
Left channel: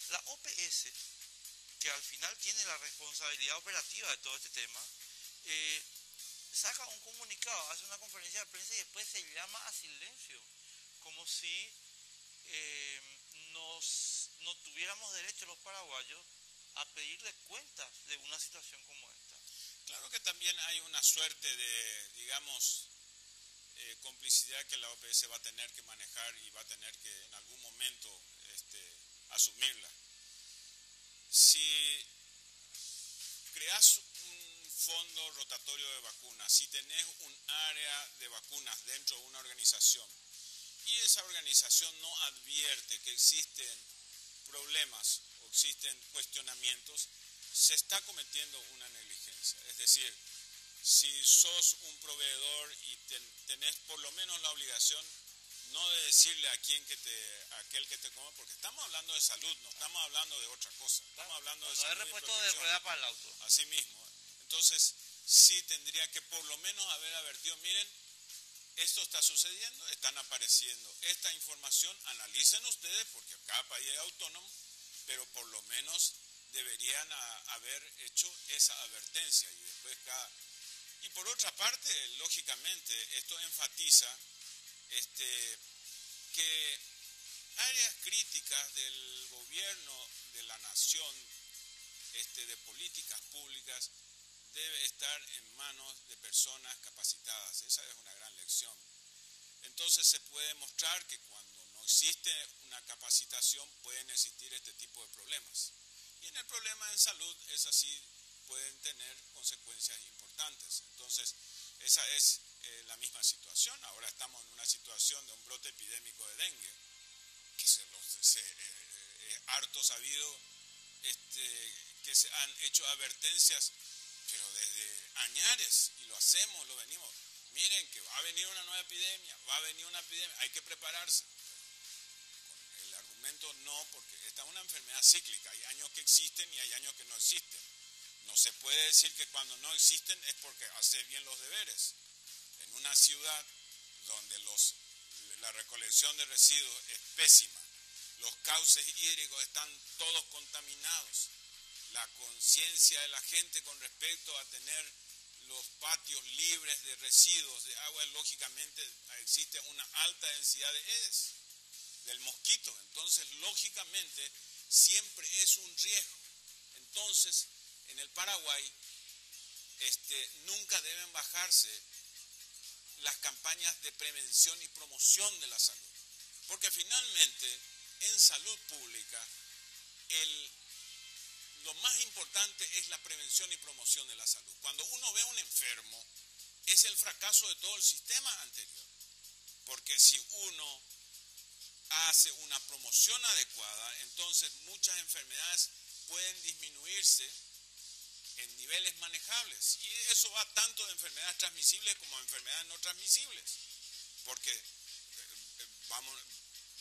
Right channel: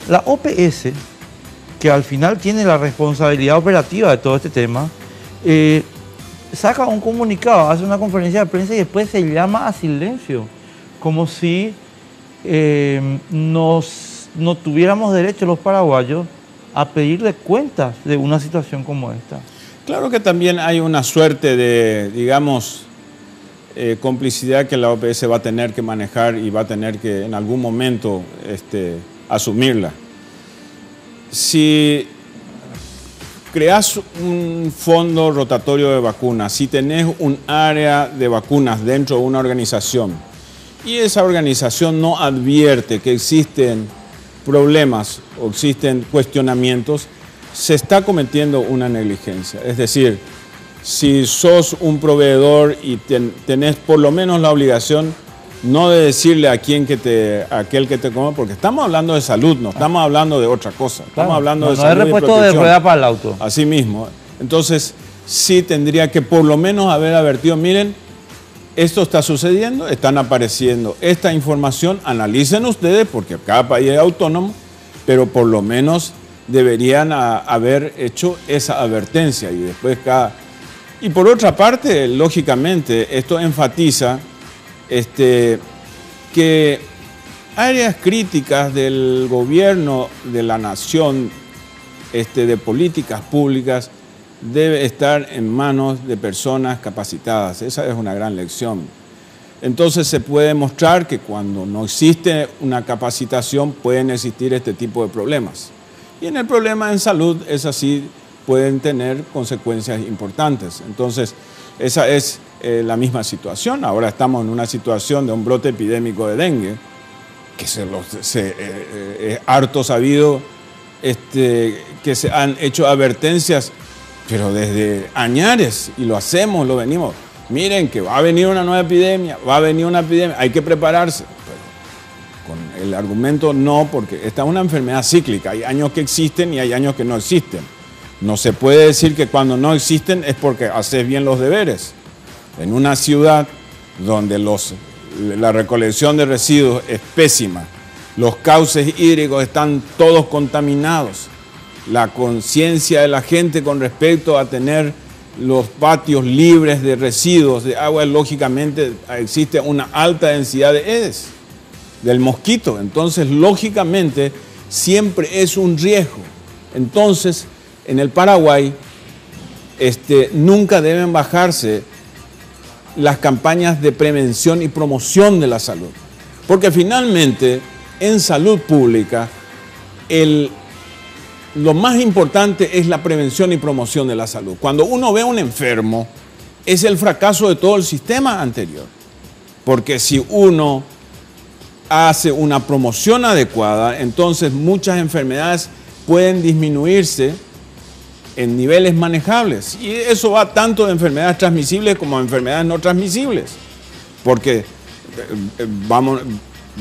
La OPS, que al final tiene la responsabilidad operativa de todo este tema, saca un comunicado, hace una conferencia de prensa y después se llama a silencio, como si no tuviéramos derecho los paraguayos a pedirle cuentas de una situación como esta. Claro que también hay una suerte de, digamos, complicidad que la OPS va a tener que manejar y va a tener que en algún momento asumirla. Si creas un fondo rotatorio de vacunas, si tenés un área de vacunas dentro de una organización y esa organización no advierte que existen problemas o existen cuestionamientos, se está cometiendo una negligencia. Es decir, si sos un proveedor y tenés por lo menos la obligación no de decirle a aquel que te come, porque estamos hablando de salud, no estamos hablando de otra cosa. Estamos hablando de salud y protección. No es repuesto de rueda para el auto. Así mismo. Entonces, sí tendría que por lo menos haber advertido, miren, esto está sucediendo, están apareciendo esta información, analicen ustedes, porque cada país es autónomo, pero por lo menos deberían haber hecho esa advertencia y después Y por otra parte, lógicamente, esto enfatiza que áreas críticas del gobierno de la nación, de políticas públicas, debe estar en manos de personas capacitadas. Esa es una gran lección. Entonces se puede mostrar que cuando no existe una capacitación pueden existir este tipo de problemas. Y en el problema en salud es así, pueden tener consecuencias importantes. Entonces esa es la misma situación. Ahora estamos en una situación de un brote epidémico de dengue, que es harto sabido que se han hecho advertencias, pero desde añares, y lo hacemos, lo venimos. Miren que va a venir una nueva epidemia, hay que prepararse. Pero con el argumento no, porque esta es una enfermedad cíclica, hay años que existen y hay años que no existen. No se puede decir que cuando no existen es porque haces bien los deberes. En una ciudad donde la recolección de residuos es pésima, los cauces hídricos están todos contaminados, la conciencia de la gente con respecto a tener los patios libres de residuos de agua, lógicamente existe una alta densidad de Aedes, del mosquito. Entonces, lógicamente, siempre es un riesgo. Entonces, en el Paraguay, nunca deben bajarse las campañas de prevención y promoción de la salud. Porque finalmente, en salud pública, lo más importante es la prevención y promoción de la salud. Cuando uno ve a un enfermo, es el fracaso de todo el sistema anterior. Porque si uno hace una promoción adecuada, entonces muchas enfermedades pueden disminuirse en niveles manejables. Y eso va tanto de enfermedades transmisibles como de enfermedades no transmisibles. Porque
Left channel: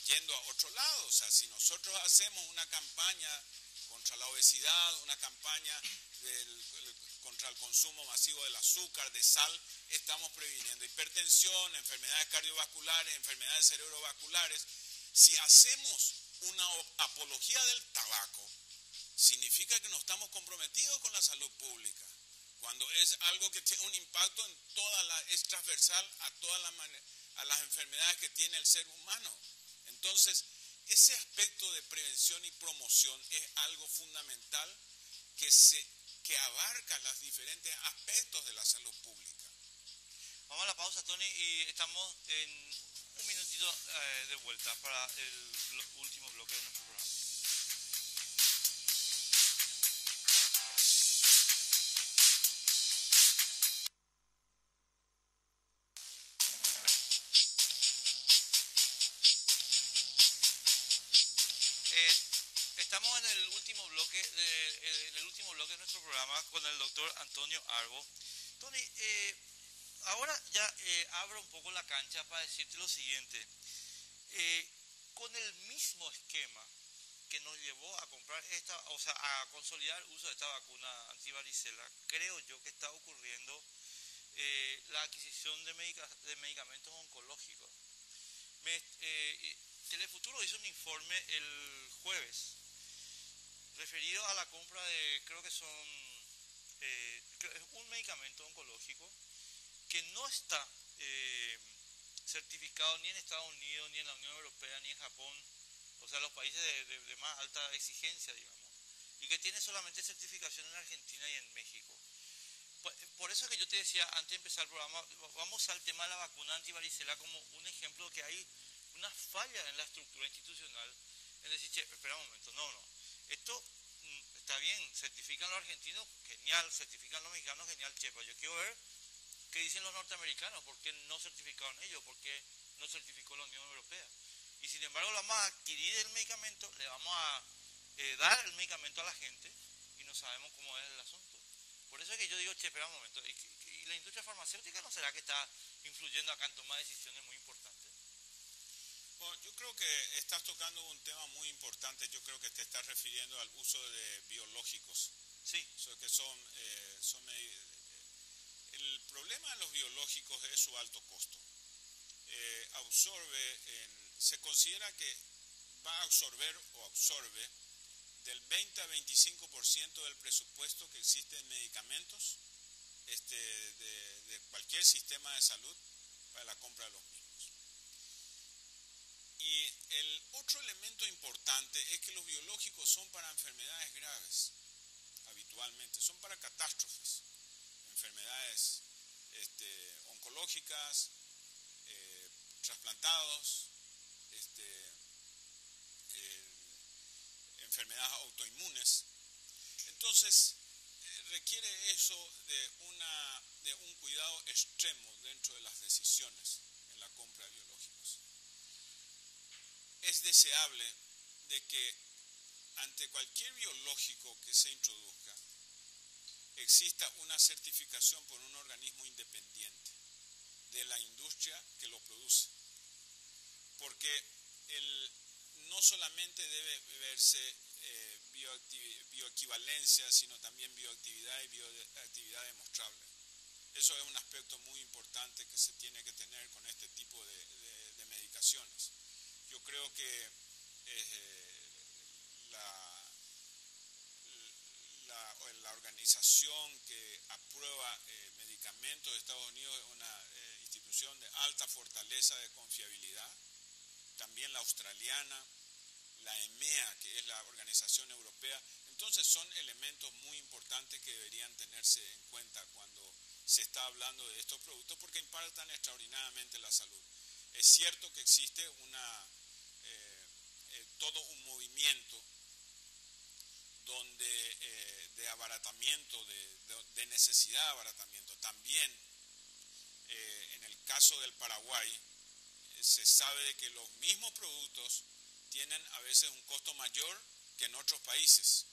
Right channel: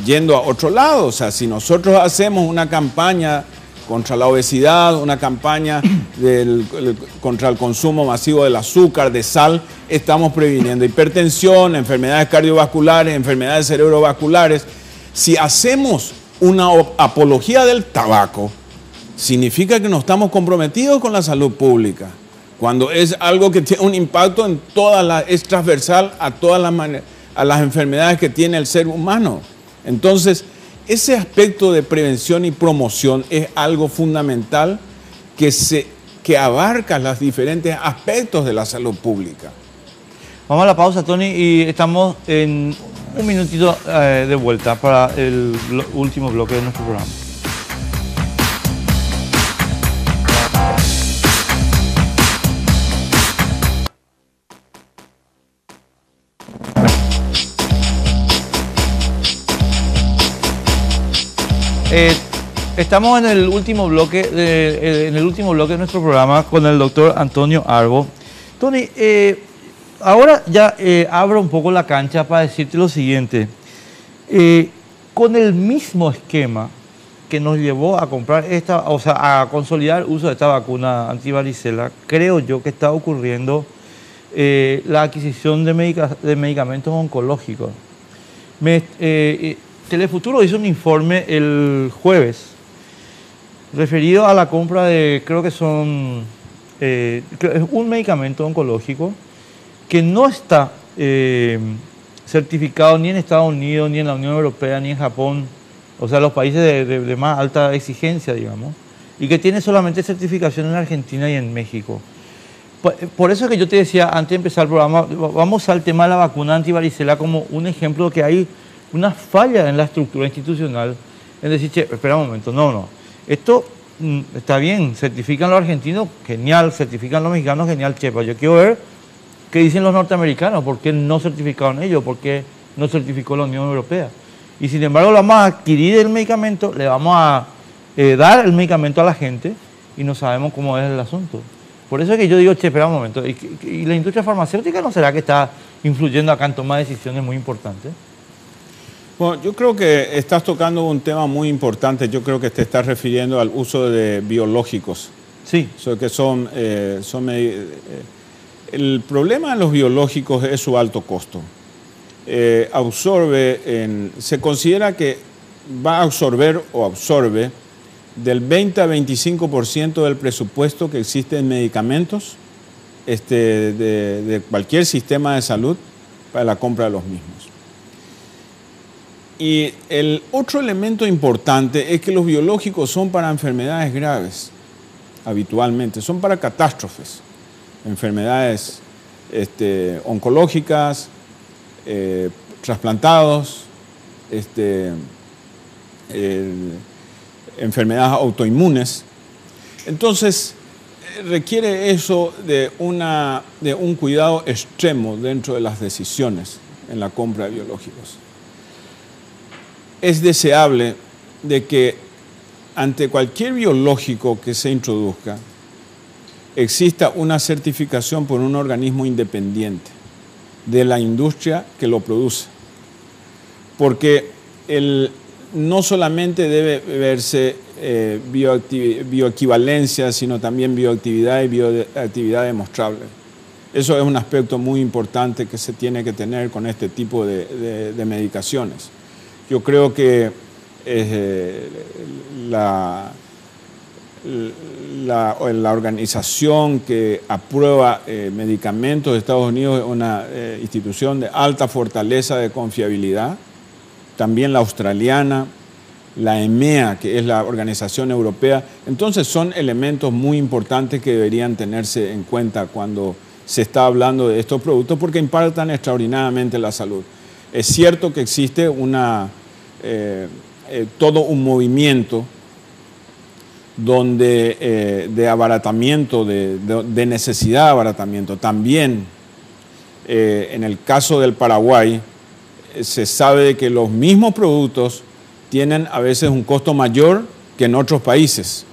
yendo a otro lado. O sea, si nosotros hacemos una campaña contra la obesidad, una campaña contra el consumo masivo del azúcar, de sal, estamos previniendo hipertensión, enfermedades cardiovasculares, enfermedades cerebrovasculares. Si hacemos una apología del tabaco, significa que no estamos comprometidos con la salud pública, cuando es algo que tiene un impacto en es transversal a todas las enfermedades que tiene el ser humano. Entonces, ese aspecto de prevención y promoción es algo fundamental que abarca los diferentes aspectos de la salud pública. Vamos a la pausa, Tony, y estamos en un minutito de vuelta para el último bloque de nuestro programa. Estamos en el último bloque de nuestro programa con el doctor Antonio Arbo. Tony, ahora ya abro un poco la cancha para decirte lo siguiente. Con el mismo esquema que nos llevó a comprar a consolidar el uso de esta vacuna antivaricela, creo yo que está ocurriendo la adquisición de medicamentos oncológicos. Telefuturo hizo un informe el jueves referido a la compra de, creo que son un medicamento oncológico que no está certificado ni en Estados Unidos, ni en la Unión Europea, ni en Japón, o sea, los países de más alta exigencia, digamos, y que tiene solamente certificación en Argentina y en México. Por eso es que yo te decía, antes de empezar el programa, vamos al tema de la vacuna antivaricela como un ejemplo que hay una falla en la estructura institucional, en decir, che, espera un momento, no, esto está bien, certifican los argentinos, genial, certifican los mexicanos, genial, che, pero yo quiero ver qué dicen los norteamericanos, por qué no certificaron ellos, por qué no certificó la Unión Europea. Y sin embargo, le vamos a adquirir el medicamento, le vamos a dar el medicamento a la gente y no sabemos cómo es el asunto. Por eso es que yo digo, che, espera un momento, ¿y la industria farmacéutica no será que está influyendo acá en toma de decisiones muy importantes? Bueno, yo creo que estás tocando un tema muy importante. Yo creo que te estás refiriendo al uso de biológicos. Sí. El problema de los biológicos es su alto costo. Se considera que va a absorber o absorbe del 20 a 25% del presupuesto que existe en medicamentos de cualquier sistema de salud para la compra de los mismos. Y el otro elemento importante es que los biológicos son para enfermedades graves, habitualmente, son para catástrofes, enfermedades oncológicas, trasplantados, enfermedades autoinmunes. Entonces, requiere eso de un cuidado extremo dentro de las decisiones en la compra de biológicos. Es deseable de que ante cualquier biológico que se introduzca exista una certificación por un organismo independiente de la industria que lo produce. Porque no solamente debe verse bioequivalencia, sino también bioactividad y bioactividad demostrable. Eso es un aspecto muy importante que se tiene que tener con este tipo de medicaciones. Yo creo que la organización que aprueba medicamentos de Estados Unidos es una institución de alta fortaleza de confiabilidad. También la australiana, la EMEA, que es la organización europea. Entonces son elementos muy importantes que deberían tenerse en cuenta cuando se está hablando de estos productos porque impactan extraordinariamente la salud. Es cierto que existe todo un movimiento de abaratamiento, de necesidad de abaratamiento. También en el caso del Paraguay se sabe que los mismos productos tienen a veces un costo mayor que en otros países.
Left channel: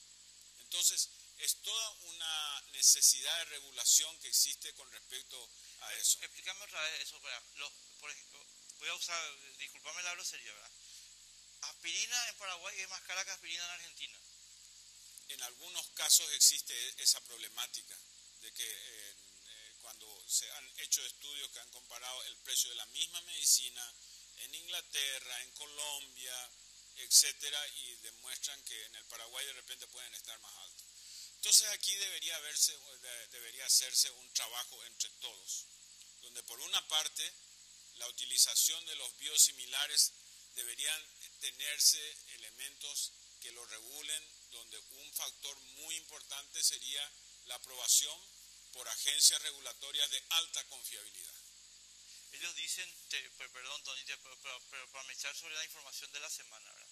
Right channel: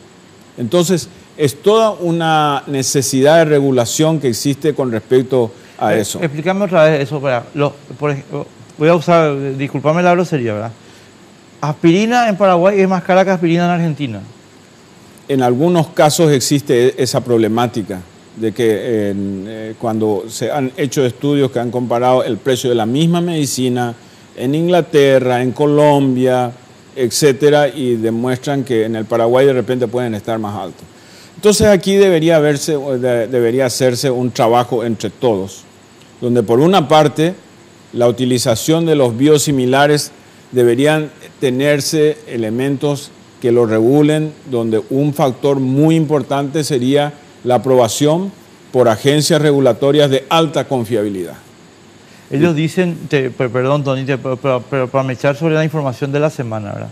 Entonces es toda una necesidad de regulación que existe con respecto a eso. Explícame otra vez eso. Por ejemplo, voy a usar, disculpame la grosería, ¿verdad? aspirina en Paraguay es más cara que aspirina en Argentina. En algunos casos existe esa problemática de que cuando se han hecho estudios que han comparado el precio de la misma medicina en Inglaterra, en Colombia, etcétera, y demuestran que en el Paraguay de repente pueden estar más altos. Entonces aquí debería hacerse un trabajo entre todos, donde por una parte la utilización de los biosimilares deberían tenerse elementos que lo regulen, donde un factor muy importante sería la aprobación por agencias regulatorias de alta confiabilidad. Ellos dicen, perdón Tony, pero para me echar sobre la información de la semana, ¿verdad?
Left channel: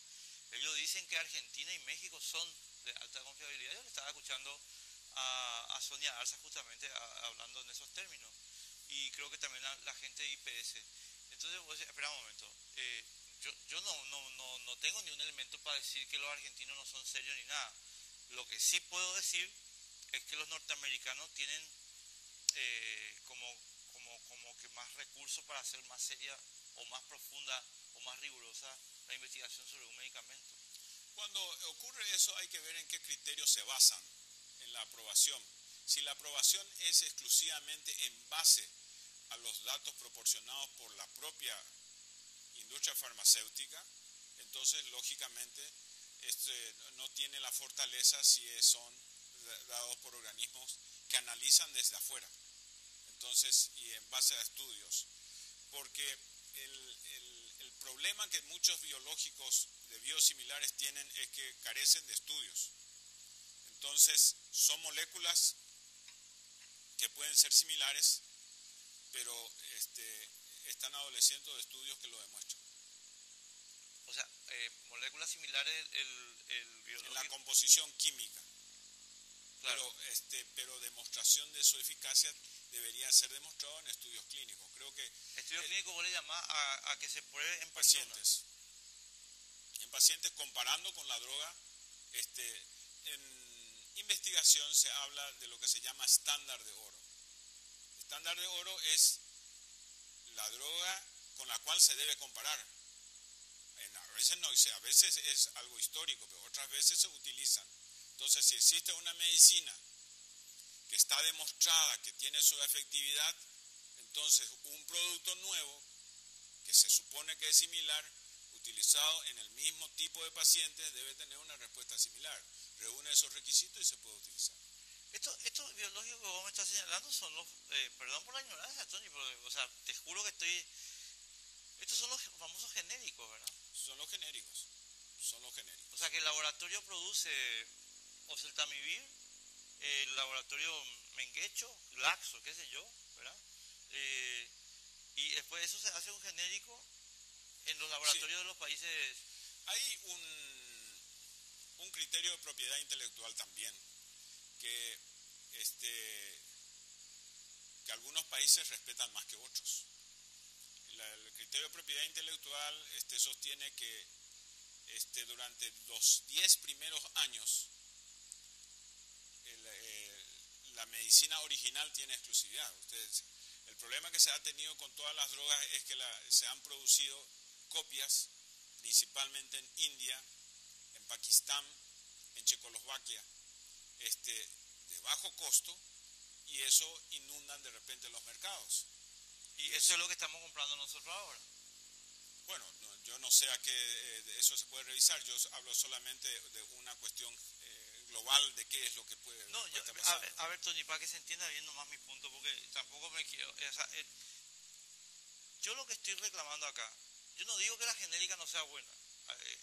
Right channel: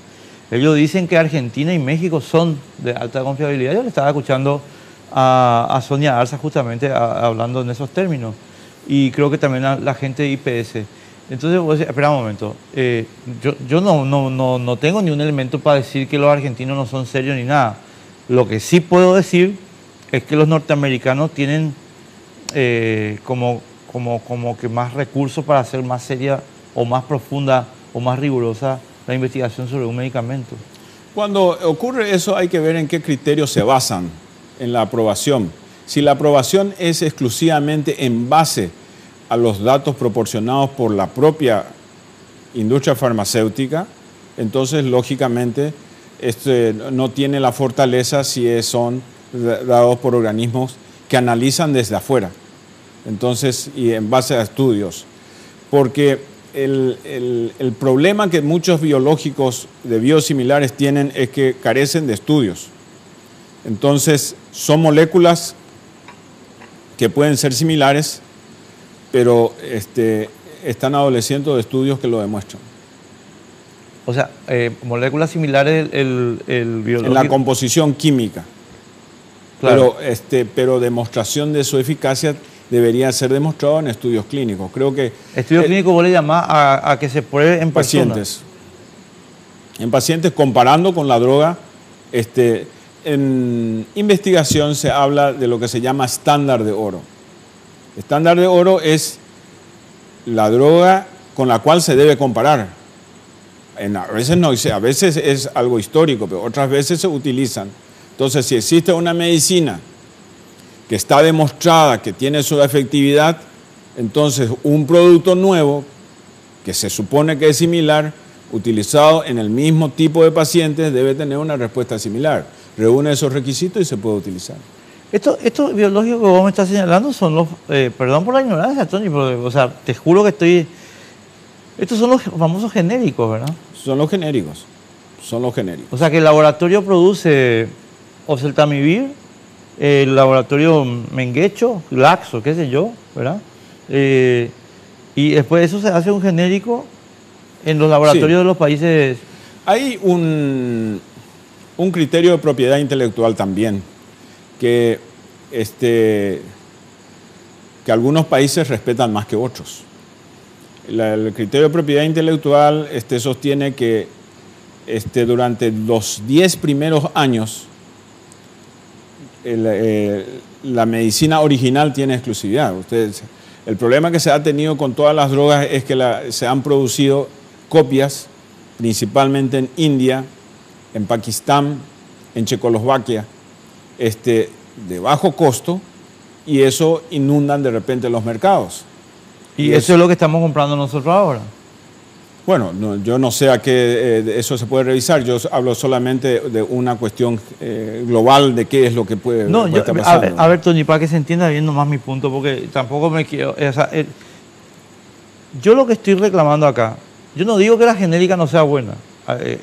Ellos dicen que Argentina y México son de alta confiabilidad. Yo le estaba escuchando a Sonia Arza justamente hablando en esos términos. Y creo que también a la gente de IPS. Entonces, espera un momento. Yo no tengo ni un elemento para decir que los argentinos no son serios ni nada. Lo que sí puedo decir es que los norteamericanos tienen como que más recursos para hacer más seria o más profunda o más rigurosa la investigación sobre un medicamento. Cuando ocurre eso hay que ver en qué criterios se basan en la aprobación. Si la aprobación es exclusivamente en base a los datos proporcionados por la propia industria farmacéutica, entonces lógicamente no tiene la fortaleza si son dados por organismos que analizan desde afuera, entonces, y en base a estudios. Porque el problema que muchos biológicos de biosimilares tienen es que carecen de estudios. Entonces, son moléculas que pueden ser similares, pero están adoleciendo de estudios que lo demuestran. O sea, moléculas similares, el biológico... En la composición química. Claro. Pero demostración de su eficacia debería ser demostrado en estudios clínicos. Creo que... Estudios clínicos vos le llamás a que se pruebe en pacientes. En pacientes comparando con la droga. En investigación se habla de lo que se llama estándar de oro. Estándar de oro es la droga con la cual se debe comparar. A veces es algo histórico, pero otras veces se utilizan. Entonces, si existe una medicina que está demostrada que tiene su efectividad, entonces un producto nuevo, que se supone que es similar, utilizado en el mismo tipo de pacientes, debe tener una respuesta similar. Reúne esos requisitos y se puede utilizar. Estos biológicos que vos me estás señalando son los... perdón por la ignorancia, Tony, pero, o sea, te juro que estoy... Estos son los famosos genéricos, ¿verdad? Son los genéricos. Son los genéricos. O sea, que el laboratorio produce oseltamivir, el laboratorio Menguecho, Glaxo, qué sé yo, ¿verdad? Y después de eso se hace un genérico en los laboratorios de los países... Hay un criterio de propiedad intelectual también, que algunos países respetan más que otros. El criterio de propiedad intelectual sostiene que durante los 10 primeros años la medicina original tiene exclusividad. El problema que se ha tenido con todas las drogas es que se han producido copias, principalmente en India, en Pakistán, en Checoslovaquia, de bajo costo, y eso inundan de repente los mercados. ¿Y eso es lo que estamos comprando nosotros ahora? Bueno, yo no sé a qué eso se puede revisar. Yo hablo solamente de una cuestión global de qué es lo que puede estar pasando. A ver, Tony, para que se entienda bien nomás mi punto, porque tampoco me quiero... yo lo que estoy reclamando acá, yo no digo que la genérica no sea buena.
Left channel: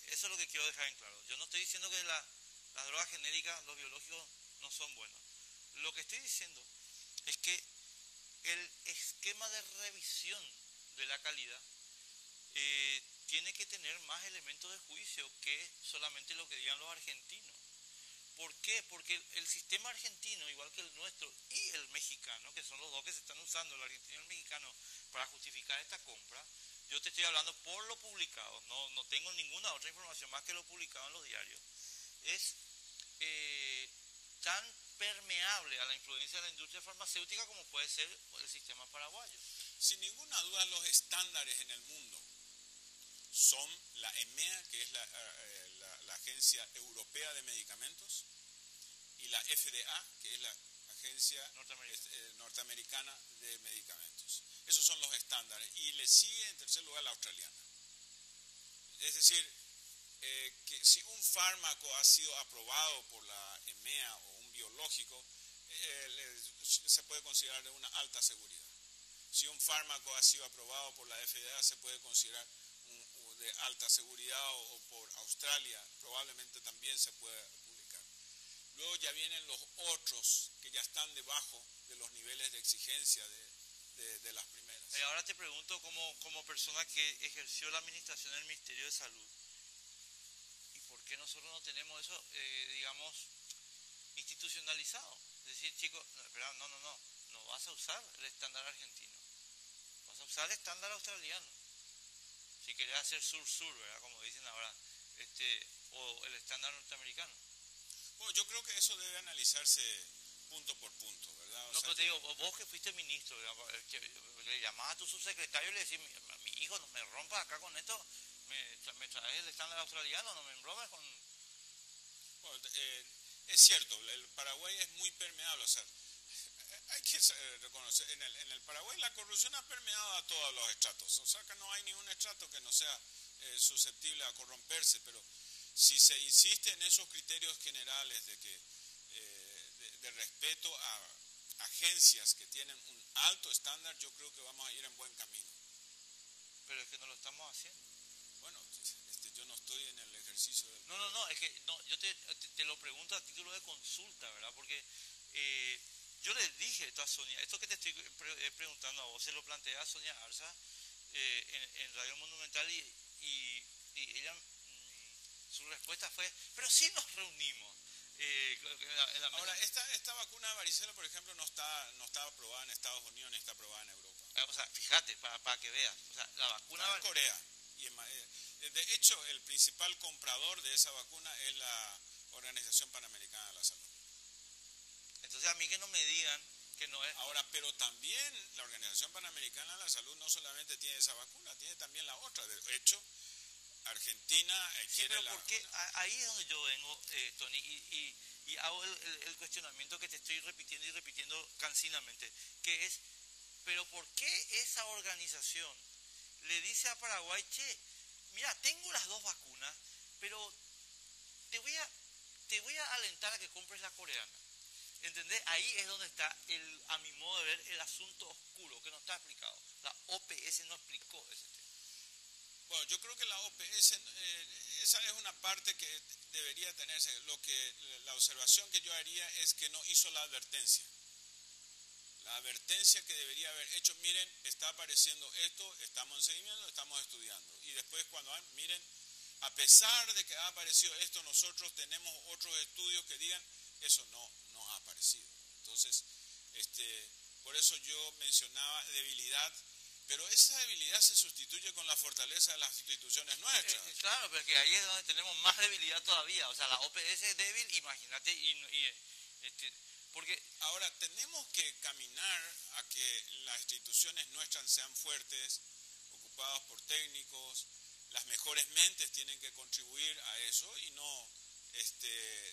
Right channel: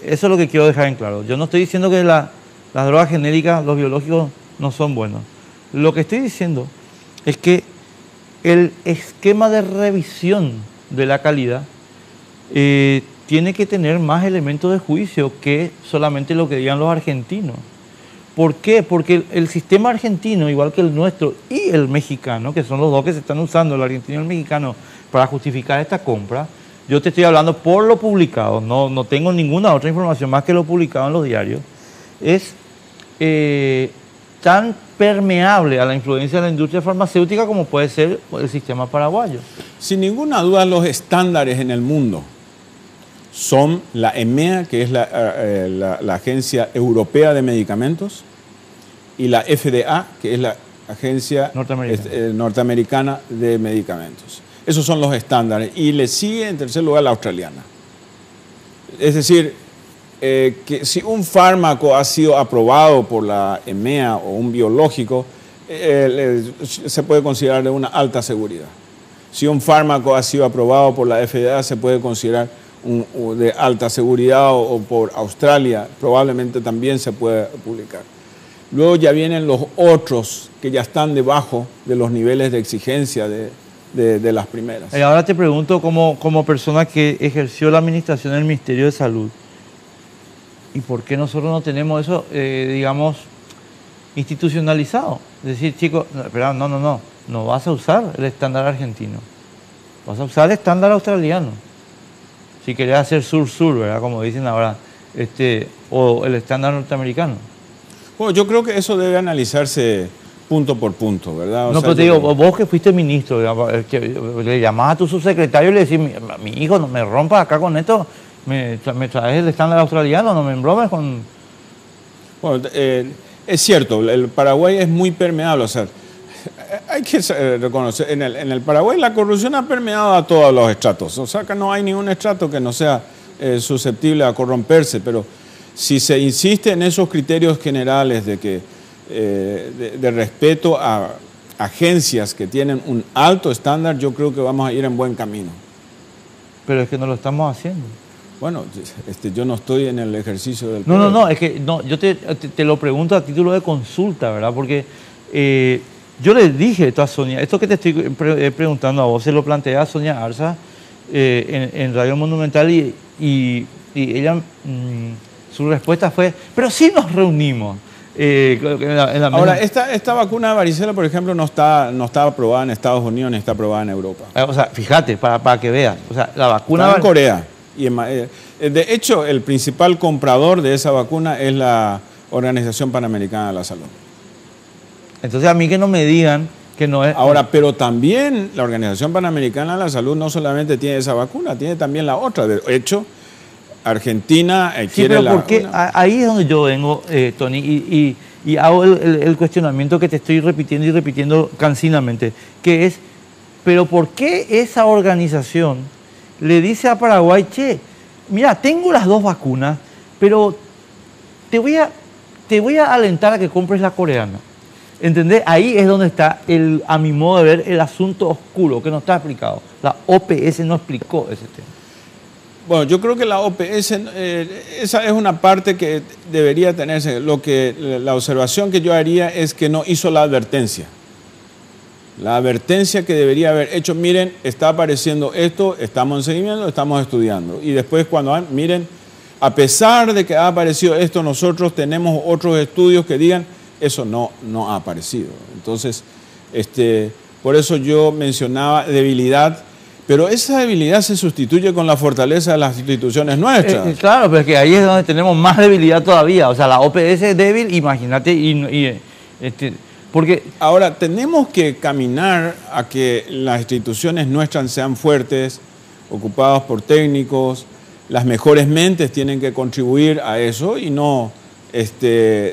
Eso es lo que quiero dejar en claro. Yo no estoy diciendo que las drogas genéricas, los biológicos, no son buenos. Lo que estoy diciendo es que el esquema de revisión de la calidad tiene que tener más elementos de juicio que solamente lo que digan los argentinos. ¿Por qué? Porque el sistema argentino, igual que el nuestro y el mexicano, que son los dos que se están usando, el argentino y el mexicano, para justificar esta compra, yo te estoy hablando por lo publicado, no tengo ninguna otra información más que lo publicado en los diarios, es tan permeable a la influencia de la industria farmacéutica como puede ser el sistema paraguayo. Sin ninguna duda, los estándares en el mundo son la EMEA, que es la Agencia Europea de Medicamentos, y la FDA, que es la Agencia Norteamericana de Medicamentos. Esos son los estándares. Y le sigue en tercer lugar la australiana. Es decir, que si un fármaco ha sido aprobado por la EMEA o un biológico, se puede considerar de una alta seguridad. Si un fármaco ha sido aprobado por la FDA, se puede considerar de alta seguridad, o por Australia probablemente también se puede publicar. Luego ya vienen los otros que ya están debajo de los niveles de exigencia de las primeras. Y ahora te pregunto, como persona que ejerció la administración del Ministerio de Salud, ¿y por qué nosotros no tenemos eso, digamos, institucionalizado? Es decir, chicos, espera, no vas a usar el estándar argentino, vas a usar el estándar australiano. Si querés hacer sur-sur, ¿verdad? Como dicen ahora, o el estándar norteamericano. Bueno, yo creo que eso debe analizarse punto por punto, ¿verdad? No, pero te digo, vos que fuiste ministro, digamos, que le llamás a tu subsecretario y le decís, mi hijo, no me rompas acá con esto, me traes el estándar australiano, no me embromes con... Bueno, es cierto, el Paraguay es muy permeable, o sea, hay que reconocer, en el Paraguay la corrupción ha permeado a todos los estratos, o sea que no hay ningún estrato que no sea susceptible a corromperse, pero si se insiste en esos criterios generales de que de respeto a agencias que tienen un alto estándar, yo creo que vamos a ir en buen camino. Pero es que no lo estamos haciendo. Bueno, yo no estoy en el ejercicio del... No, es que yo te lo pregunto a título de consulta, ¿verdad? Porque yo le dije esto a Sonia, esto que te estoy preguntando a vos, se lo planteé a Sonia Arza en Radio Monumental y ella, su respuesta fue, pero sí nos reunimos. Ahora, esta vacuna de varicela, por ejemplo, no está aprobada en Estados Unidos ni está aprobada en Europa. O sea, fíjate, para que veas, o sea, la vacuna... Está en Corea. Y de hecho, el principal comprador de esa vacuna es la Organización Panamericana de la Salud. Entonces, a mí que no me digan que no es... Ahora, pero también la Organización Panamericana de la Salud no solamente tiene esa vacuna, tiene también la otra. De hecho, Argentina quiere la vacuna. Ahí es donde yo vengo, Tony, y hago el cuestionamiento que te estoy repitiendo y repitiendo cansinamente, que es, pero ¿por qué esa organización le dice a Paraguay, che, mira, tengo las dos vacunas, pero te voy a alentar a que compres la coreana? ¿Entendés? Ahí es donde está, a mi modo de ver, el asunto oscuro, que no está explicado. La OPS no explicó ese tema. Bueno, yo creo que la OPS, esa es una parte que debería tenerse. La observación que yo haría es que no hizo la advertencia. La advertencia que debería haber hecho, miren, está apareciendo esto, estamos en seguimiento, estamos estudiando. Y después miren, a pesar de que ha aparecido esto, nosotros tenemos otros estudios que digan, eso no ha aparecido. Entonces, por eso yo mencionaba debilidad, pero esa debilidad se sustituye con la fortaleza de las instituciones nuestras. Claro, pero es que ahí es donde tenemos más debilidad todavía. O sea, la OPS es débil, imagínate, porque... Ahora, tenemos que caminar a que las instituciones nuestras sean fuertes, ocupadas por técnicos, las mejores mentes tienen que contribuir a eso y no,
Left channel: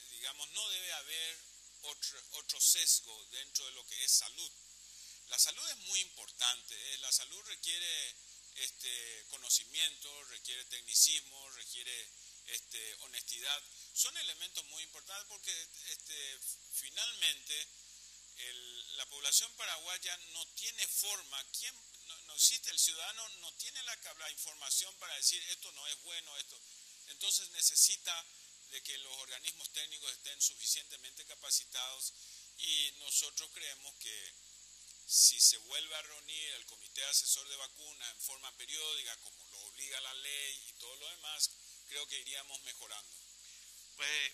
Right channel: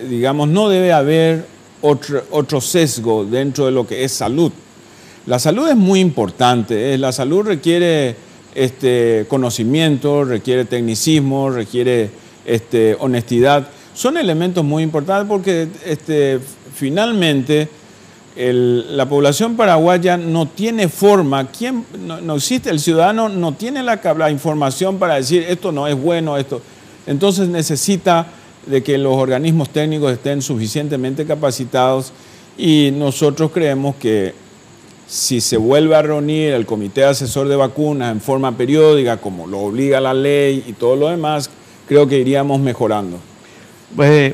digamos, no debe haber otro sesgo dentro de lo que es salud. La salud es muy importante, la salud requiere conocimiento, requiere tecnicismo, requiere honestidad. Son elementos muy importantes porque finalmente la población paraguaya no tiene forma, no existe, el ciudadano no tiene la información para decir esto no es bueno, esto. Entonces necesita de que los organismos técnicos estén suficientemente capacitados y nosotros creemos que si se vuelve a reunir el Comité Asesor de Vacunas en forma periódica, como lo obliga la ley y todo lo demás, creo que iríamos mejorando. Pues,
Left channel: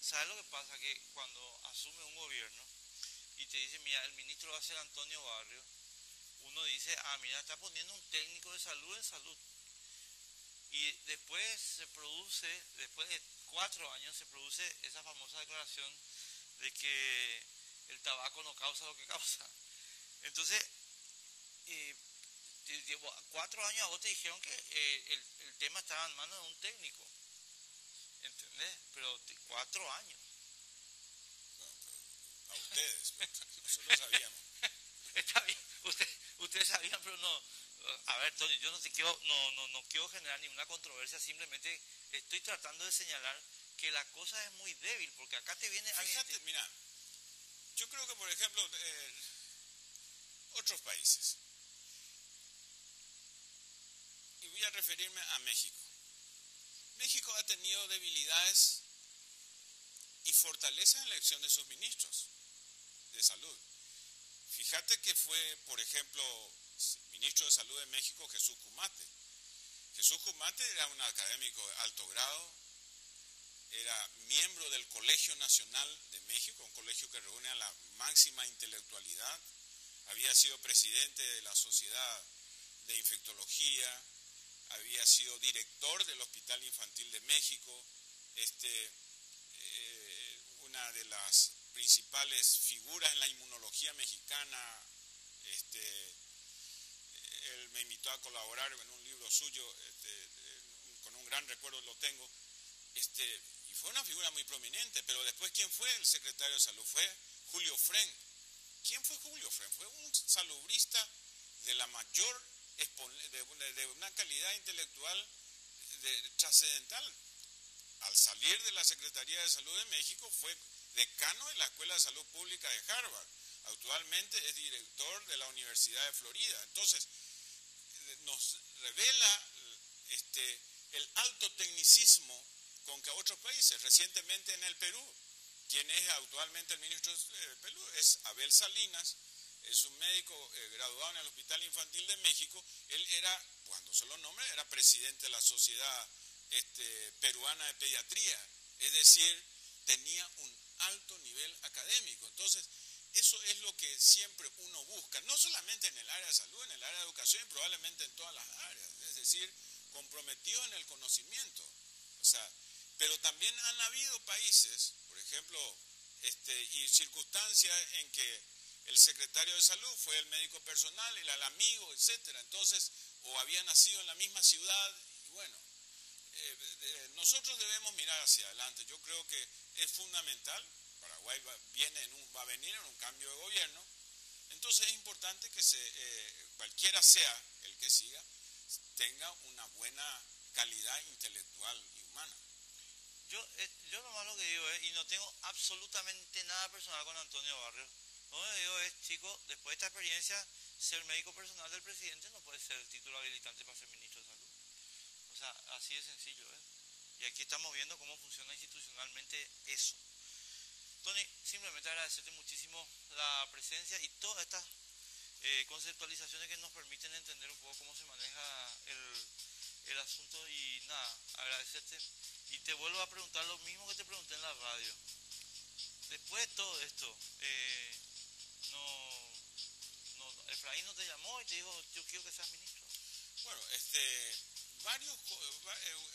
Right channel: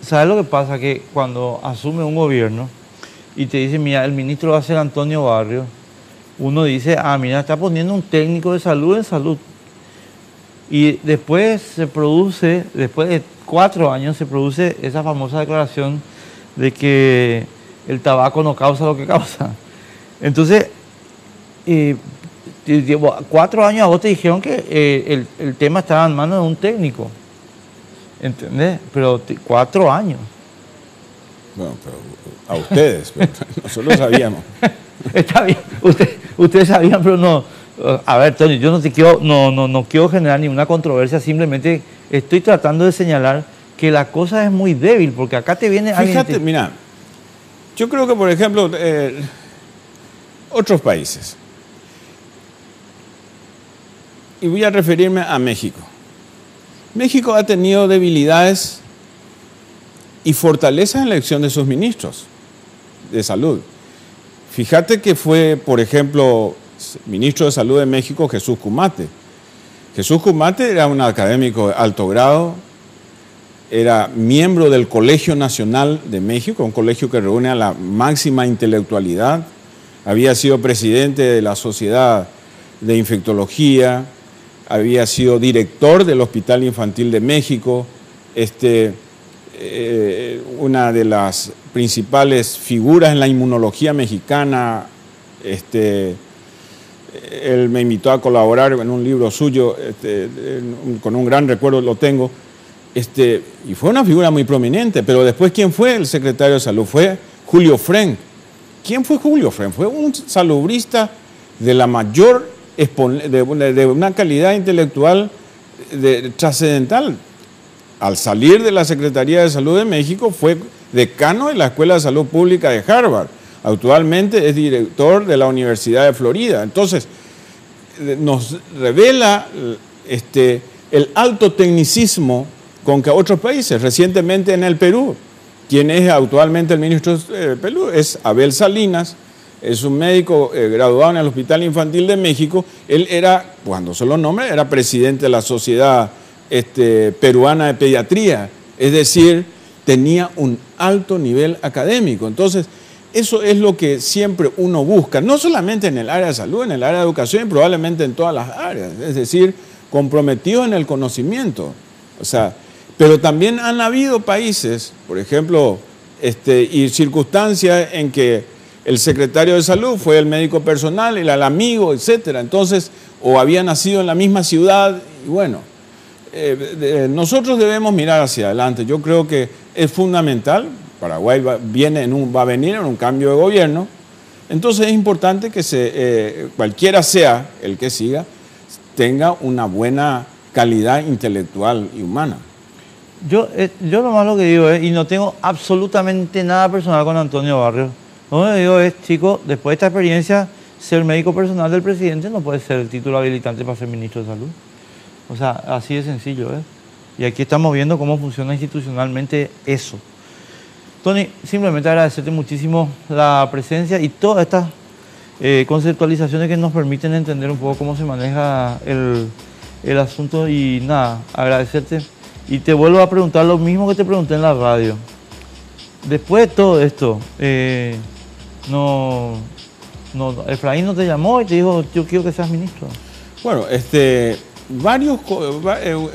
¿sabes lo que pasa? Que cuando asume un gobierno y te dice, mira, el ministro va a ser Antonio Barrios, uno dice, mira, está poniendo un técnico de salud en salud. Y después después de 4 años, se produce esa famosa declaración de que el tabaco no causa lo que causa. Entonces, 4 años a vos te dijeron que el tema estaba en manos de un técnico. ¿Entendés? Pero 4 años. Bueno, pero a ustedes, pero nosotros sabíamos. Está bien, ustedes sabían, pero no. A ver, Tony, yo no quiero generar ninguna controversia, simplemente estoy tratando de señalar que la cosa es muy débil, porque acá te viene alguien... Fíjate, mira, yo creo que, por ejemplo, otros países, y voy a referirme a México. México ha tenido debilidades y fortalezas en la elección de sus ministros de salud. Fíjate que fue, por ejemplo, ministro de Salud de México, Jesús Kumate. Jesús Kumate era un académico de alto grado, era miembro del Colegio Nacional de México, un colegio que reúne a la máxima intelectualidad, había sido presidente de la Sociedad de Infectología, había sido director del Hospital Infantil de México, una de las principales figuras en la inmunología mexicana. Él me invitó a colaborar en un libro suyo, con un gran recuerdo lo tengo, y fue una figura muy prominente. Pero después, ¿quién fue el secretario de Salud? Fue Julio Frenk. ¿Quién fue Julio Frenk? Fue un salubrista de la mayor, de una calidad intelectual trascendental. Al salir de la Secretaría de Salud de México, fue decano de la Escuela de Salud Pública de Harvard. Actualmente es director de la Universidad de Florida. Entonces, nos revela el alto tecnicismo con que otros países, recientemente en el Perú, quien es actualmente el ministro de Perú, es Abel Salinas, es un médico graduado en el Hospital Infantil de México. Él era, cuando se lo nombra, era presidente de la Sociedad Peruana de Pediatría, es decir, tenía un alto nivel académico. Entonces, eso es lo que siempre uno busca, no solamente en el área de salud, en el área de educación y probablemente en todas las áreas, es decir, comprometido en el conocimiento. O sea, pero también han habido países, por ejemplo, y circunstancias en que el secretario de salud fue el médico personal, el amigo, etcétera. Entonces, o había nacido en la misma ciudad, y bueno, nosotros debemos mirar hacia adelante. Yo creo que es fundamental. Paraguay va a venir en un cambio de gobierno, entonces es importante que cualquiera sea el que siga, tenga una buena calidad intelectual y humana. Yo lo más lo que digo es, y no tengo absolutamente nada personal con Antonio Barrios, lo que digo es, chicos, después de esta experiencia, ser médico personal del presidente no puede ser el título habilitante para ser ministro de Salud. O sea, así de sencillo, ¿eh? Y aquí estamos viendo cómo funciona institucionalmente eso. Tony, simplemente agradecerte muchísimo la presencia y todas estas conceptualizaciones que nos permiten entender un poco cómo se maneja el asunto. Y nada, agradecerte. Y te vuelvo a preguntar lo mismo que te pregunté en la radio. Después de todo esto, Efraín no te llamó y te dijo, yo quiero que seas ministro. Bueno,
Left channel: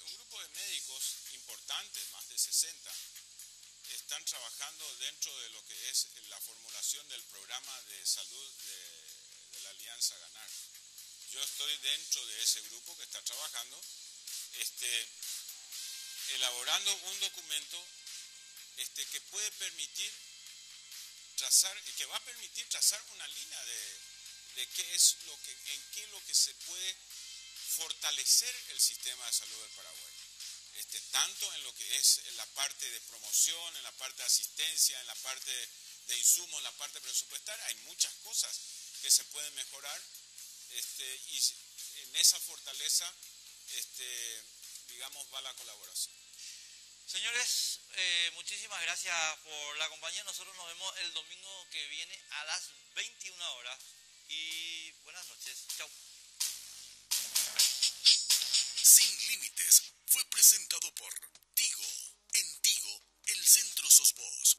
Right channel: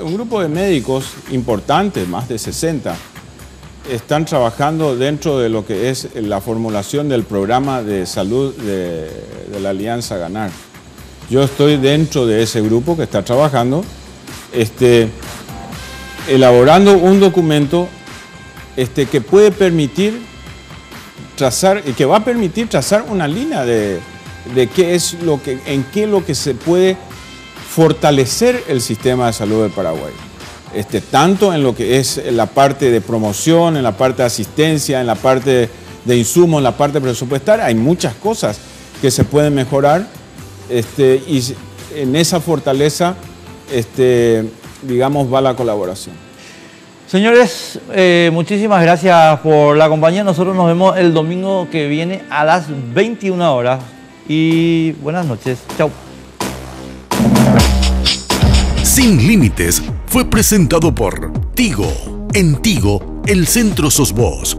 un grupo de médicos importantes, más de 60, están trabajando dentro de lo que es la formulación del programa de salud de la Alianza Ganar. Yo estoy dentro de ese grupo que está trabajando, elaborando un documento que puede permitir trazar, que va a permitir trazar una línea de qué es en qué lo que se puede fortalecer el sistema de salud del Paraguay. Tanto en lo que es la parte de promoción, en la parte de asistencia, en la parte de insumos, en la parte presupuestaria. Hay muchas cosas que se pueden mejorar y en esa fortaleza, digamos, va la colaboración. Señores, muchísimas gracias por la compañía. Nosotros nos vemos el domingo que viene a las 21 horas. Y buenas noches. Chau. Sin Límites fue presentado por Tigo. En Tigo, el centro sos vos.